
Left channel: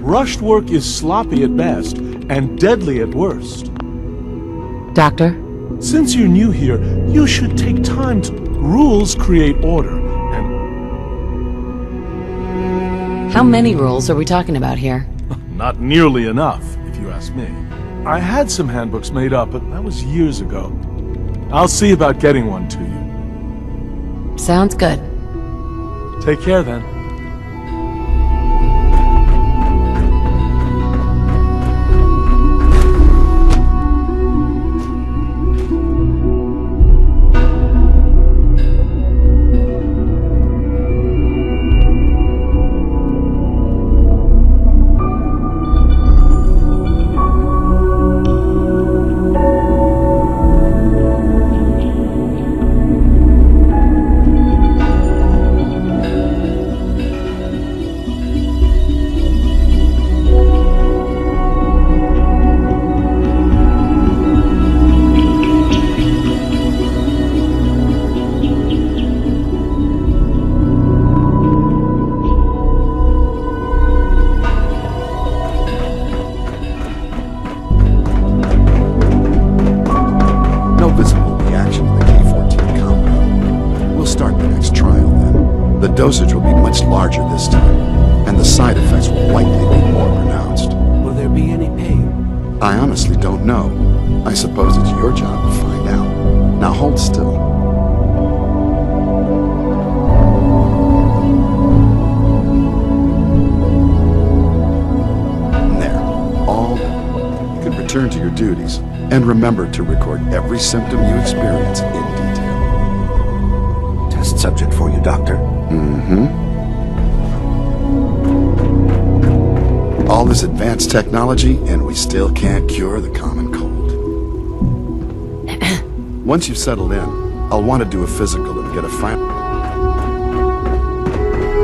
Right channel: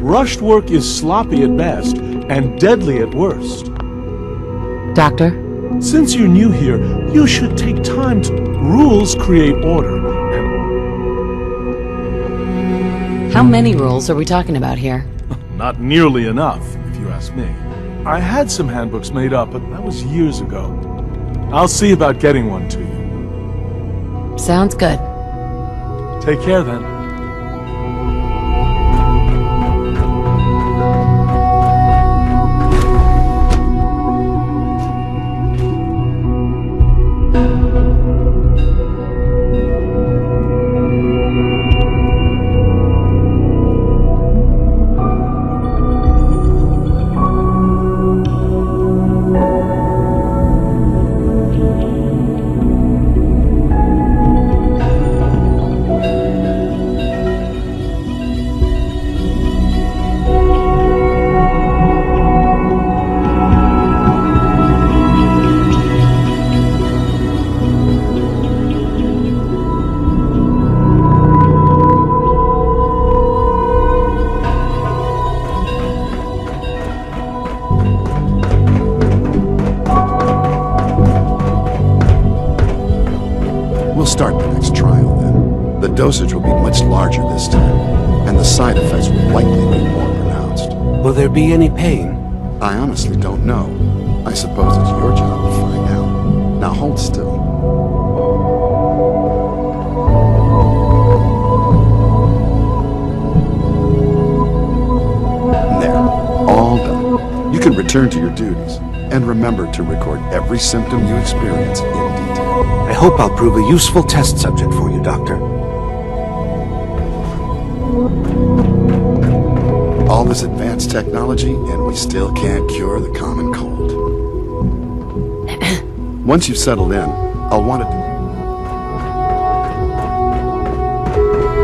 Rushed work is sloppy at best and deadly at worst. Doctor? Since you're new here, you should take time to... Rules create order, and... How many rules are we talking about here? Not nearly enough, if you ask me. I had some handbooks made up, but that was years ago. I'll see about getting one to you. Sounds good. Take care then. We'll start the next trial then. The dosage will be much larger this time, and the side effects will likely be more pronounced. Will there be any pain? I honestly don't know. I suppose it's your job to find out. Now hold still. There. All done. You can return to your duties, and remember to record every symptom you experience in detail. I hope I'll prove a useful test subject for you, Doctor. All this advanced technology, and we still can't cure the common cold. Once you've settled in, I'll want to do a physical and get a final.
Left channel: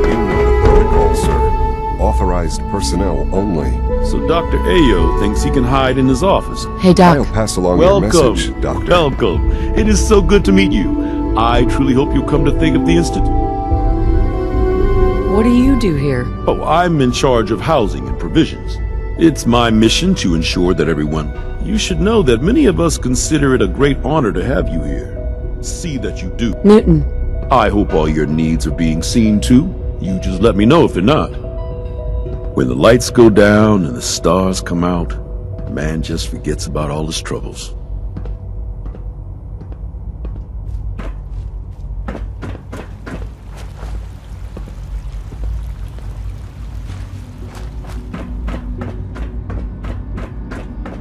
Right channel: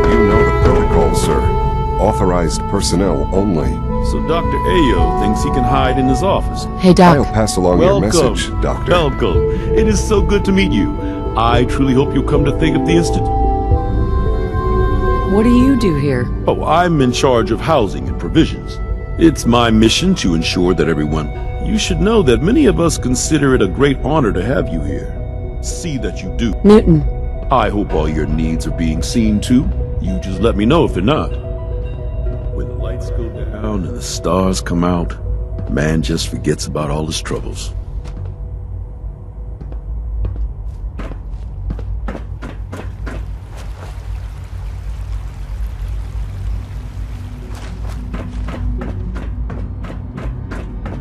You know the protocol, sir. Authorized personnel only. So Dr. Ayo thinks he can hide in his office. Hey, Doc. I'll pass along your message, Doctor. Welcome. It is so good to meet you. I truly hope you come to think of the Institute. What do you do here? Oh, I'm in charge of housing and provisions. It's my mission to ensure that everyone... You should know that many of us consider it a great honor to have you here. See that you do. Newton. I hope all your needs are being seen to. You just let me know if they're not. When the lights go down and the stars come out, man just forgets about all his troubles.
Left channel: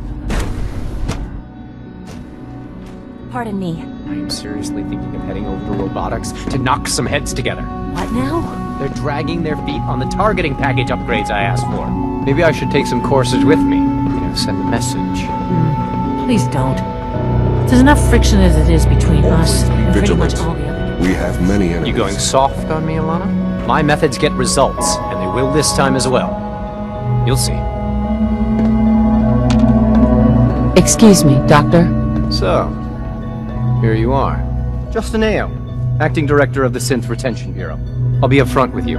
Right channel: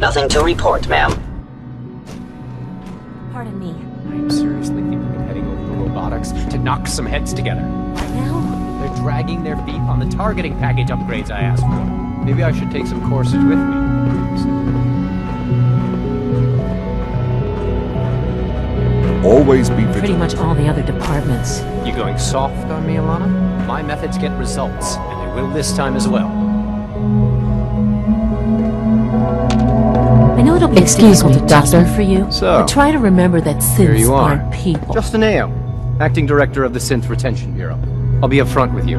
Nothing to report, ma'am. Pardon me. I'm seriously thinking of heading over to robotics to knock some heads together. What now? They're dragging their feet on the targeting package upgrades I asked for. Maybe I should take some courses with me. Send a message. Please don't. There's enough friction as it is between Always us be and pretty much vigilant. all the other departments. You going soft on me, Alana? My methods get results, and they will this time as well. You'll see. I know it'll be Excuse me, Doctor. for you. So, but try to remember that synths here you are. people. Justin Ayo, Acting Director of the Synth Retention Bureau. I'll be upfront with you.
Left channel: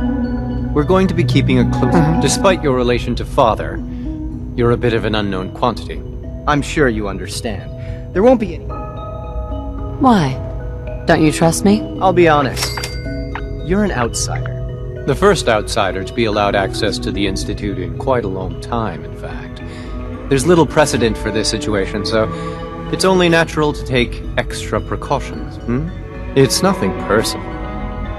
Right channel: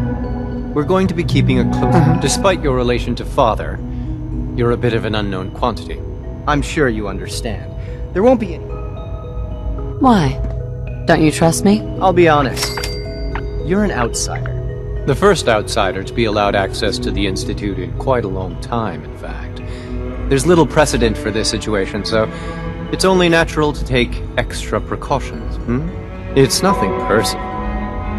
We're going to be keeping a close... Despite your relation to Father, you're a bit of an unknown quantity. I'm sure you understand. There won't be any... Why? Don't you trust me? I'll be honest. You're an outsider. The first outsider to be allowed access to the Institute in quite a long time, in fact. There's little precedent for this situation, so it's only natural to take extra precautions, It's nothing personal,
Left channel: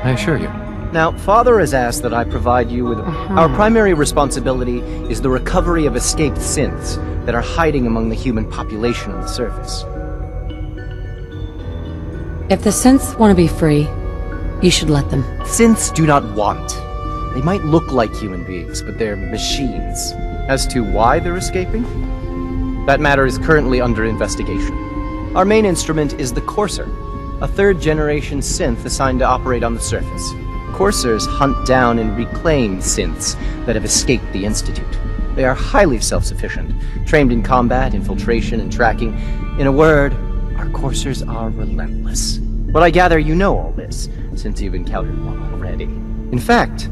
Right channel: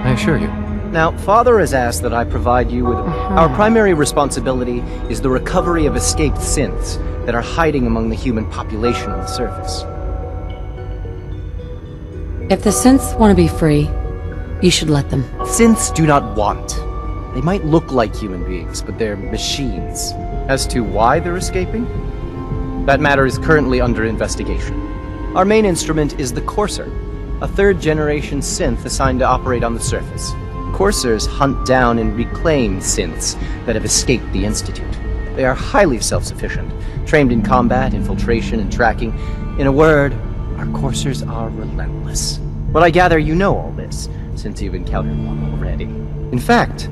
I assure you. Now, Father has asked that I provide you with... Our primary responsibility is the recovery of escaped synths that are hiding among the human population on the surface. If the synths want to be free, you should let them. Synths do not want. They might look like human beings, but they're machines. As to why they're escaping? That matter is currently under investigation. Our main instrument is the Courser, a third-generation synth assigned to operate on the surface. Coursers hunt down and reclaim synths that have escaped the Institute. They are highly self-sufficient, trained in combat, infiltration, and tracking. In a word, our Coursers are relentless. But I gather you know all this, since you've encountered one already. In fact,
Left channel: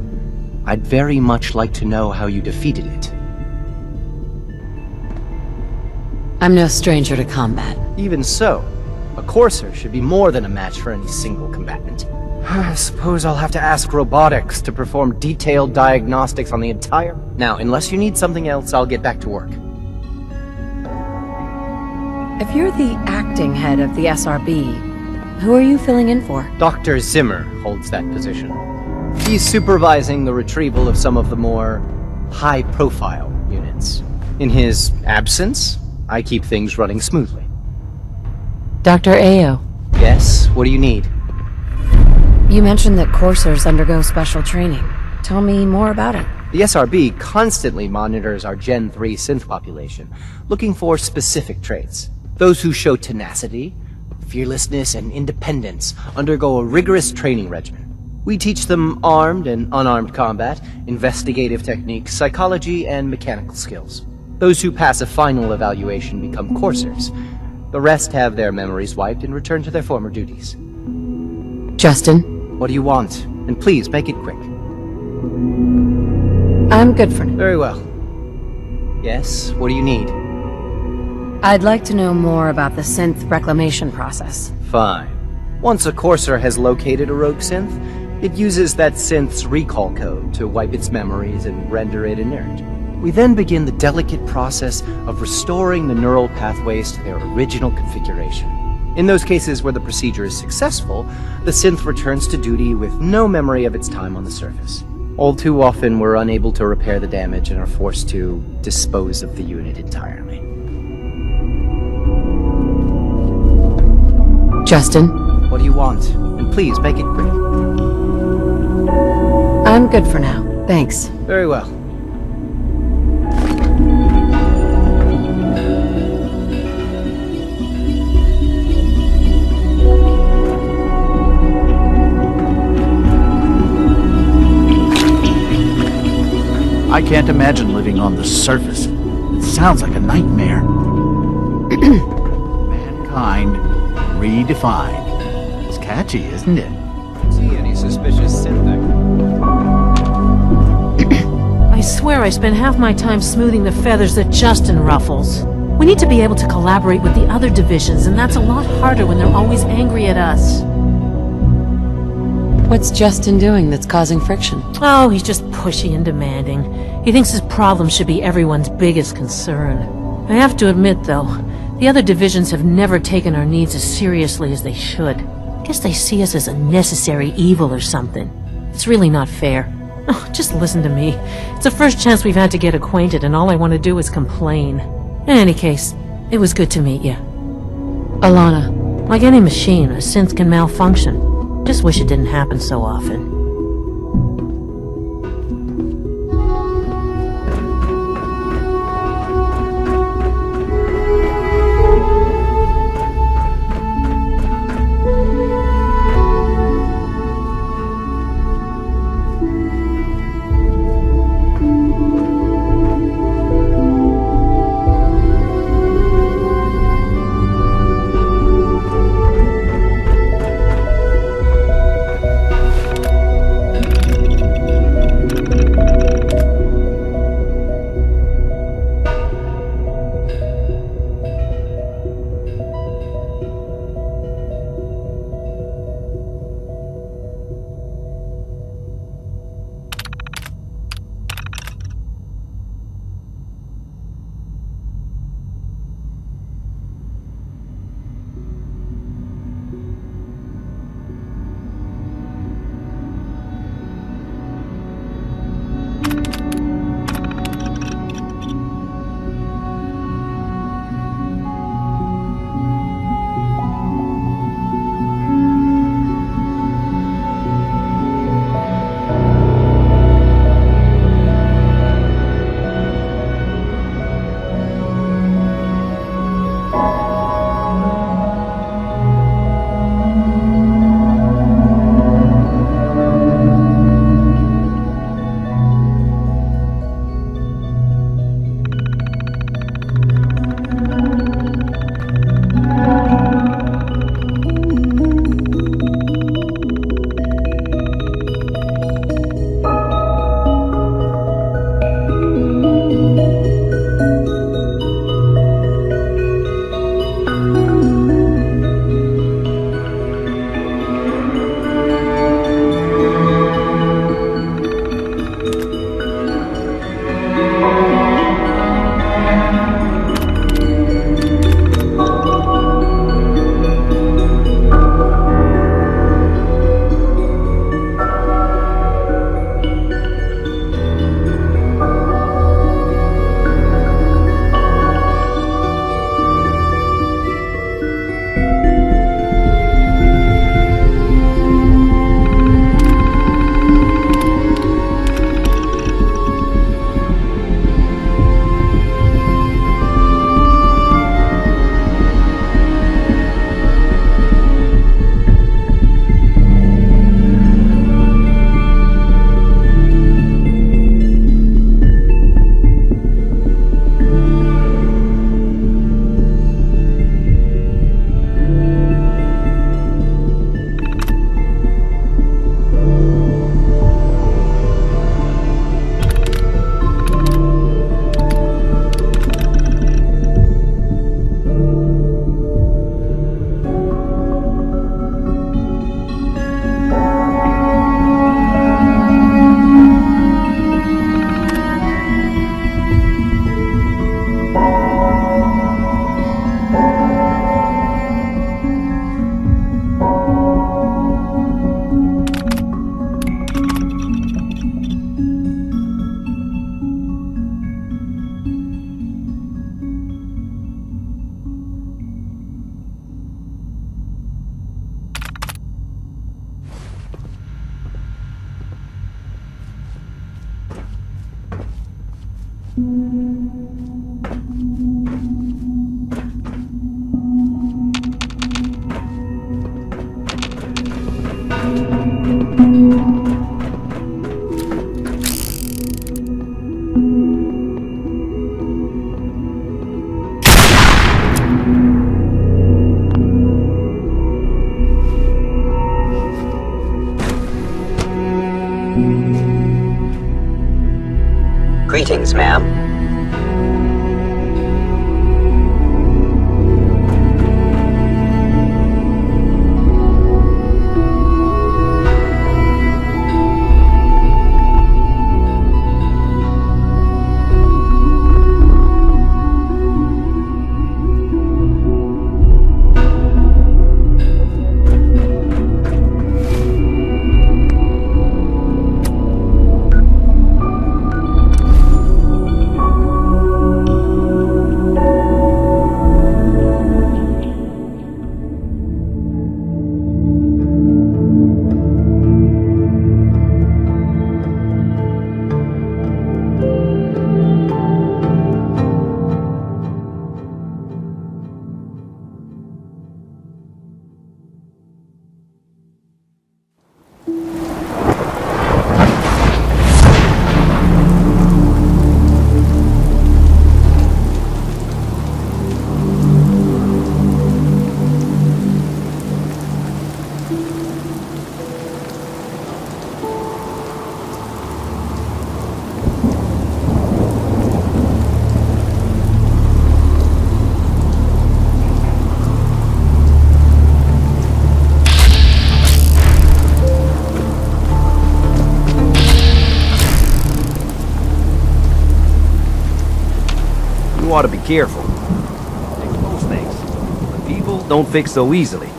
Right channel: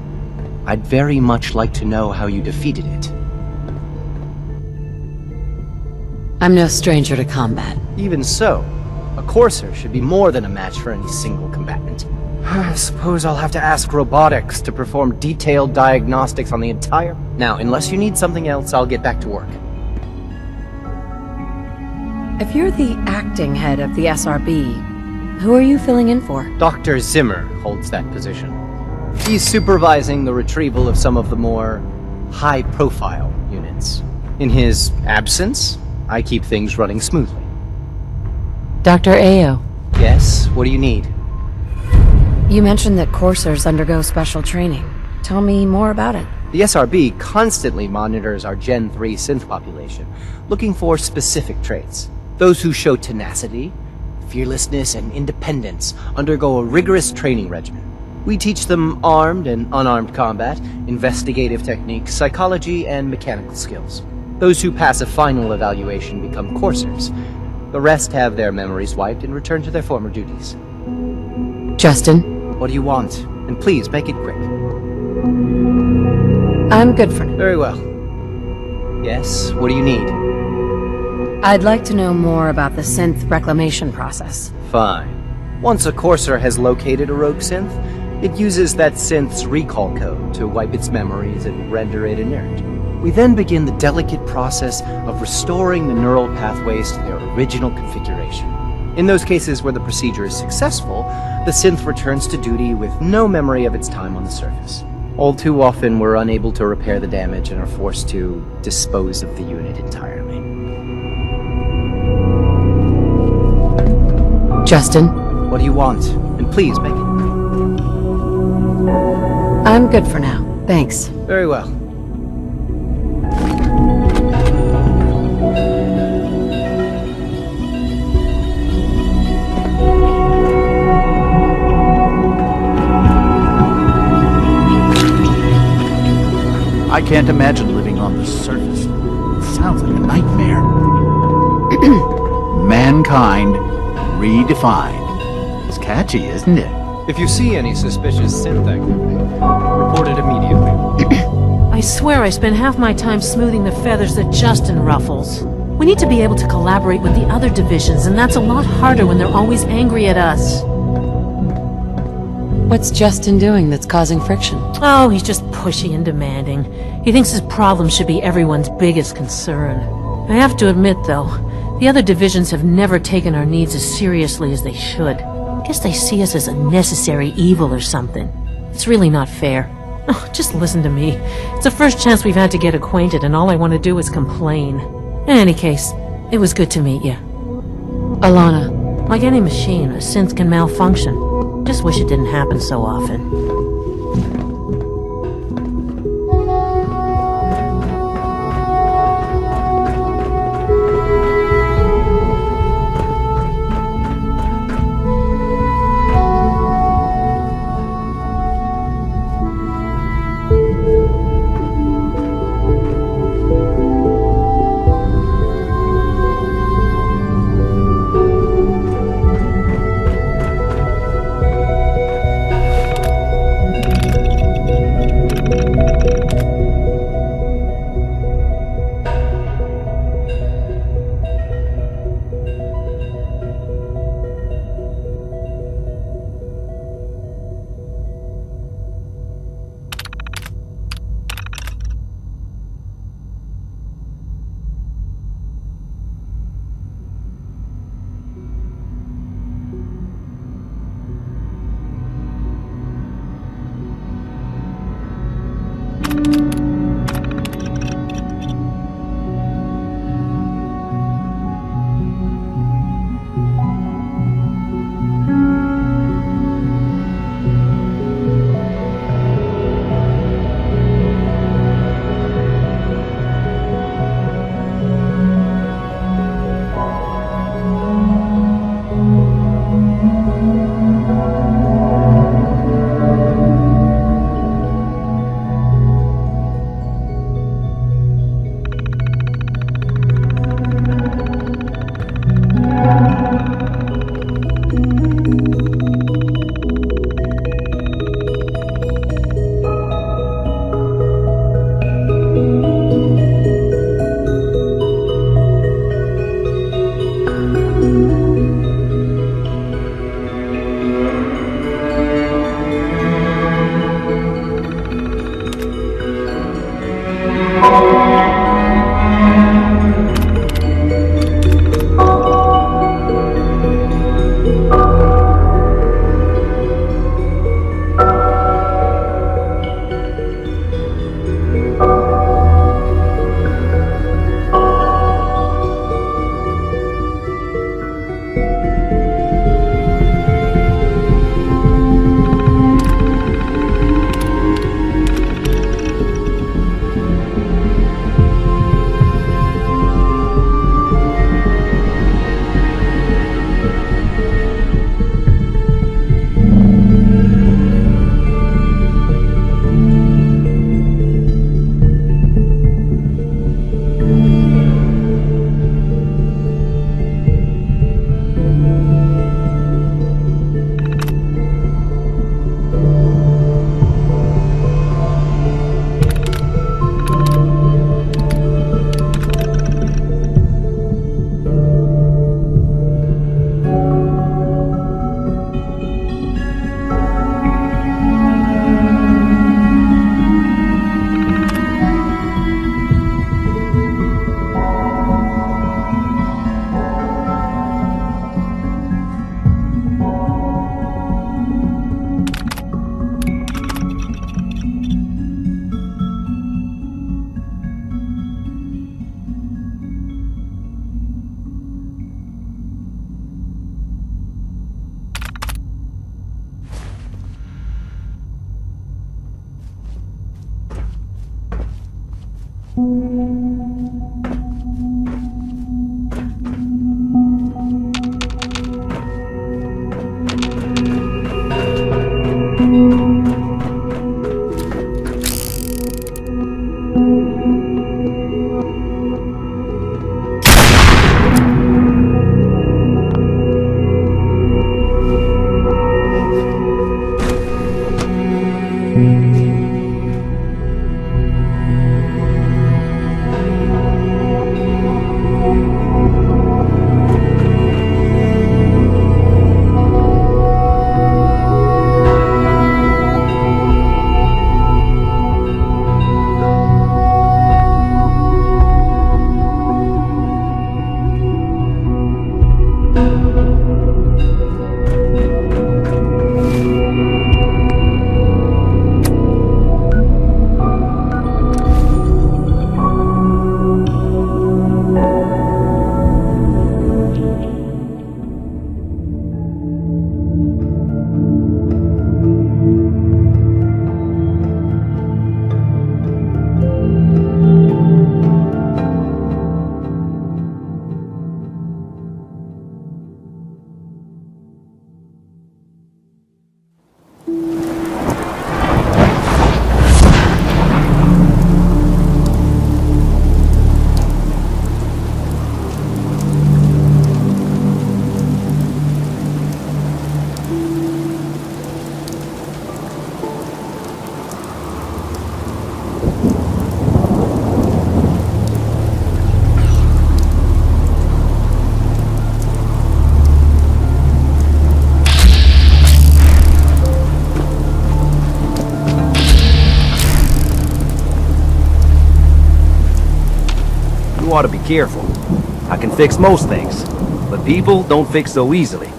I'd very much like to know how you defeated it. I'm no stranger to combat. Even so, a Courser should be more than a match for any single combatant. I suppose I'll have to ask robotics to perform detailed diagnostics on the entire... Now, unless you need something else, I'll get back to work. If you're the acting head of the SRB, Who are you filling in for? Dr. Zimmer holds that position. He's supervising the retrieval of some of the more high-profile units. In his absence, I keep things running smoothly. Dr. Ayo, Yes, what do you need? you mentioned that coursers undergo special training. Tell me more about it. The SRB constantly monitors our Gen 3 synth population, looking for specific traits. Those who show tenacity, fearlessness, and independence undergo a rigorous training regimen. We teach them armed and unarmed combat, investigative techniques, psychology, and mechanical skills. Those who pass a final evaluation become coursers. The rest have their memories wiped and return to their former duties. Justin? What do you want? And please, make it quick. I'm good for now. Very well. Yes, what do you need? I'd like to know more about the synth reclamation process. Fine. Once a courser has located a rogue synth, it uses that synth's recall code to wipe its memories and render it inert. We then begin the delicate process of restoring the neural pathways to their original configuration. In those cases where the procedure is successful, the synth returns to duty with no memory of its time on the surface. All too often, we're unable to repair the damage and are forced to dispose of the unit entirely. Justin? What do you want? And please, make it quick. I'm good for now. Thanks. Very well. I can't imagine living on the surface. It sounds like a nightmare. Mankind redefined. It's catchy, isn't it? If you see any suspicious synth activity, report it immediately. I swear I spend half my time smoothing the feathers that Justin ruffles. We need to be able to collaborate with the other divisions, and that's a lot harder when they're always angry at us. What's Justin doing that's causing friction? Oh, he's just pushy and demanding. He thinks his problems should be everyone's biggest concern. I have to admit, though, the other divisions have never taken our needs as seriously as they should. I guess they see us as a necessary evil or something. It's really not fair. Oh, just listen to me. It's the first chance we've had to get acquainted, and all I want to do is complain. In any case, it was good to meet you. Alana. Like any machine, a synth can malfunction. Just wish it didn't happen so often. Yes, ma'am. You ought to be careful. I can fix most things, but people don't fix so easily.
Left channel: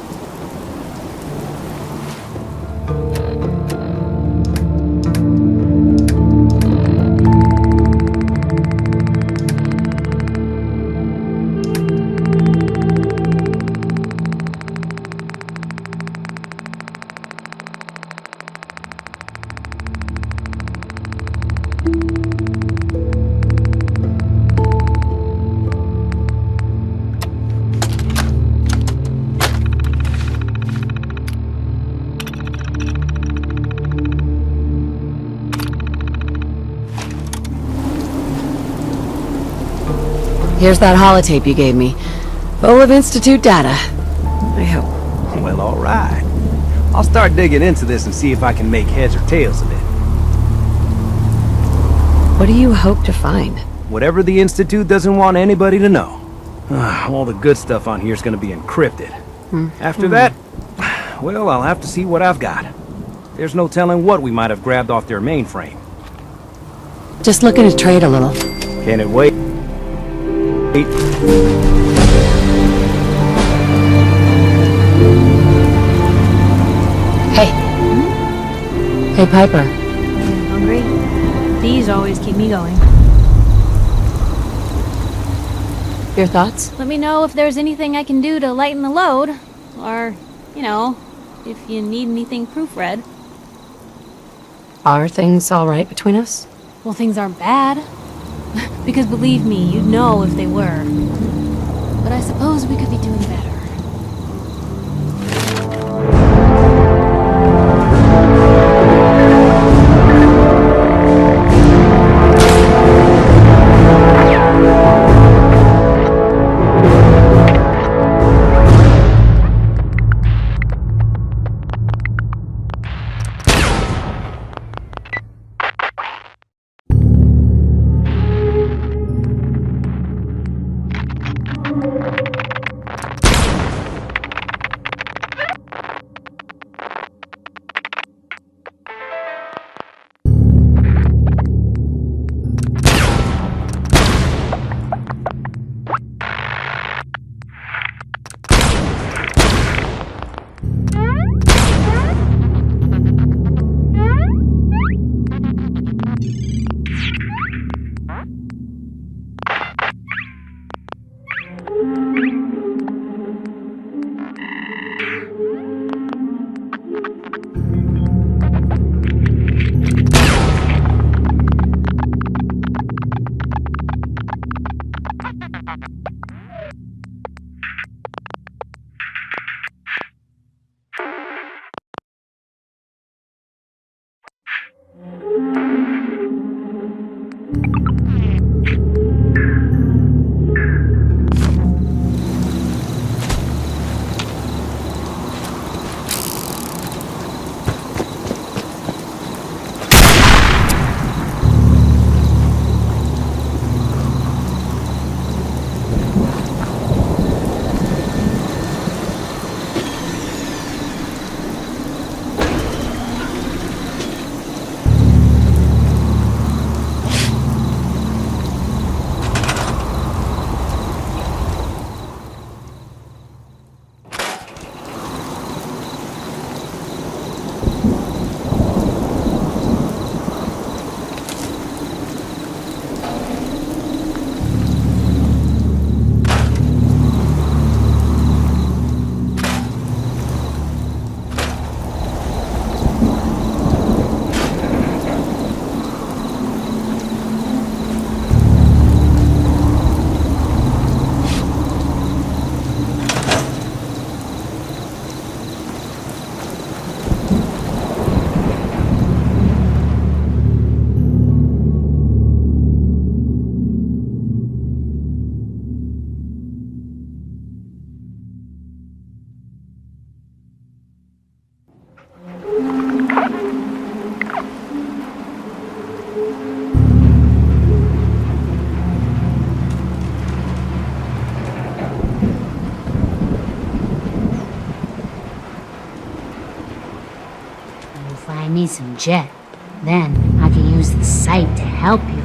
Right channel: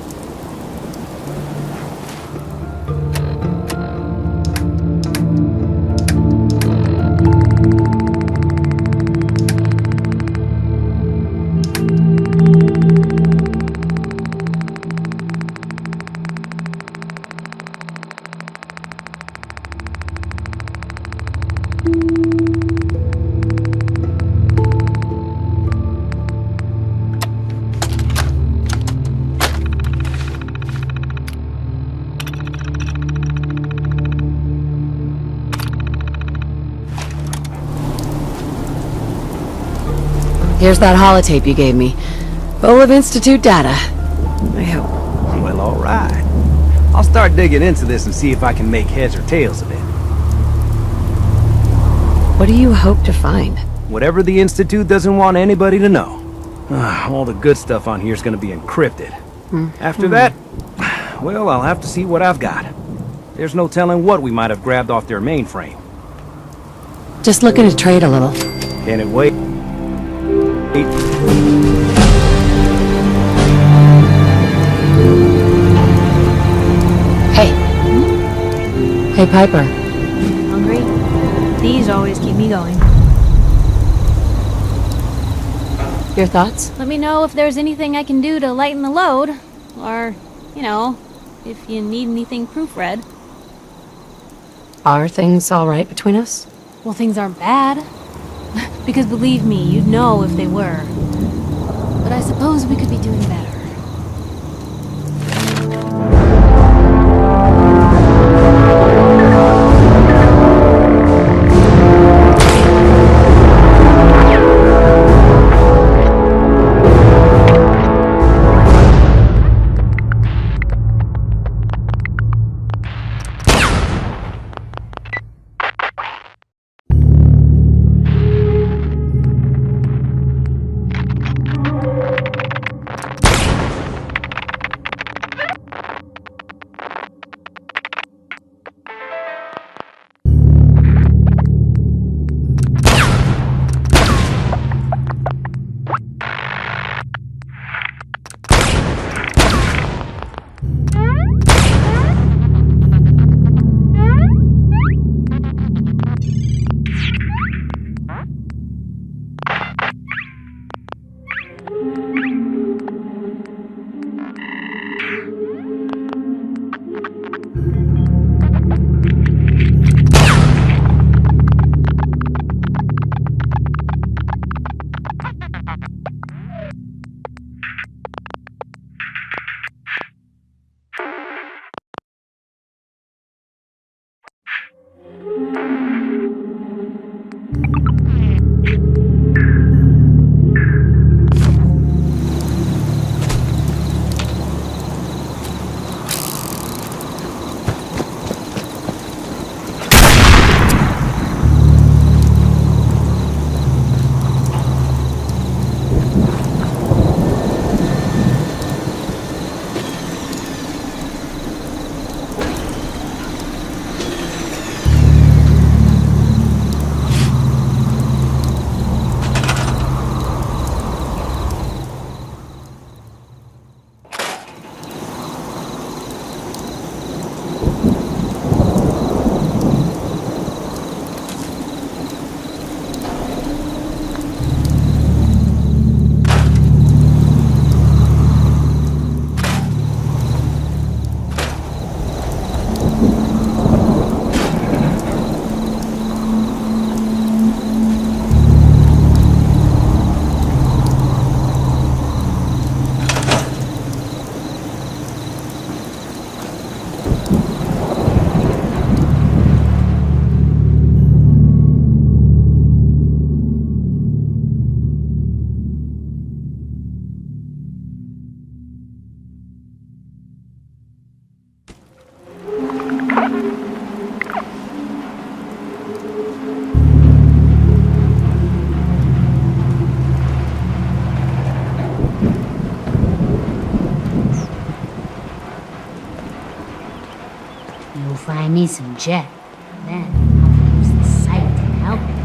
Here's that holotape you gave me. Full of Institute data. I hope. Well, all right. I'll start digging into this and see if I can make heads or tails of it. What do you hope to find? Whatever the Institute doesn't want anybody to know. All the good stuff on here is going to be encrypted. After that, well, I'll have to see what I've got. There's no telling what we might have grabbed off their mainframe. Just looking to trade a little. Can it wait? Hey. Hey, Piper. Hungry? These always keep me going. Your thoughts? Let me know if there's anything I can do to lighten the load. Or, you know, if you need anything proofread. Are things all right between us? Well, things aren't bad. Because believe me, you'd know if they were. But I suppose we could be doing better. me some jet. Then I can use the site to help you.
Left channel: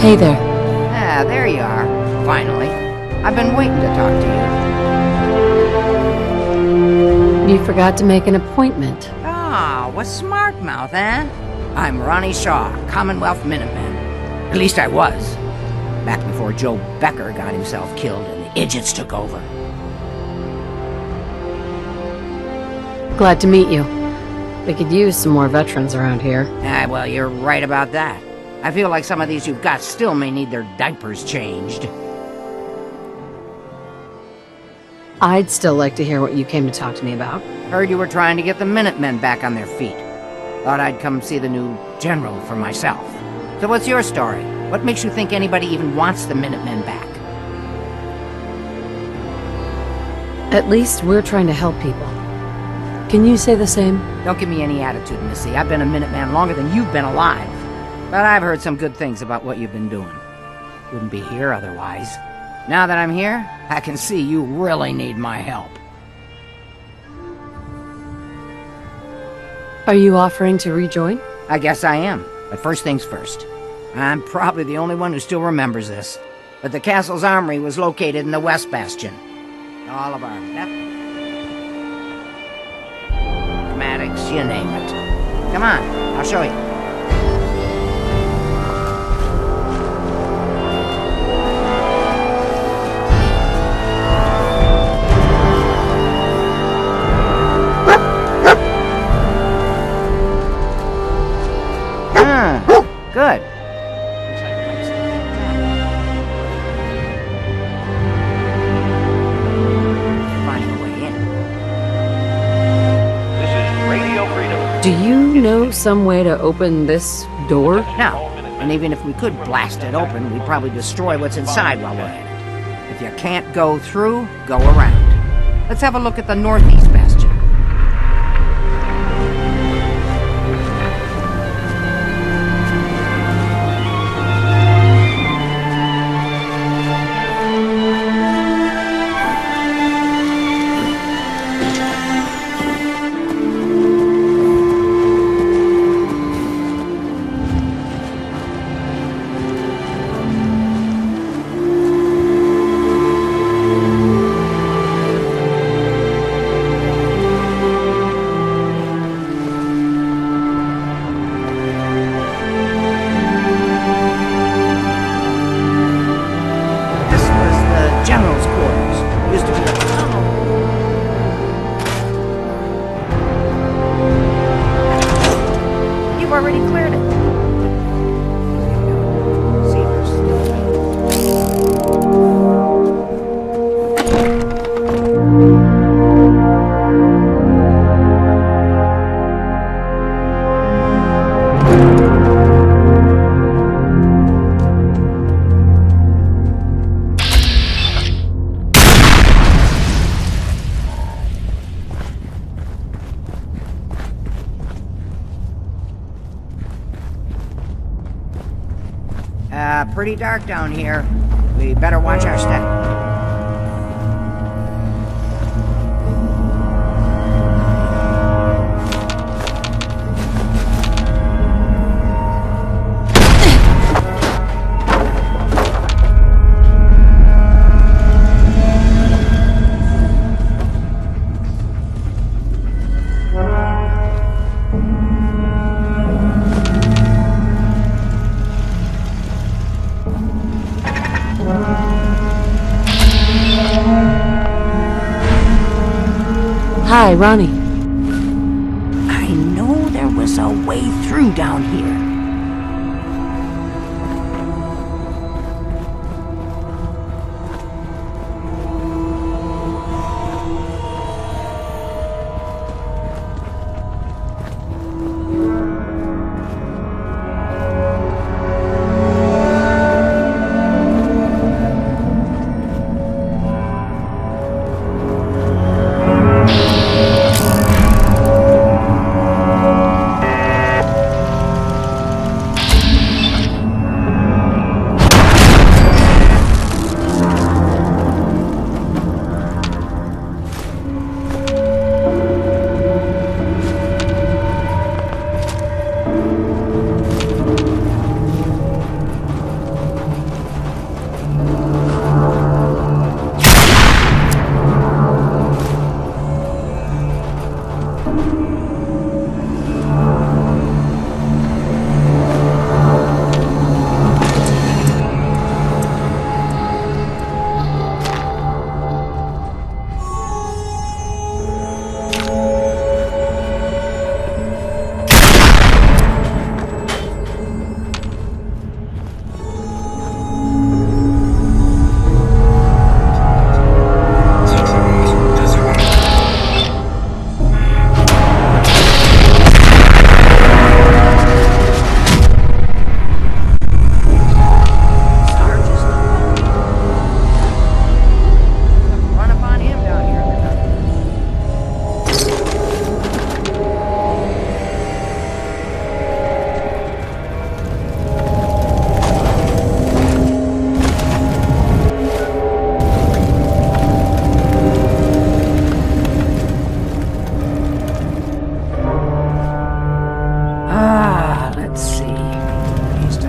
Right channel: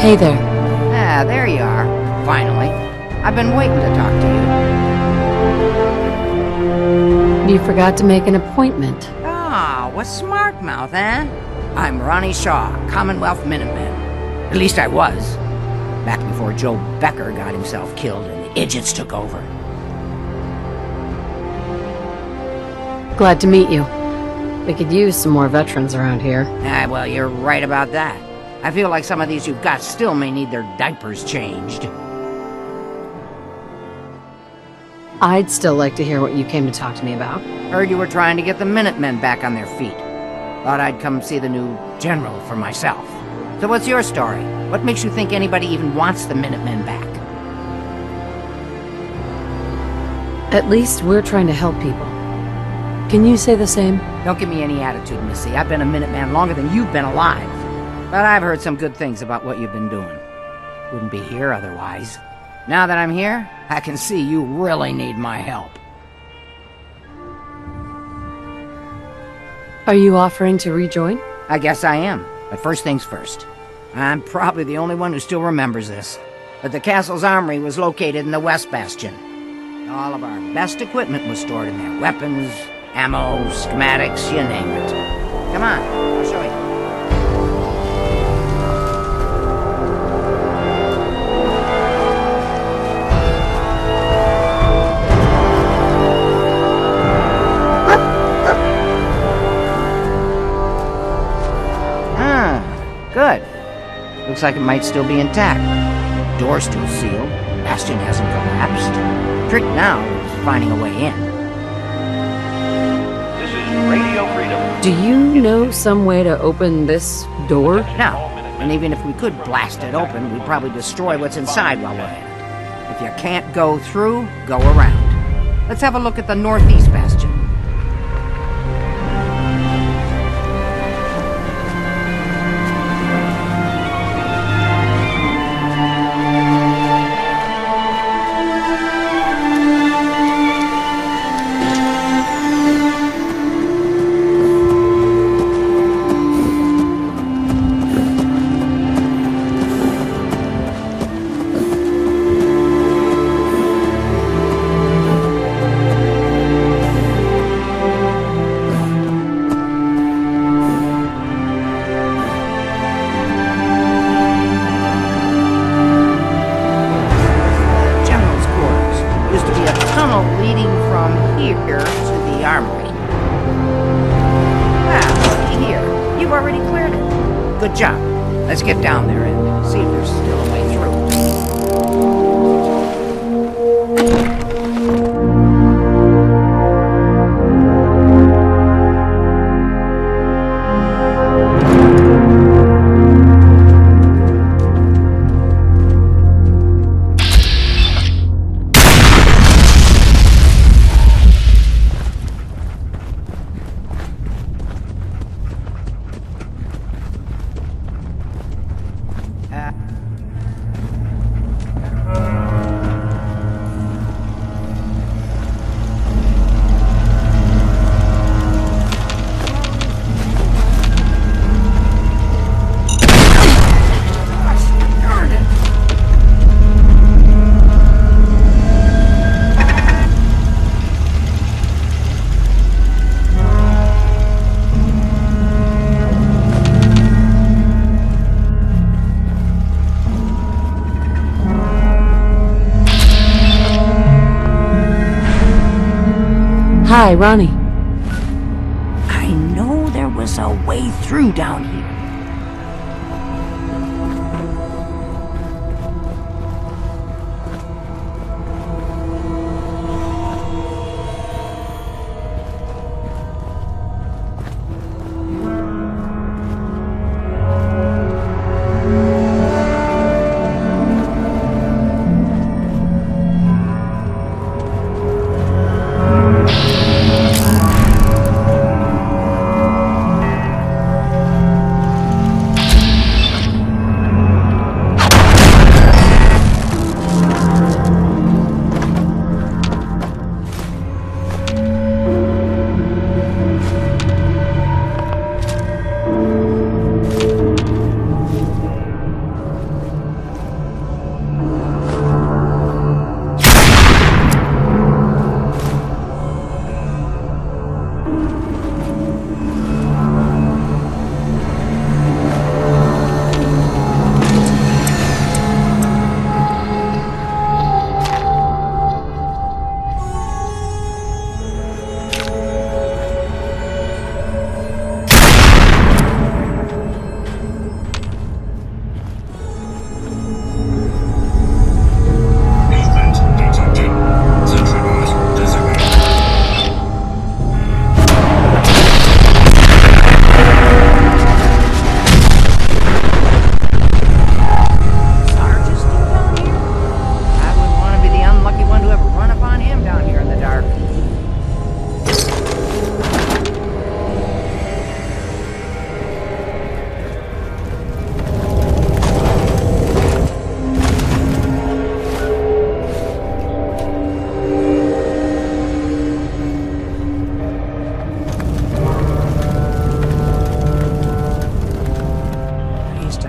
Hey there. Ah, there you are. Finally. I've been waiting to talk to you. You forgot to make an appointment. Ah, what's smart mouth, eh? I'm Ronnie Shaw, Commonwealth Minuteman. At least I was. Back before Joe Becker got himself killed and the idiots took over. Glad to meet you. We could use some more veterans around here. Ah, well, you're right about that. I feel like some of these you've got still may need their diapers changed. I'd still like to hear what you came to talk to me about. Heard you were trying to get the Minutemen back on their feet. Thought I'd come see the new general for myself. So what's your story? What makes you think anybody even wants the Minutemen back? At least we're trying to help people. Can you say the same? Don't give me any attitude, Missy. I've been a Minuteman longer than you've been alive. But I've heard some good things about what you've been doing. Wouldn't be here otherwise. Now that I'm here, I can see you really need my help. Are you offering to rejoin? I guess I am. But first things first. I'm probably the only one who still remembers this. But the castle's armory was located in the West Bastion. All of our best equipment was stored in there. Weapons, ammo, schematics, you name it. Come on, I'll show you. Good. Looks like it might still be intact. Door's still sealed. Bastion hasn't collapsed. Trick now is finding a way in. This is Radio Freedom. Do you know some way to open this door? No. And even if we could blast it open, we'd probably destroy what's inside while we're at it. If you can't go through, go around. Let's have a look at the northeast bastion. Pretty dark down here. We better watch our step. Hi, Ronnie. I know there was a way through down here.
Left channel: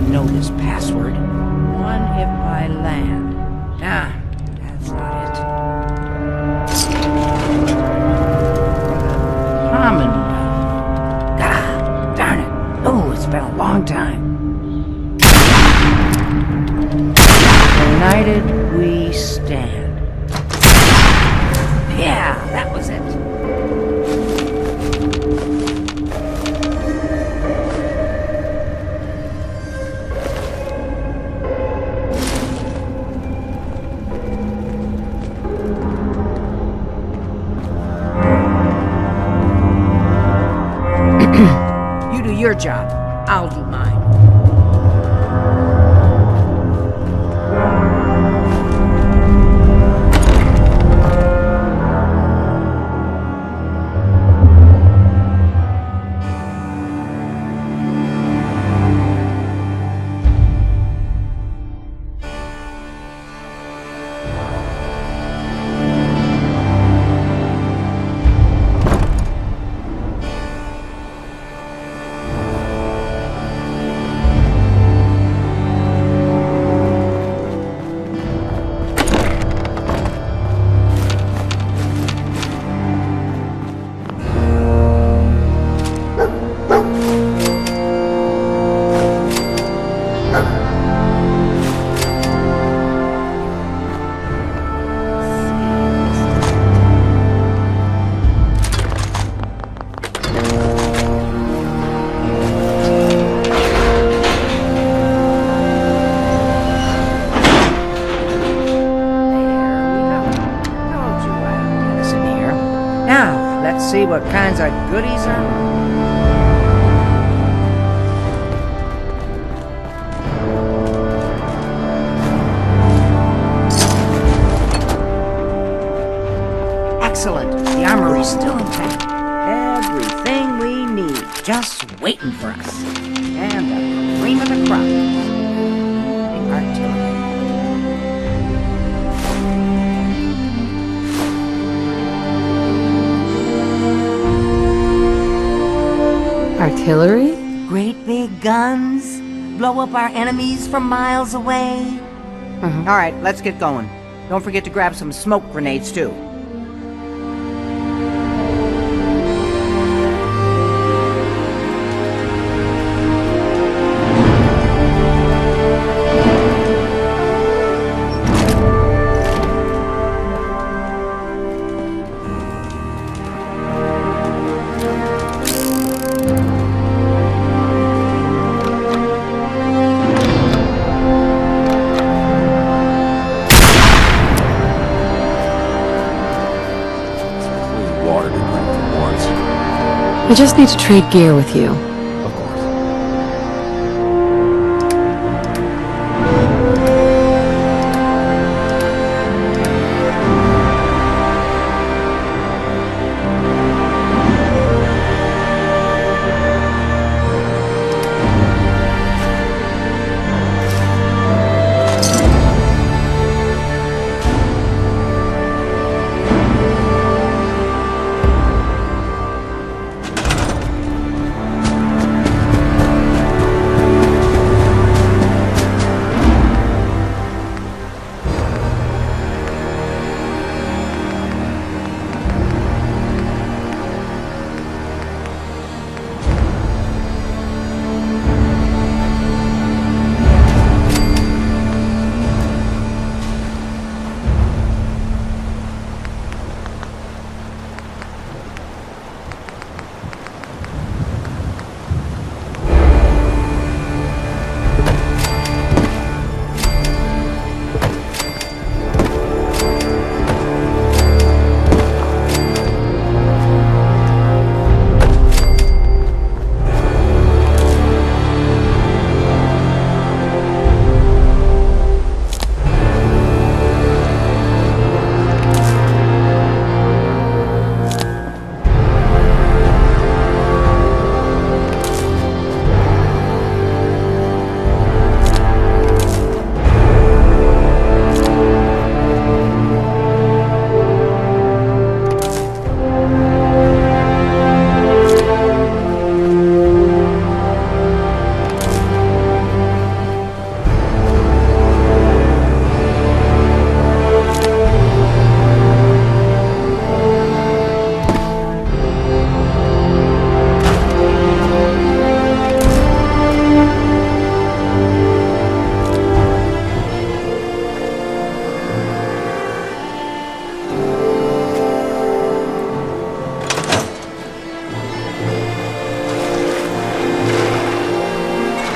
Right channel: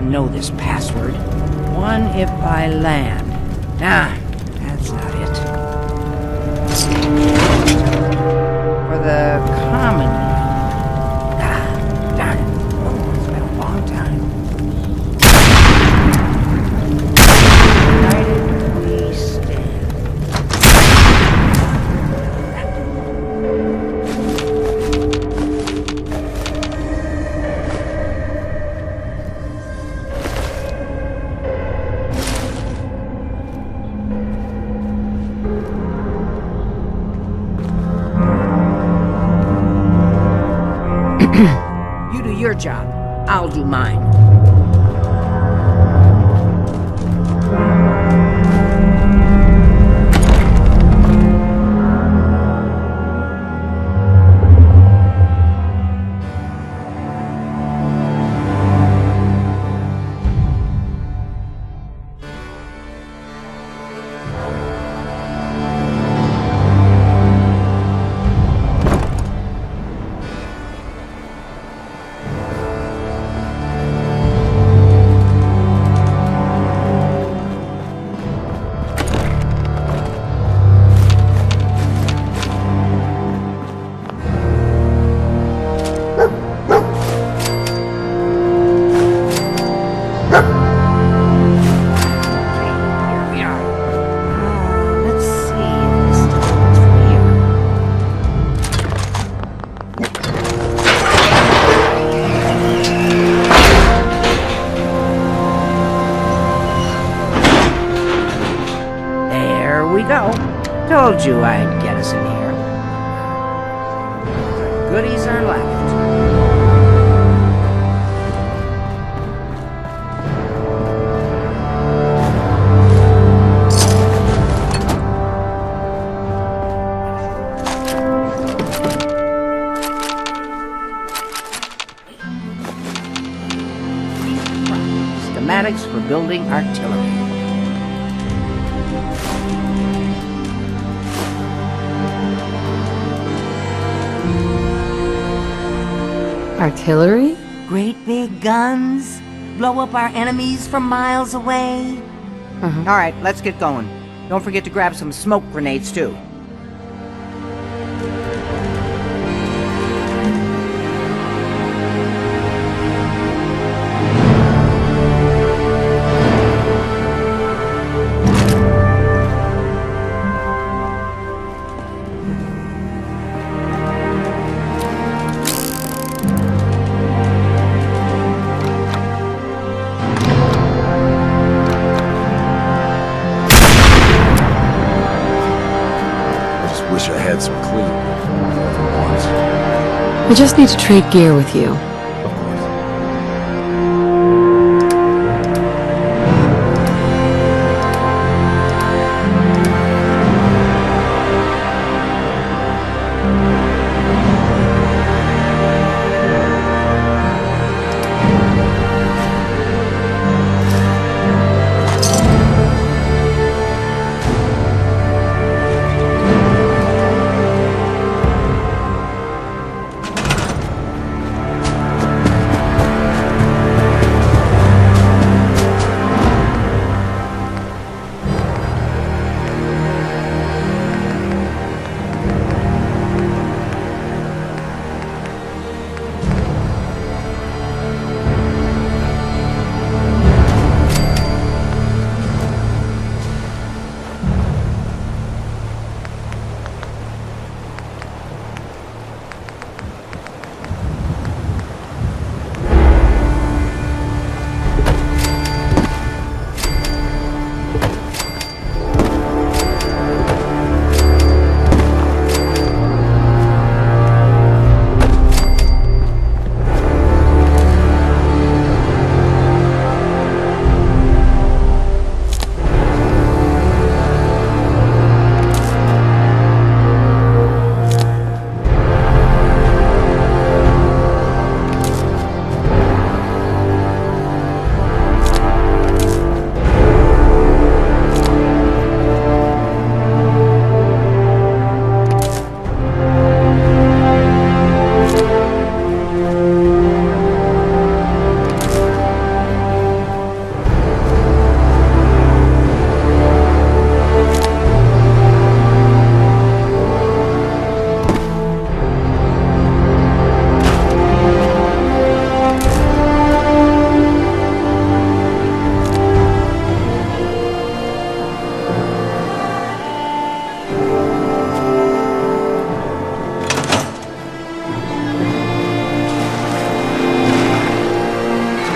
Know this password. One if by land. Nah, that's not it. For the common realm. Ah, darn it. Oh, it's been a long time. United we stand. Yeah, that was it. You do your job, I'll do mine. Told you I'd get us in here. Now, let's see what kinds of goodies are left. Excellent. The armory's still there. Everything we need, just waiting for us. And the cream of the crop, schematics for building artillery. Artillery? Great big guns. Blow up our enemies from miles away. All right, let's get going. Don't forget to grab some smoke grenades, too. I just need to trade gear with you. Of course.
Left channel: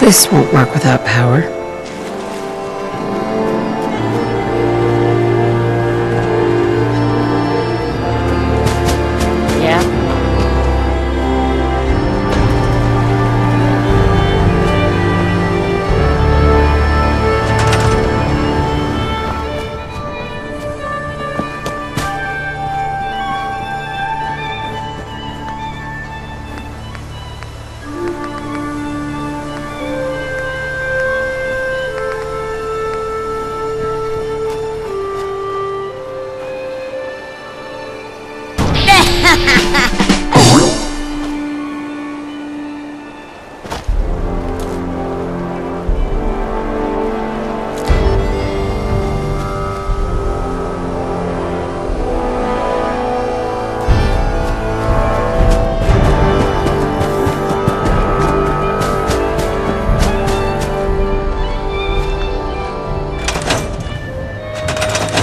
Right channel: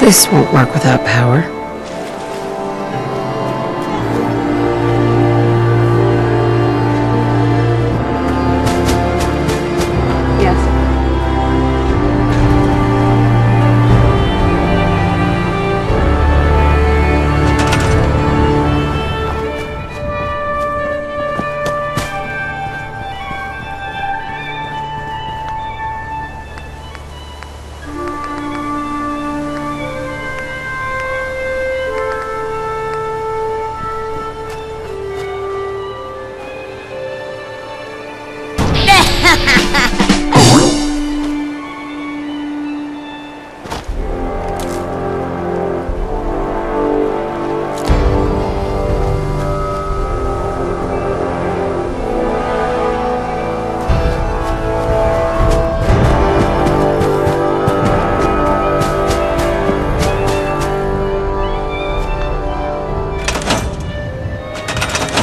This won't work without power.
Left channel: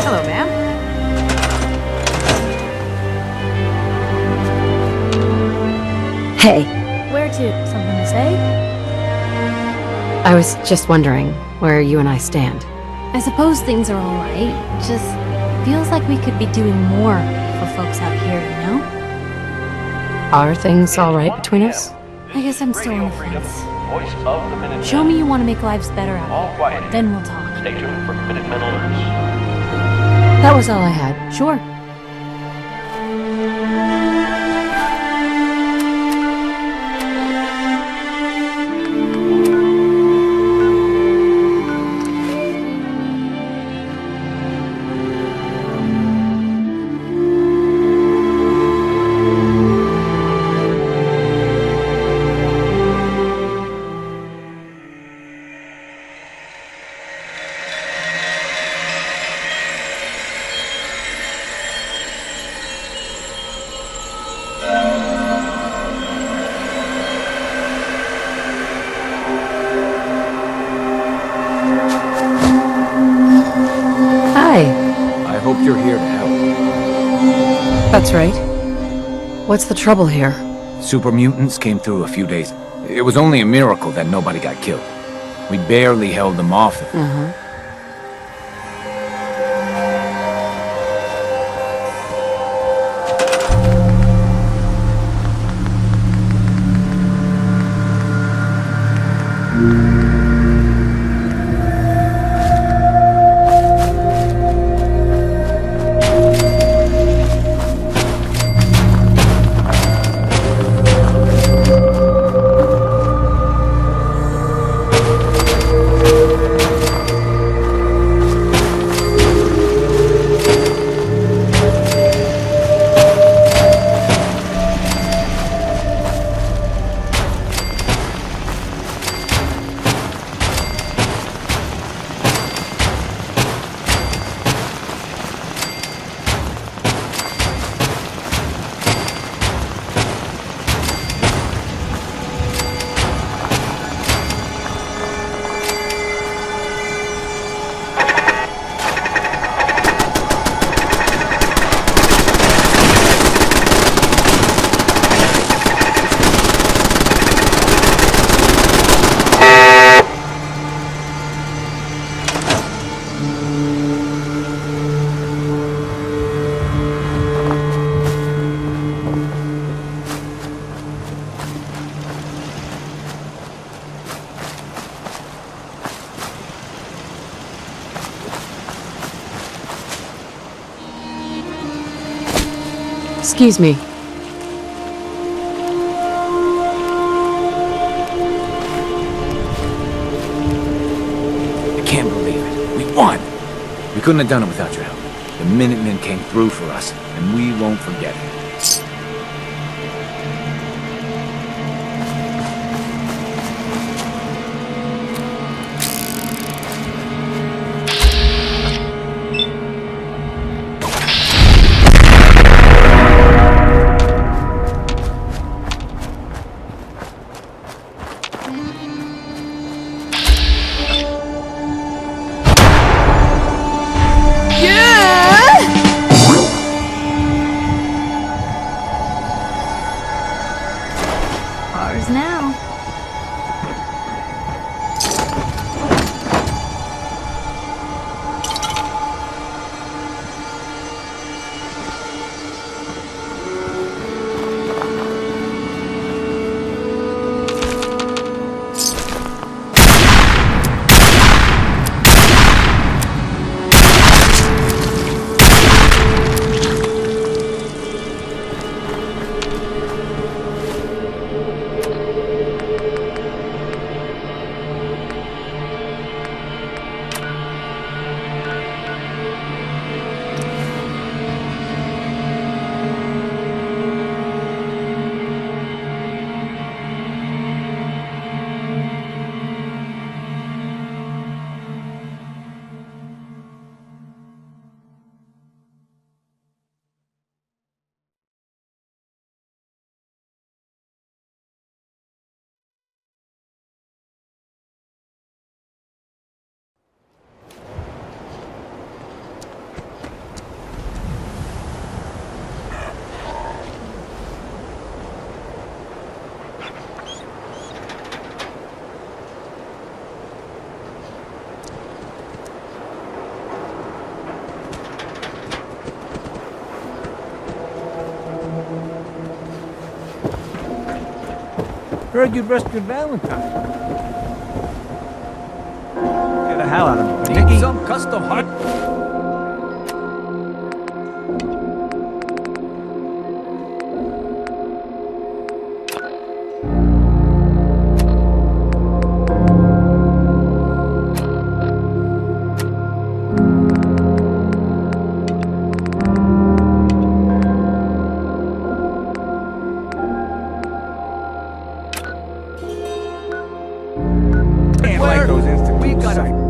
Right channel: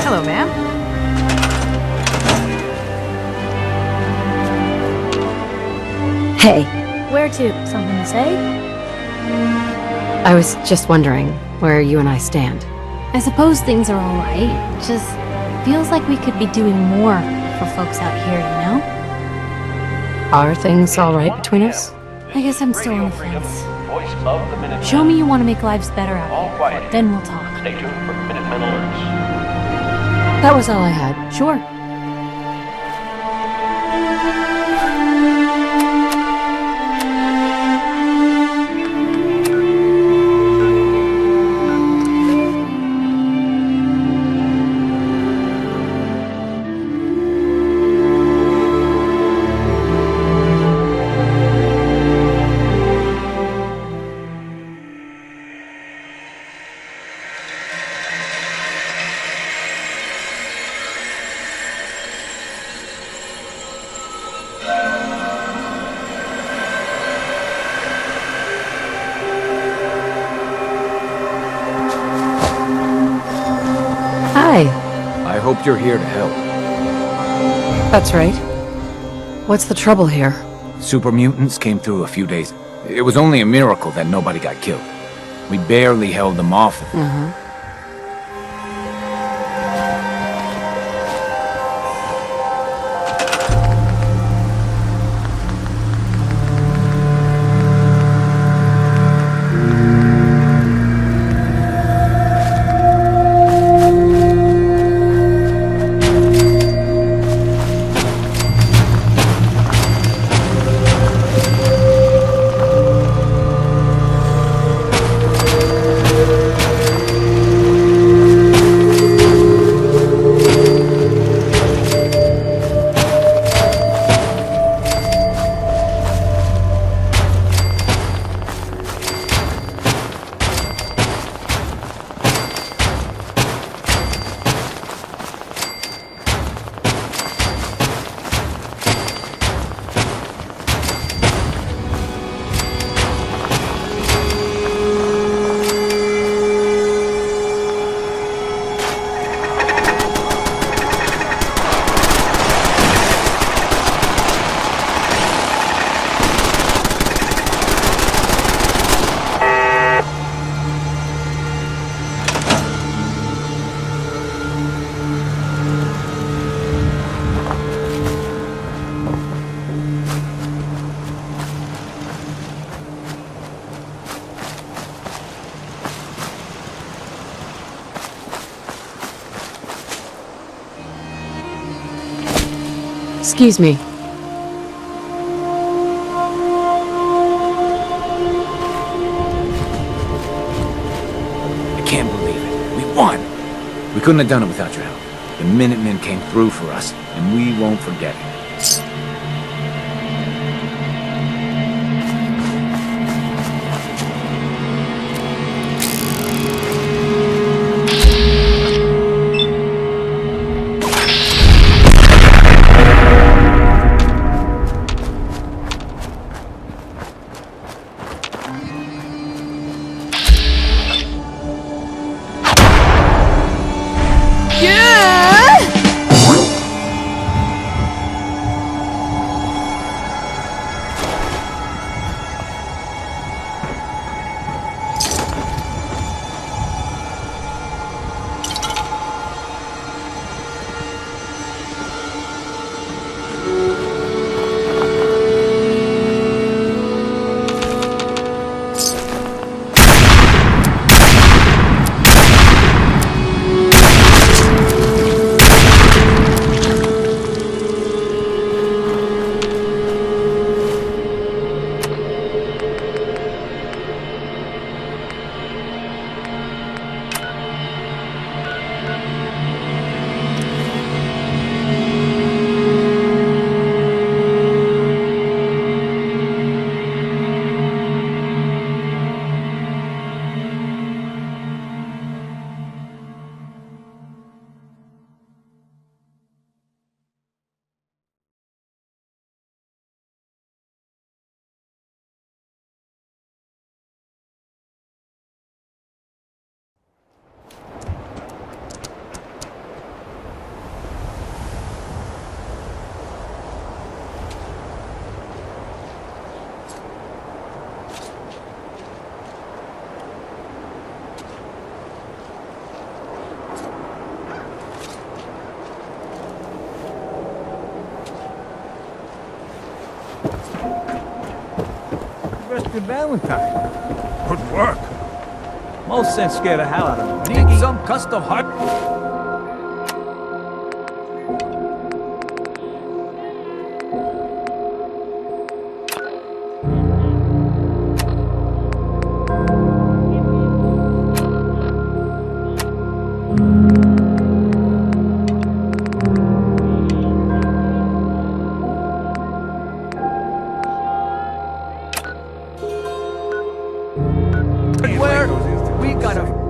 Hello, ma'am. Hey, Where to? Something to say? I was just wondering where you and I stand. I suppose things are alright. Just feels like we could be doing more for folks out here, you know? Are things all right between us? I guess I'm still on the fence. Show me you want to make lives better out here. Then we'll talk. Stay tuned for Minutemen alerts. That was all I had. Sure. Hi. I hope you're here to help. That's right. What's the trouble here? Super mutants came through a few days. It was only a miracle that nobody got killed. We barely held them off. Uh-huh. Excuse me. I can't believe it. We won! We couldn't have done it without your help. The Minutemen came through for us, and we won't forget it. Ours now. Heard you rescued Valentine. Good work. Most sense scared the hell out of me. Need some custom hard. We gotta.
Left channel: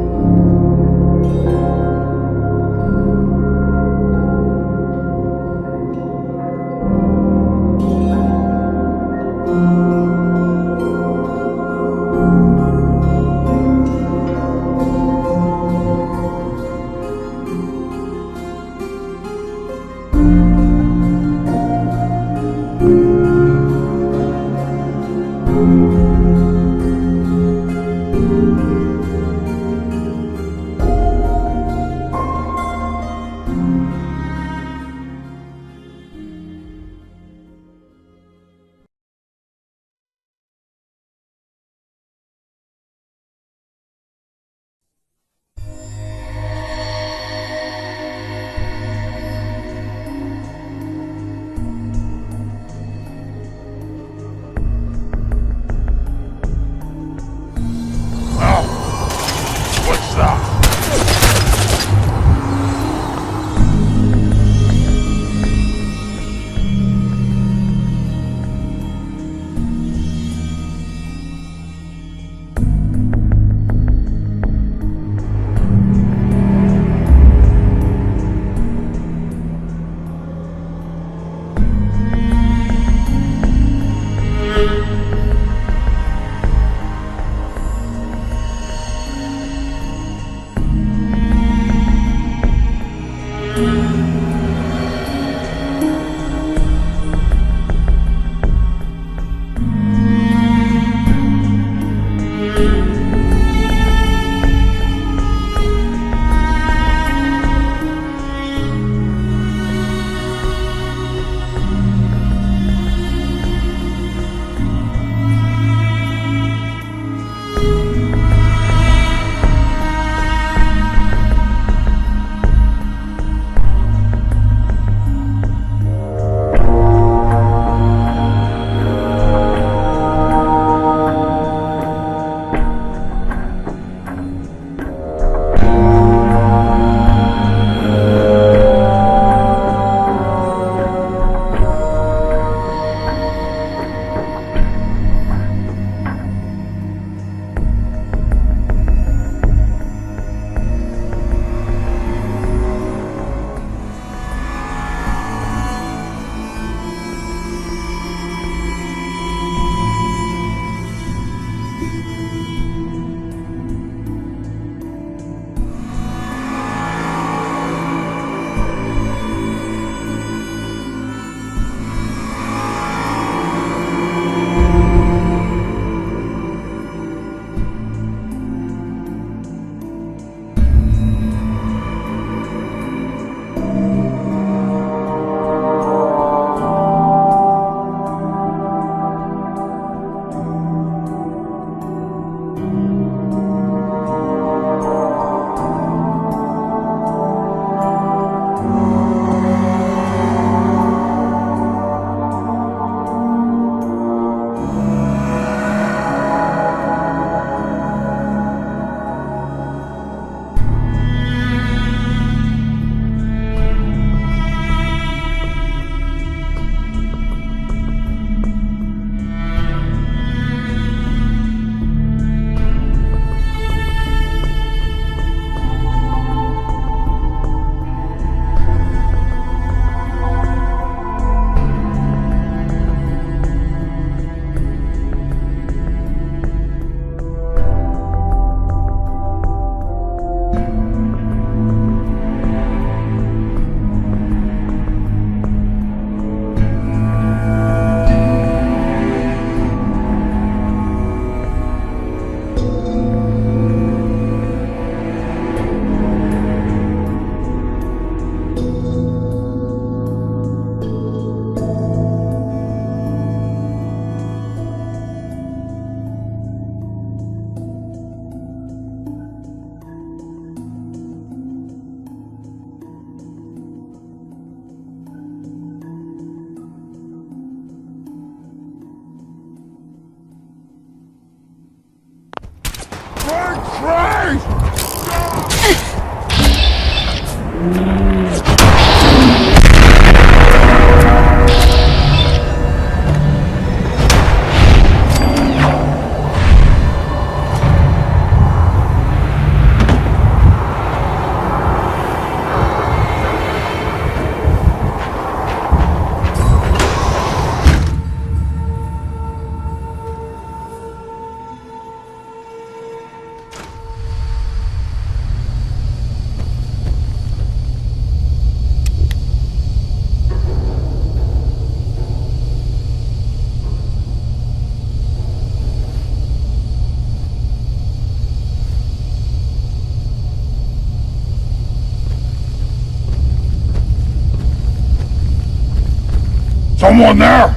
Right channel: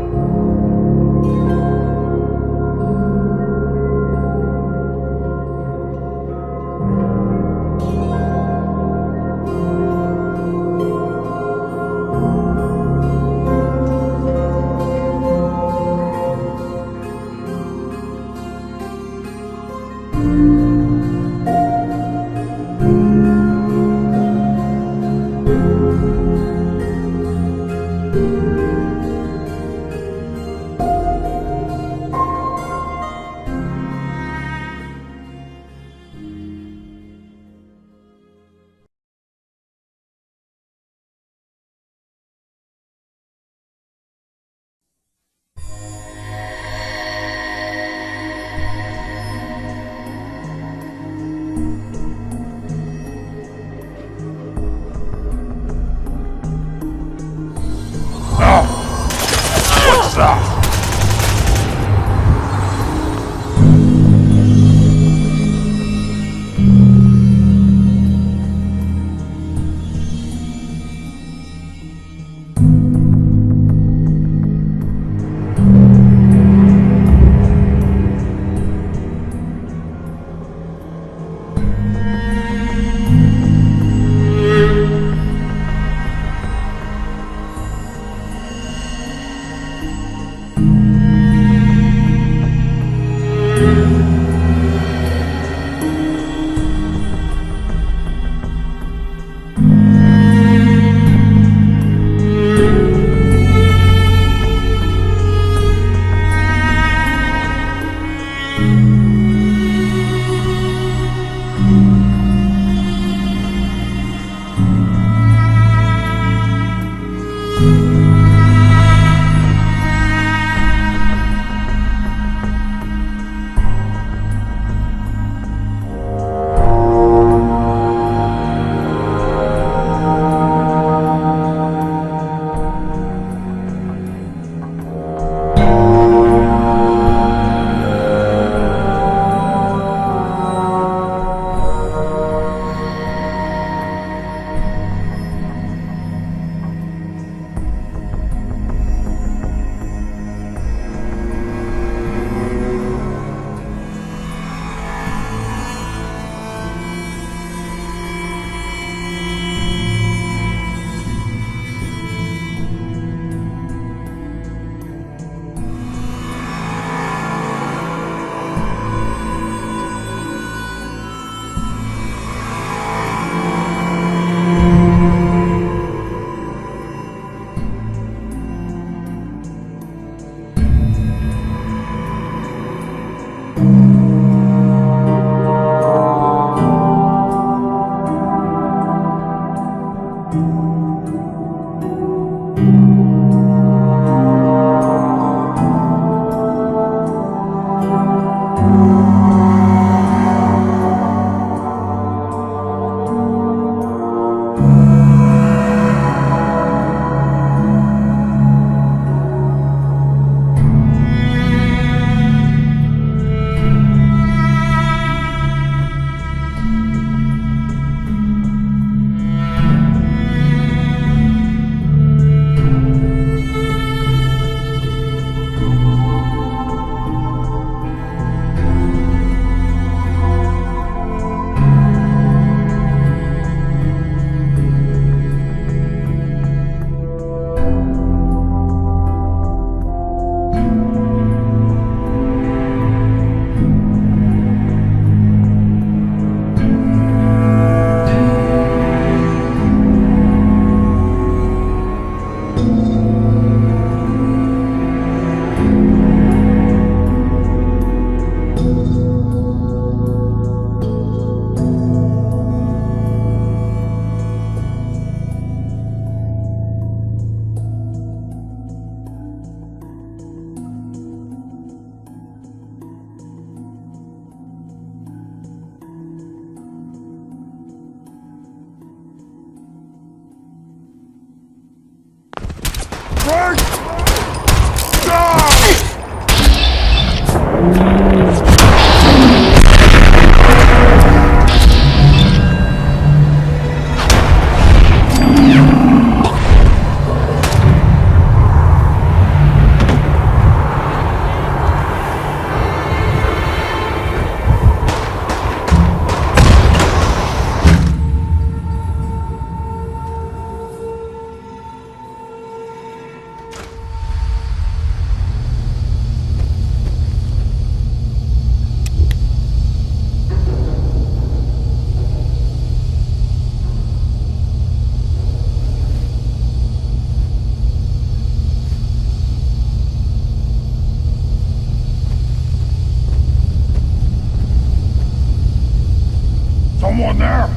Someone there?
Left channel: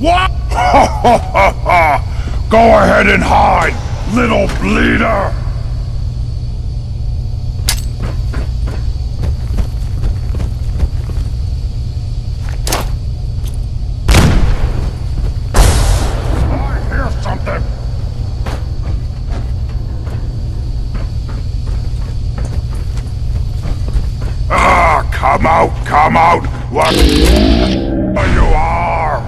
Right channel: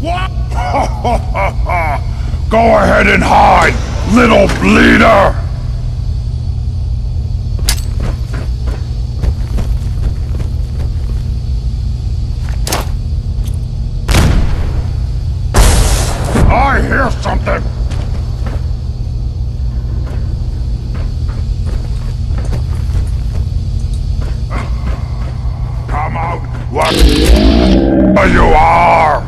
What? Ha ha ha ha! Go ahead and hide, little bleeder! I hear something! Ah, come out, where you are!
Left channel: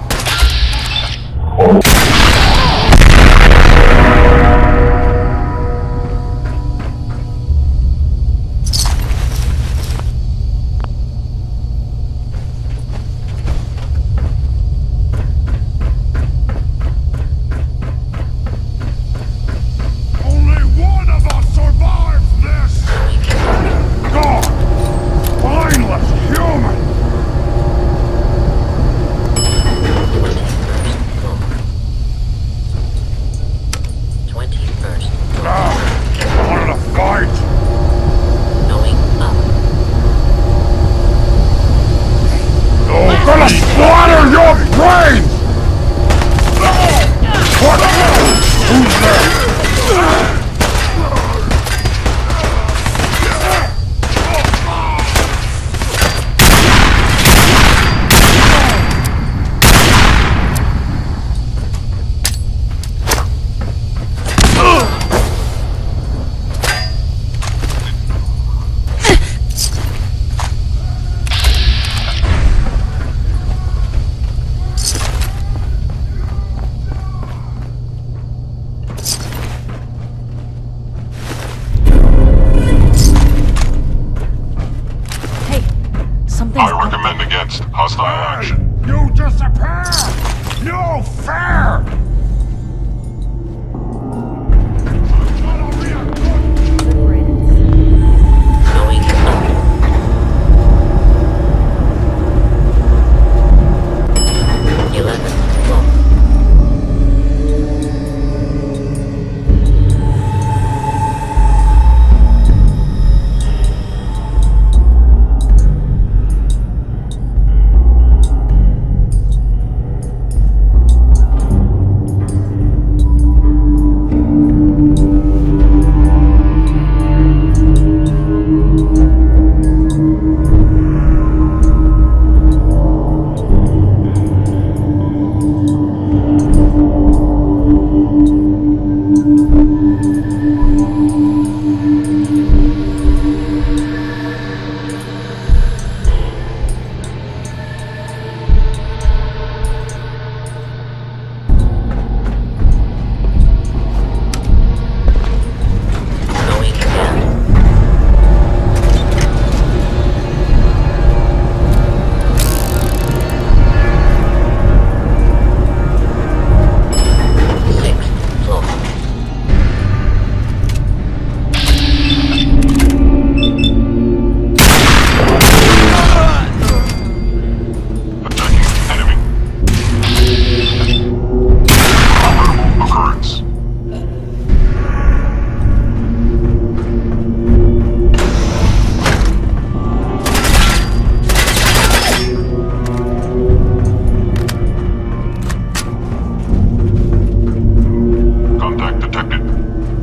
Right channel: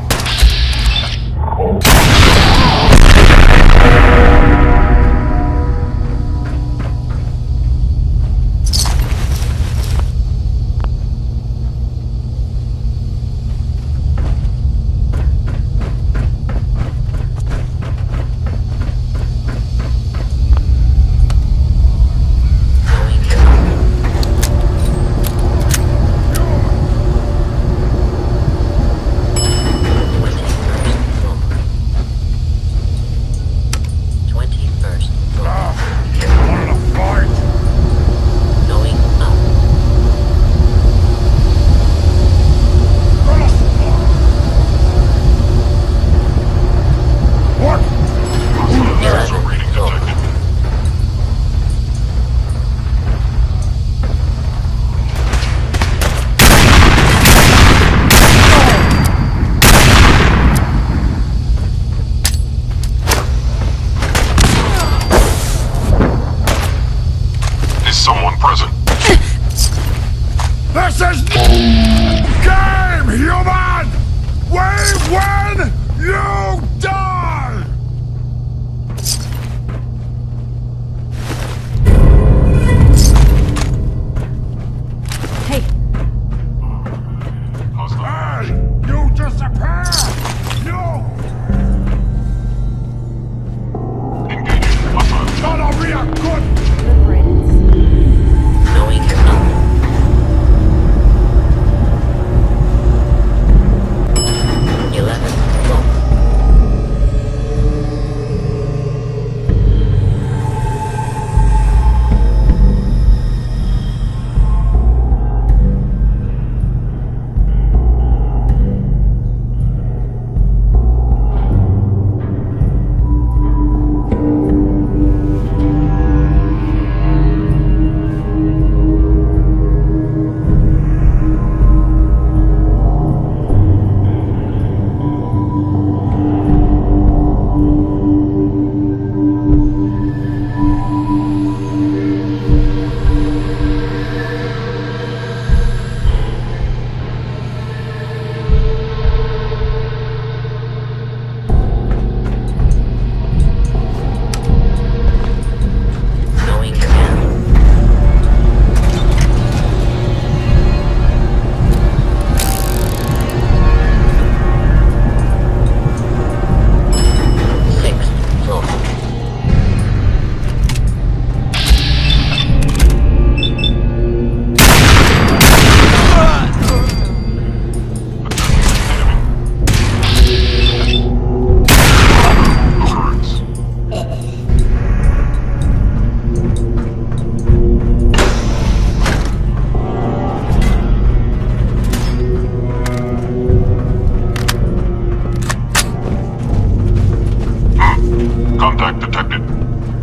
Contact detected.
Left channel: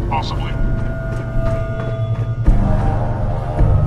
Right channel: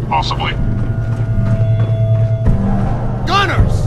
Possibly. Gunners!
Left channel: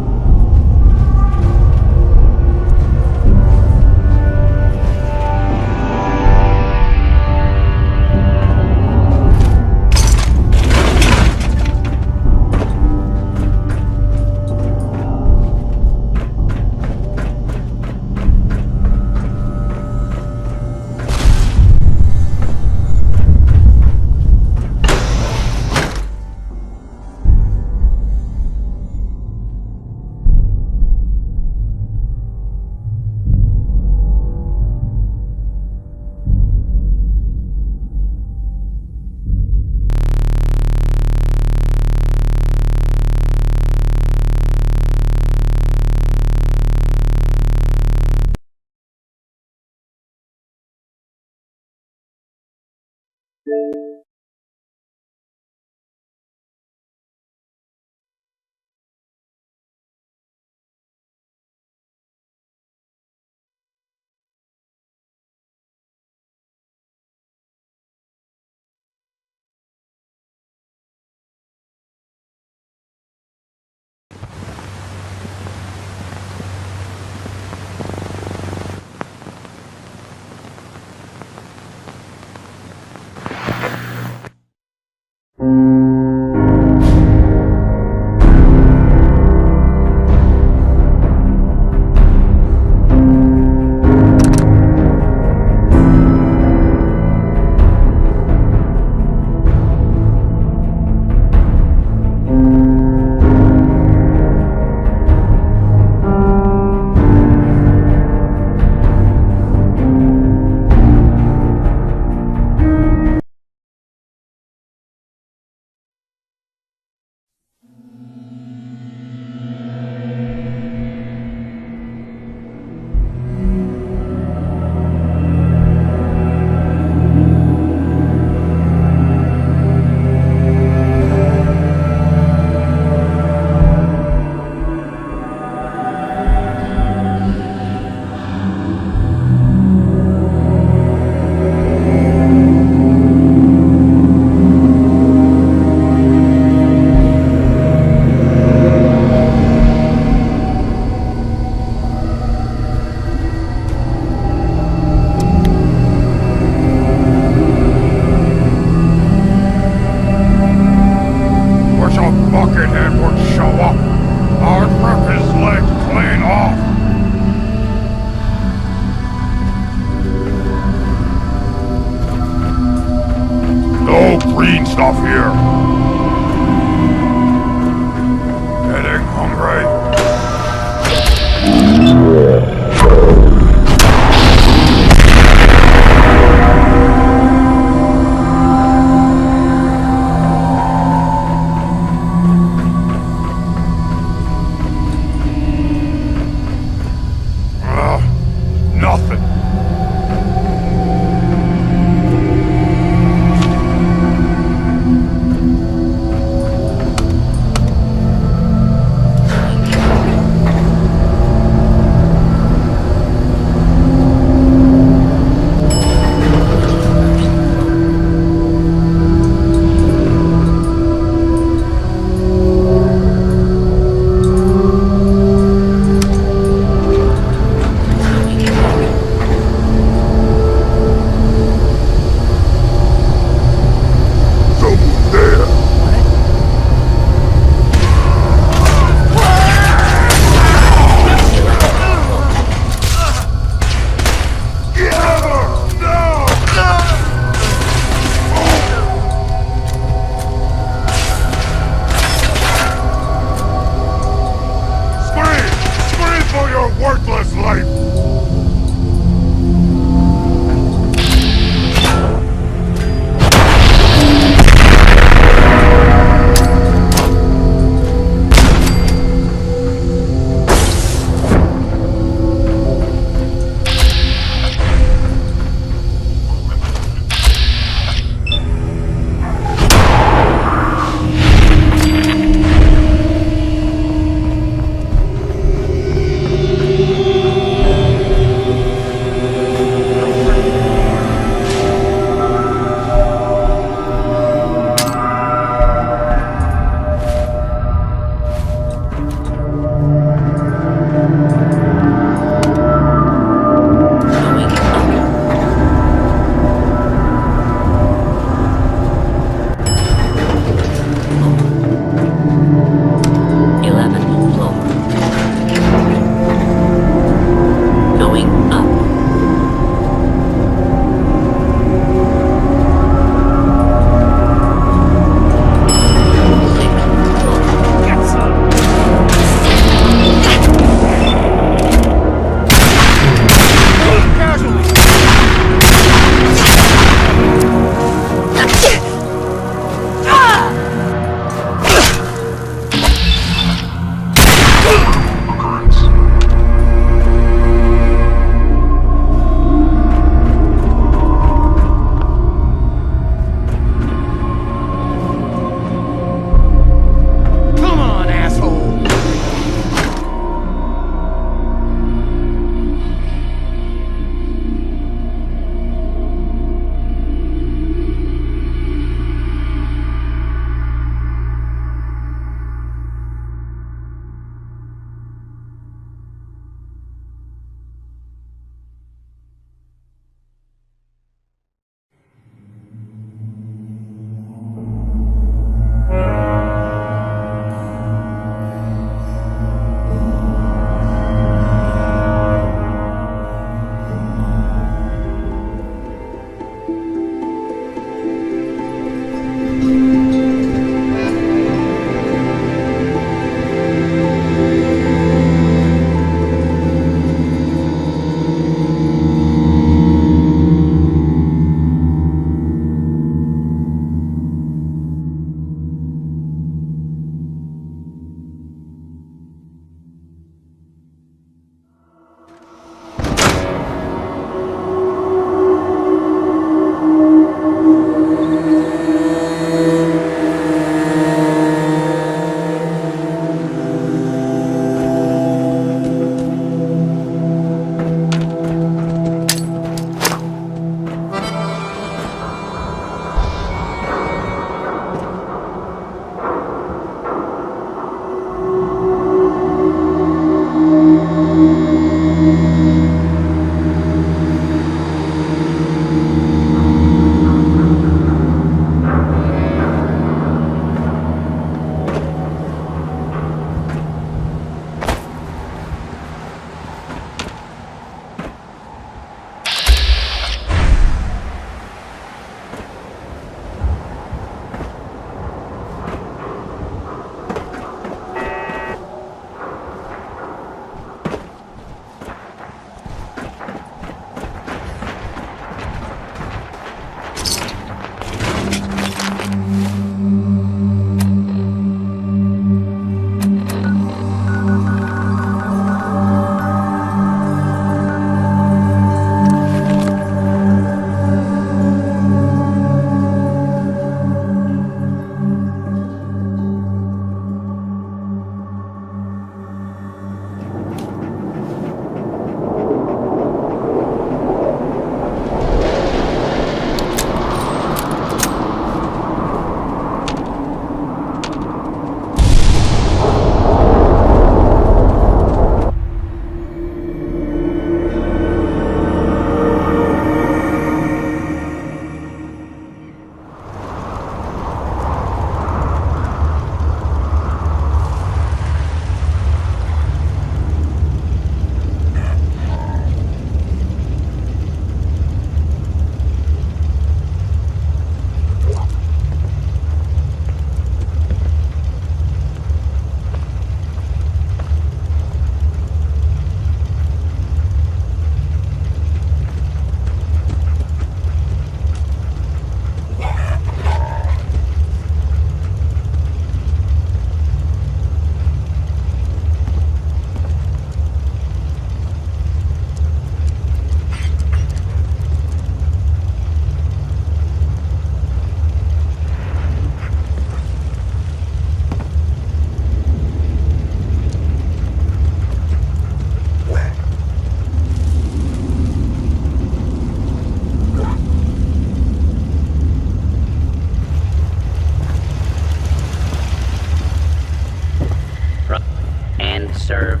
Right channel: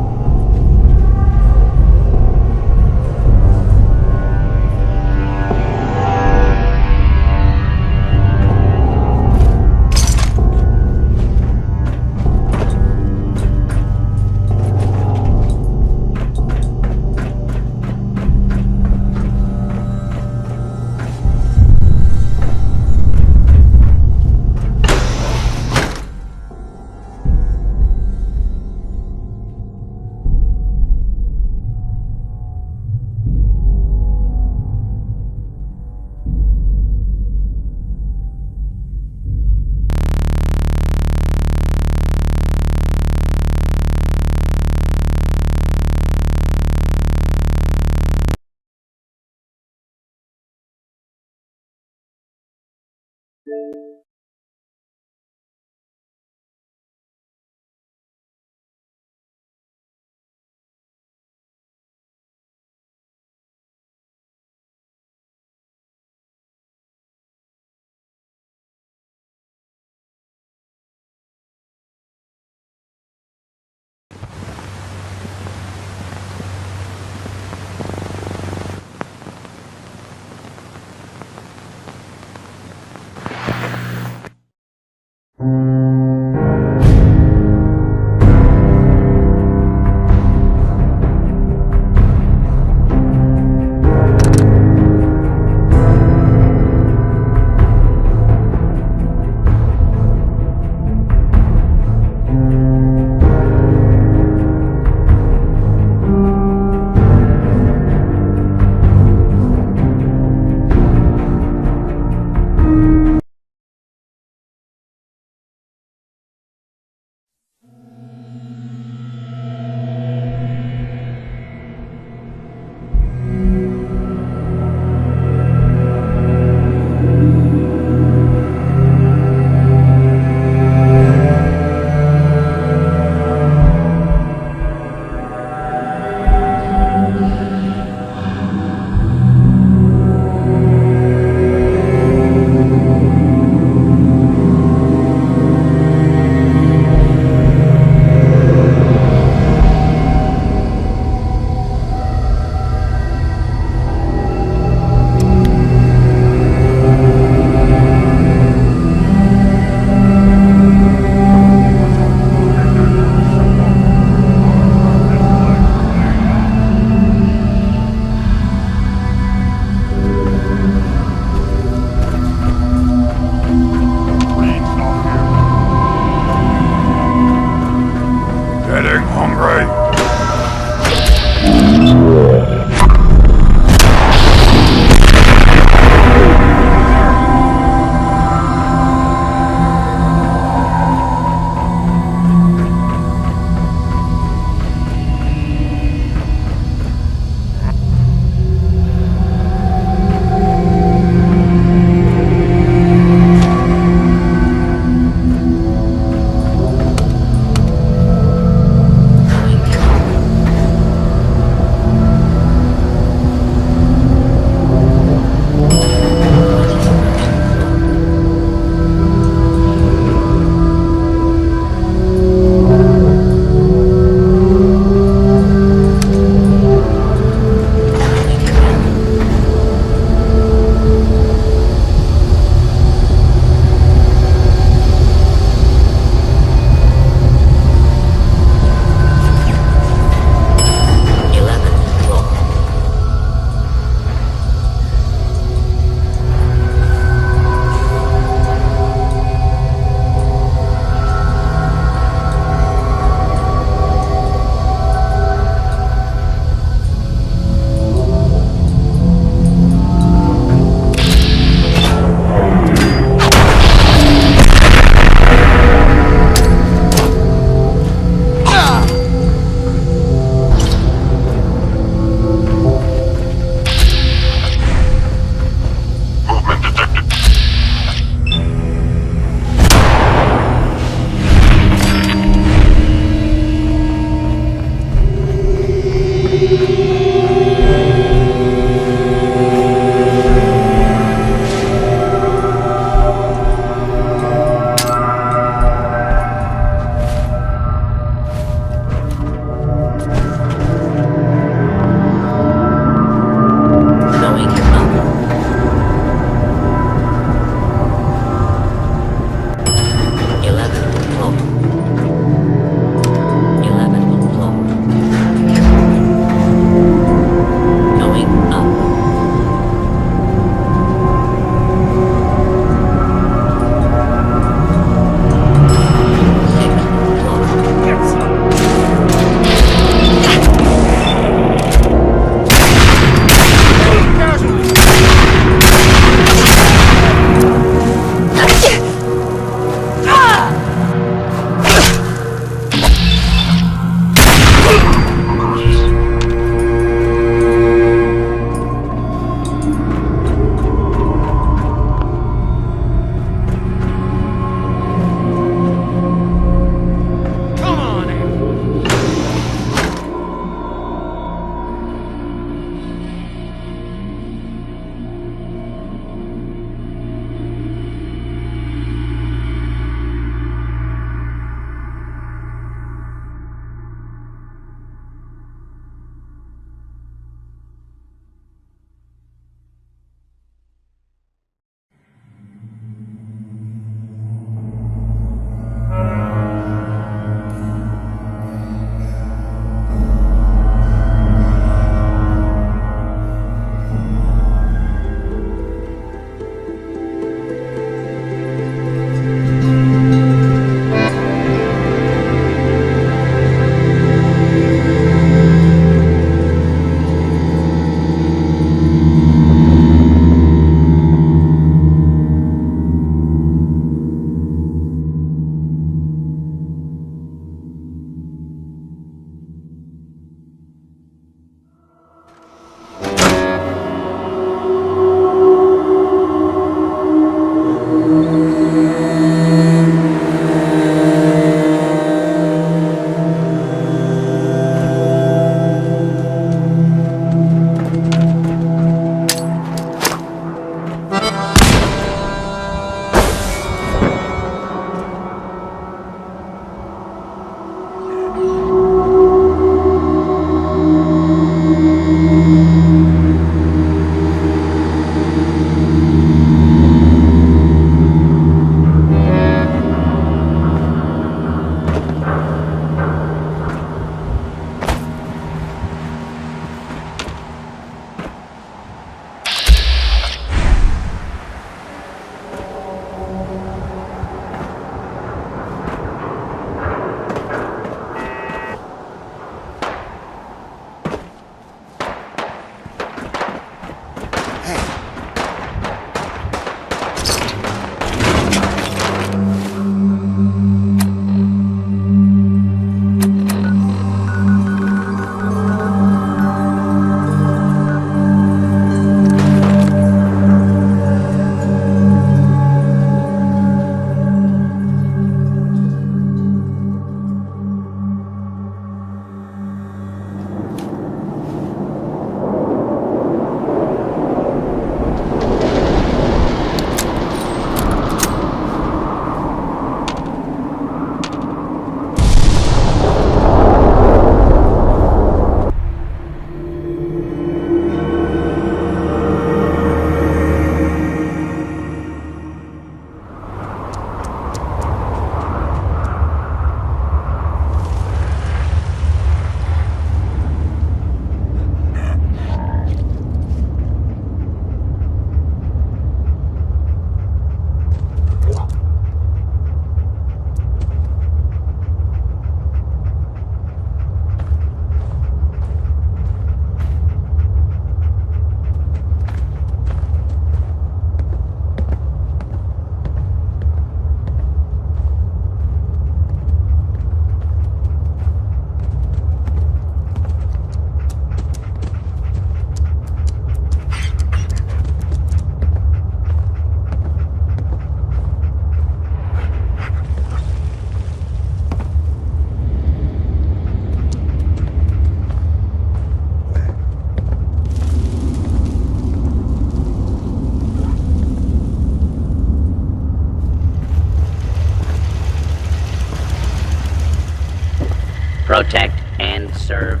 serve.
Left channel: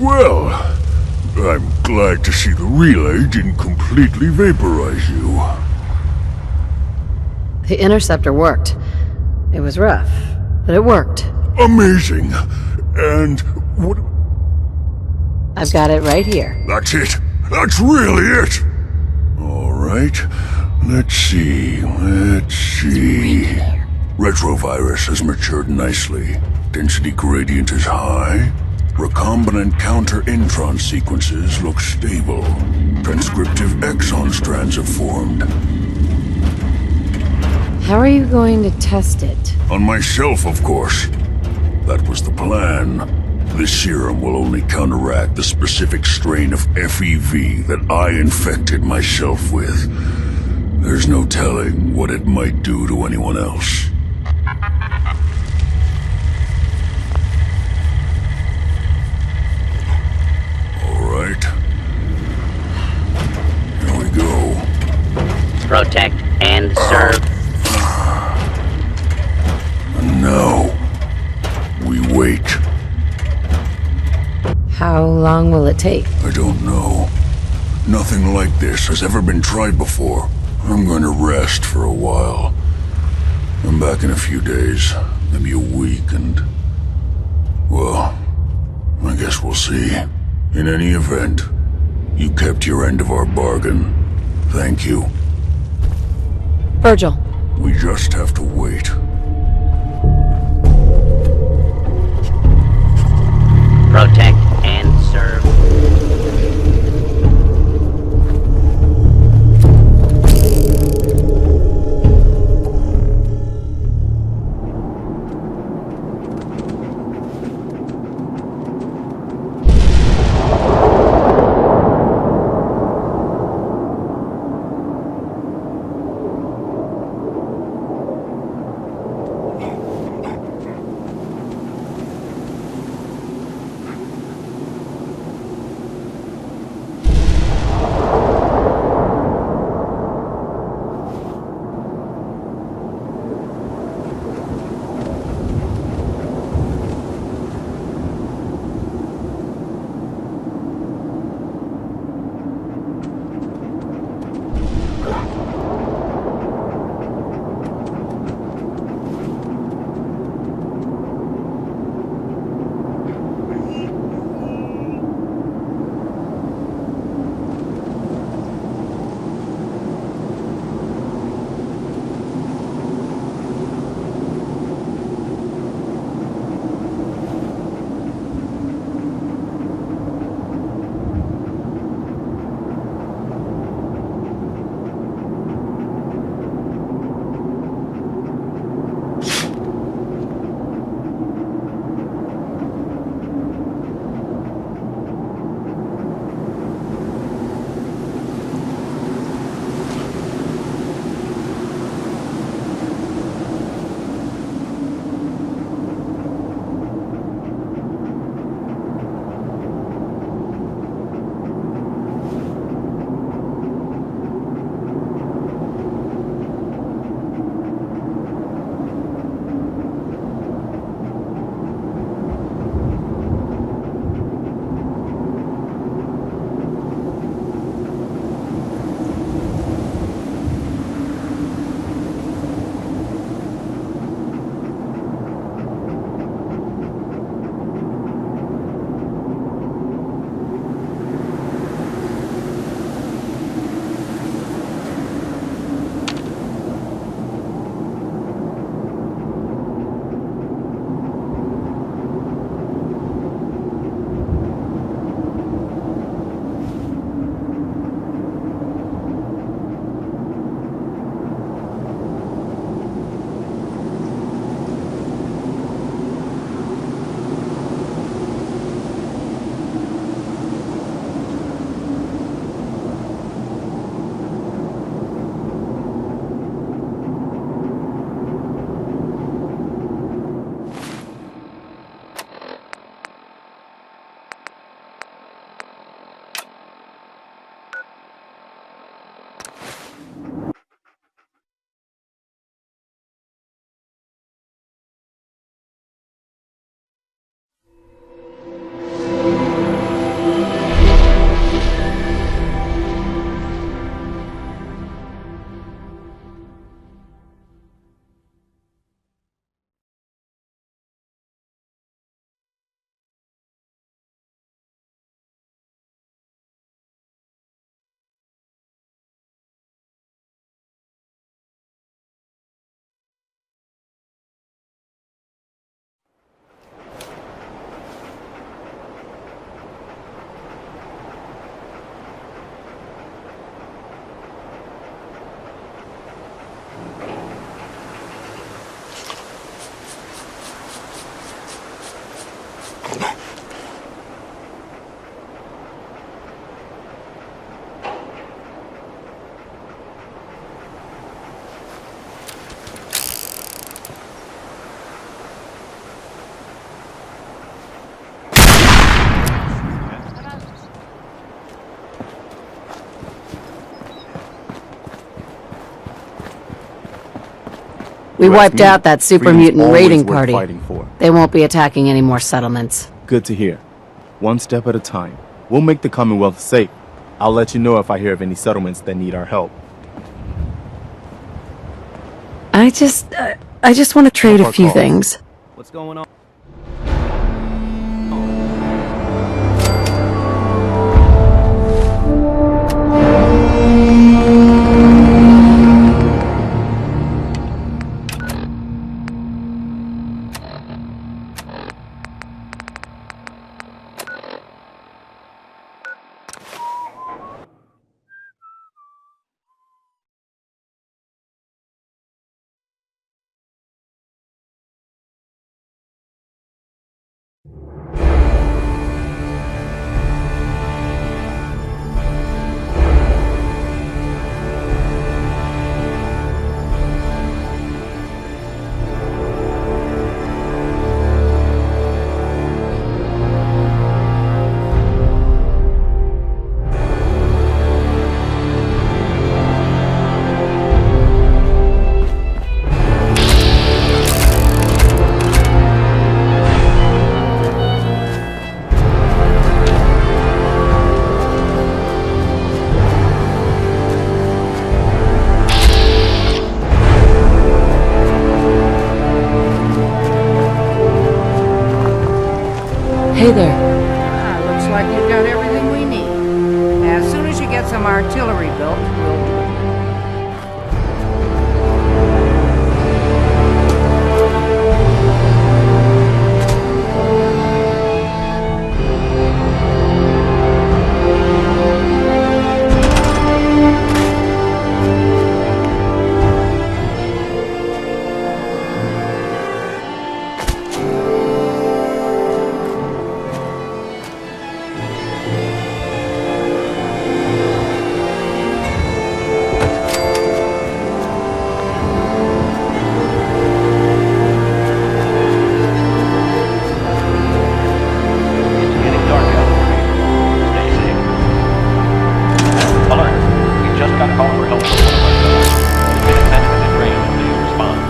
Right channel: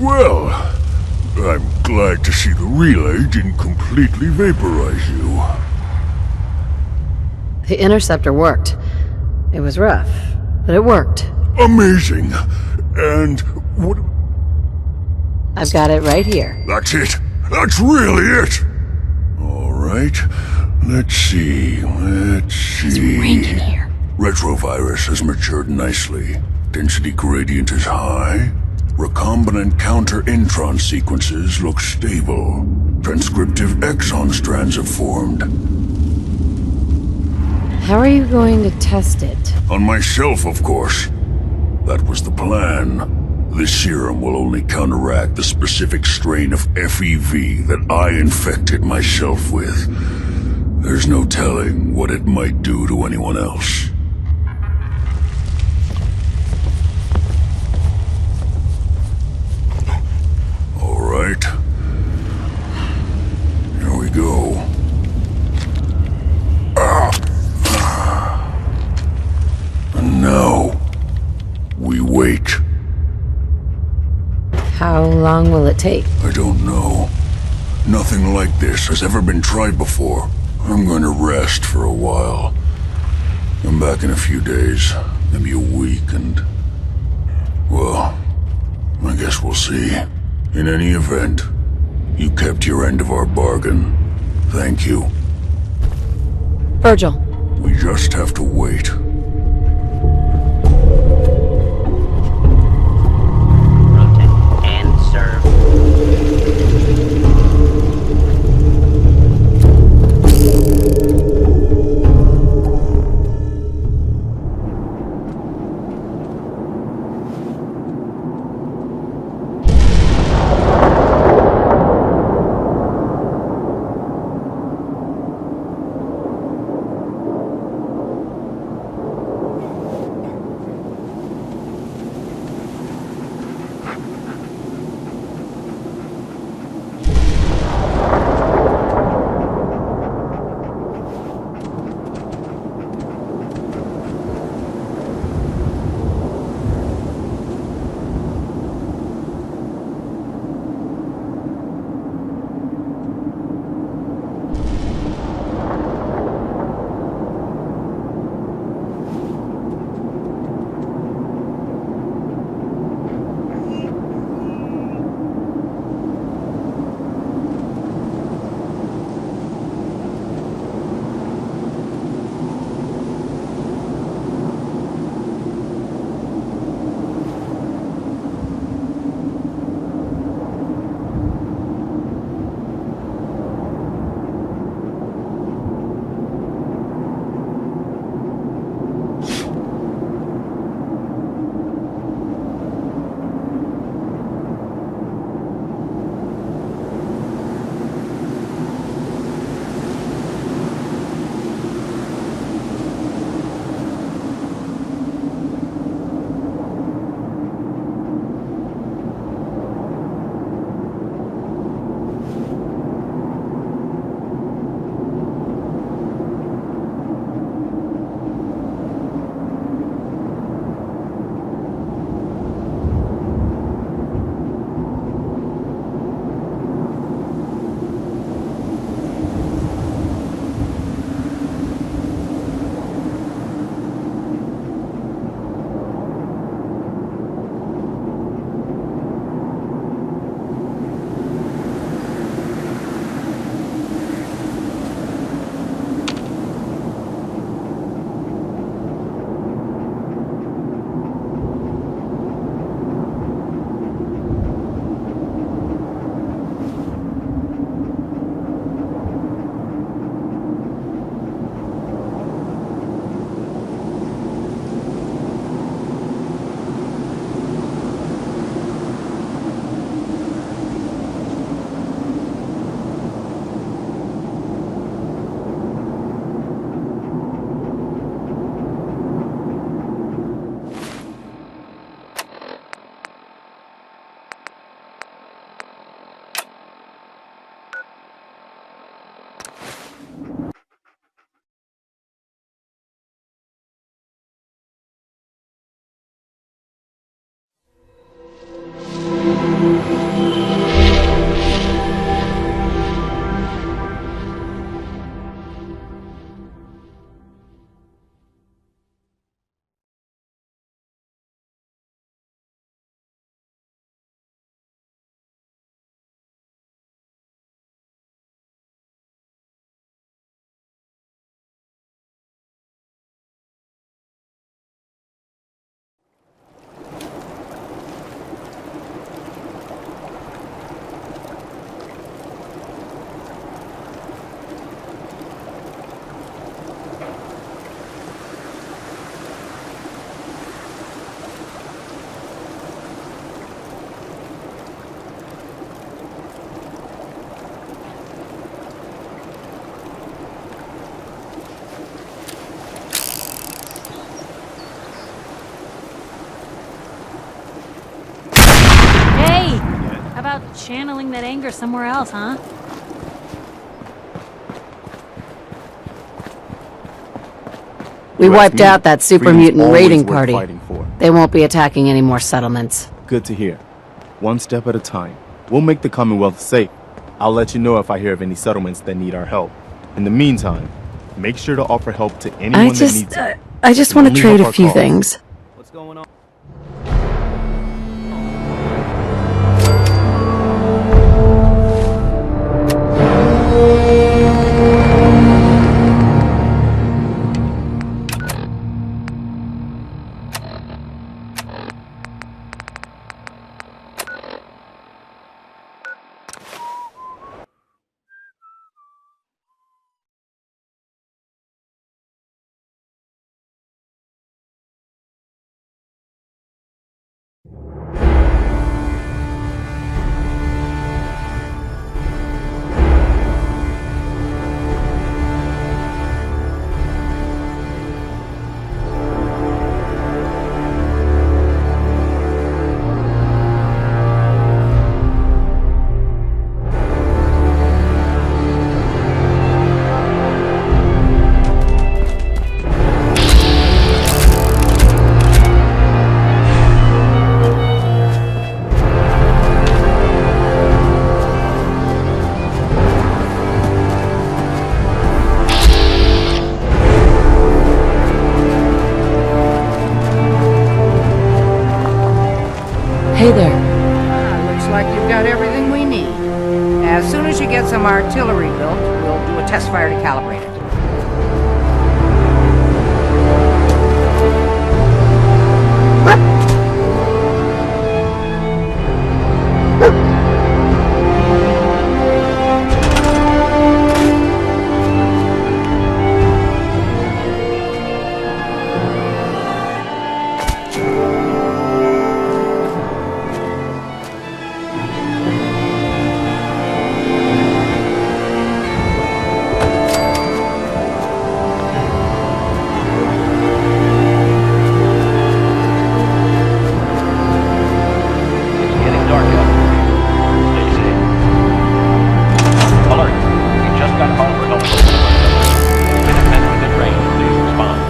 Well, I'm glad to see the relay didn't completely vaporize you. The interceptor worked. It was rough, but it worked. Amazing. And what... I've got it right here. That's it. That's really it. All right. Let's see. Retrovirus has matured nicely. Density gradient is high. Recombinant counter-intron sequences look stable. Transcriptive exon strands have formed. How are you going to test it? On myself, of course. That was the plan. This serum will only counteract the specific strain of FEV that I infected myself with. There's no telling what it might do to anyone else. All right. Here we go. Protect and serve. And now, we wait. How long will it take? I don't know. Nothing like this has ever been tried before. I'm going to rest for a while. I'm back in a few days, maybe a week, and... well, I guess we'll see. In any event, you kept your end of our bargain. Thank you. Virgil. We just have to wait. Protect and serve. channeling that anger somewhere else, huh? We wiped out that super freedom's mutant always raiding worth party. fighting for. They won't be attacking any more settlements. Good to hear. One step at a time. We'll make the Commonwealth safe. I'll let you know if I hear of any settlements that need our help. In the meantime, make sure to offer help to anyone I that needs it. just want to Only trade help a our few cause. things. What's going on? Hey there. Looks like you've got everything we need. As soon as you get some artillery built, we'll do a test fire to calibrate it. It's getting dark out there, people. Stay safe. Alert! We just got a call for help from one of our fellows. Any Minutemen within range, please respond.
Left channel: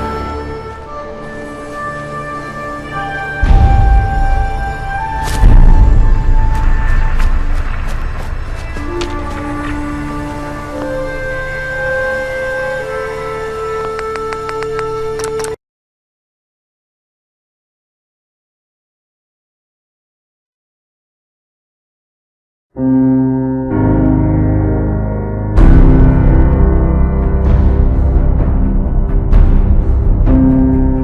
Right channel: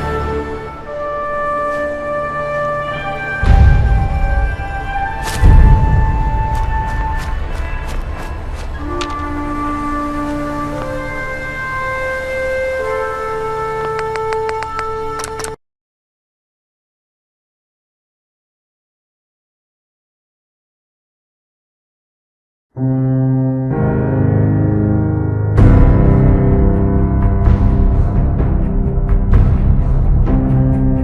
Mm.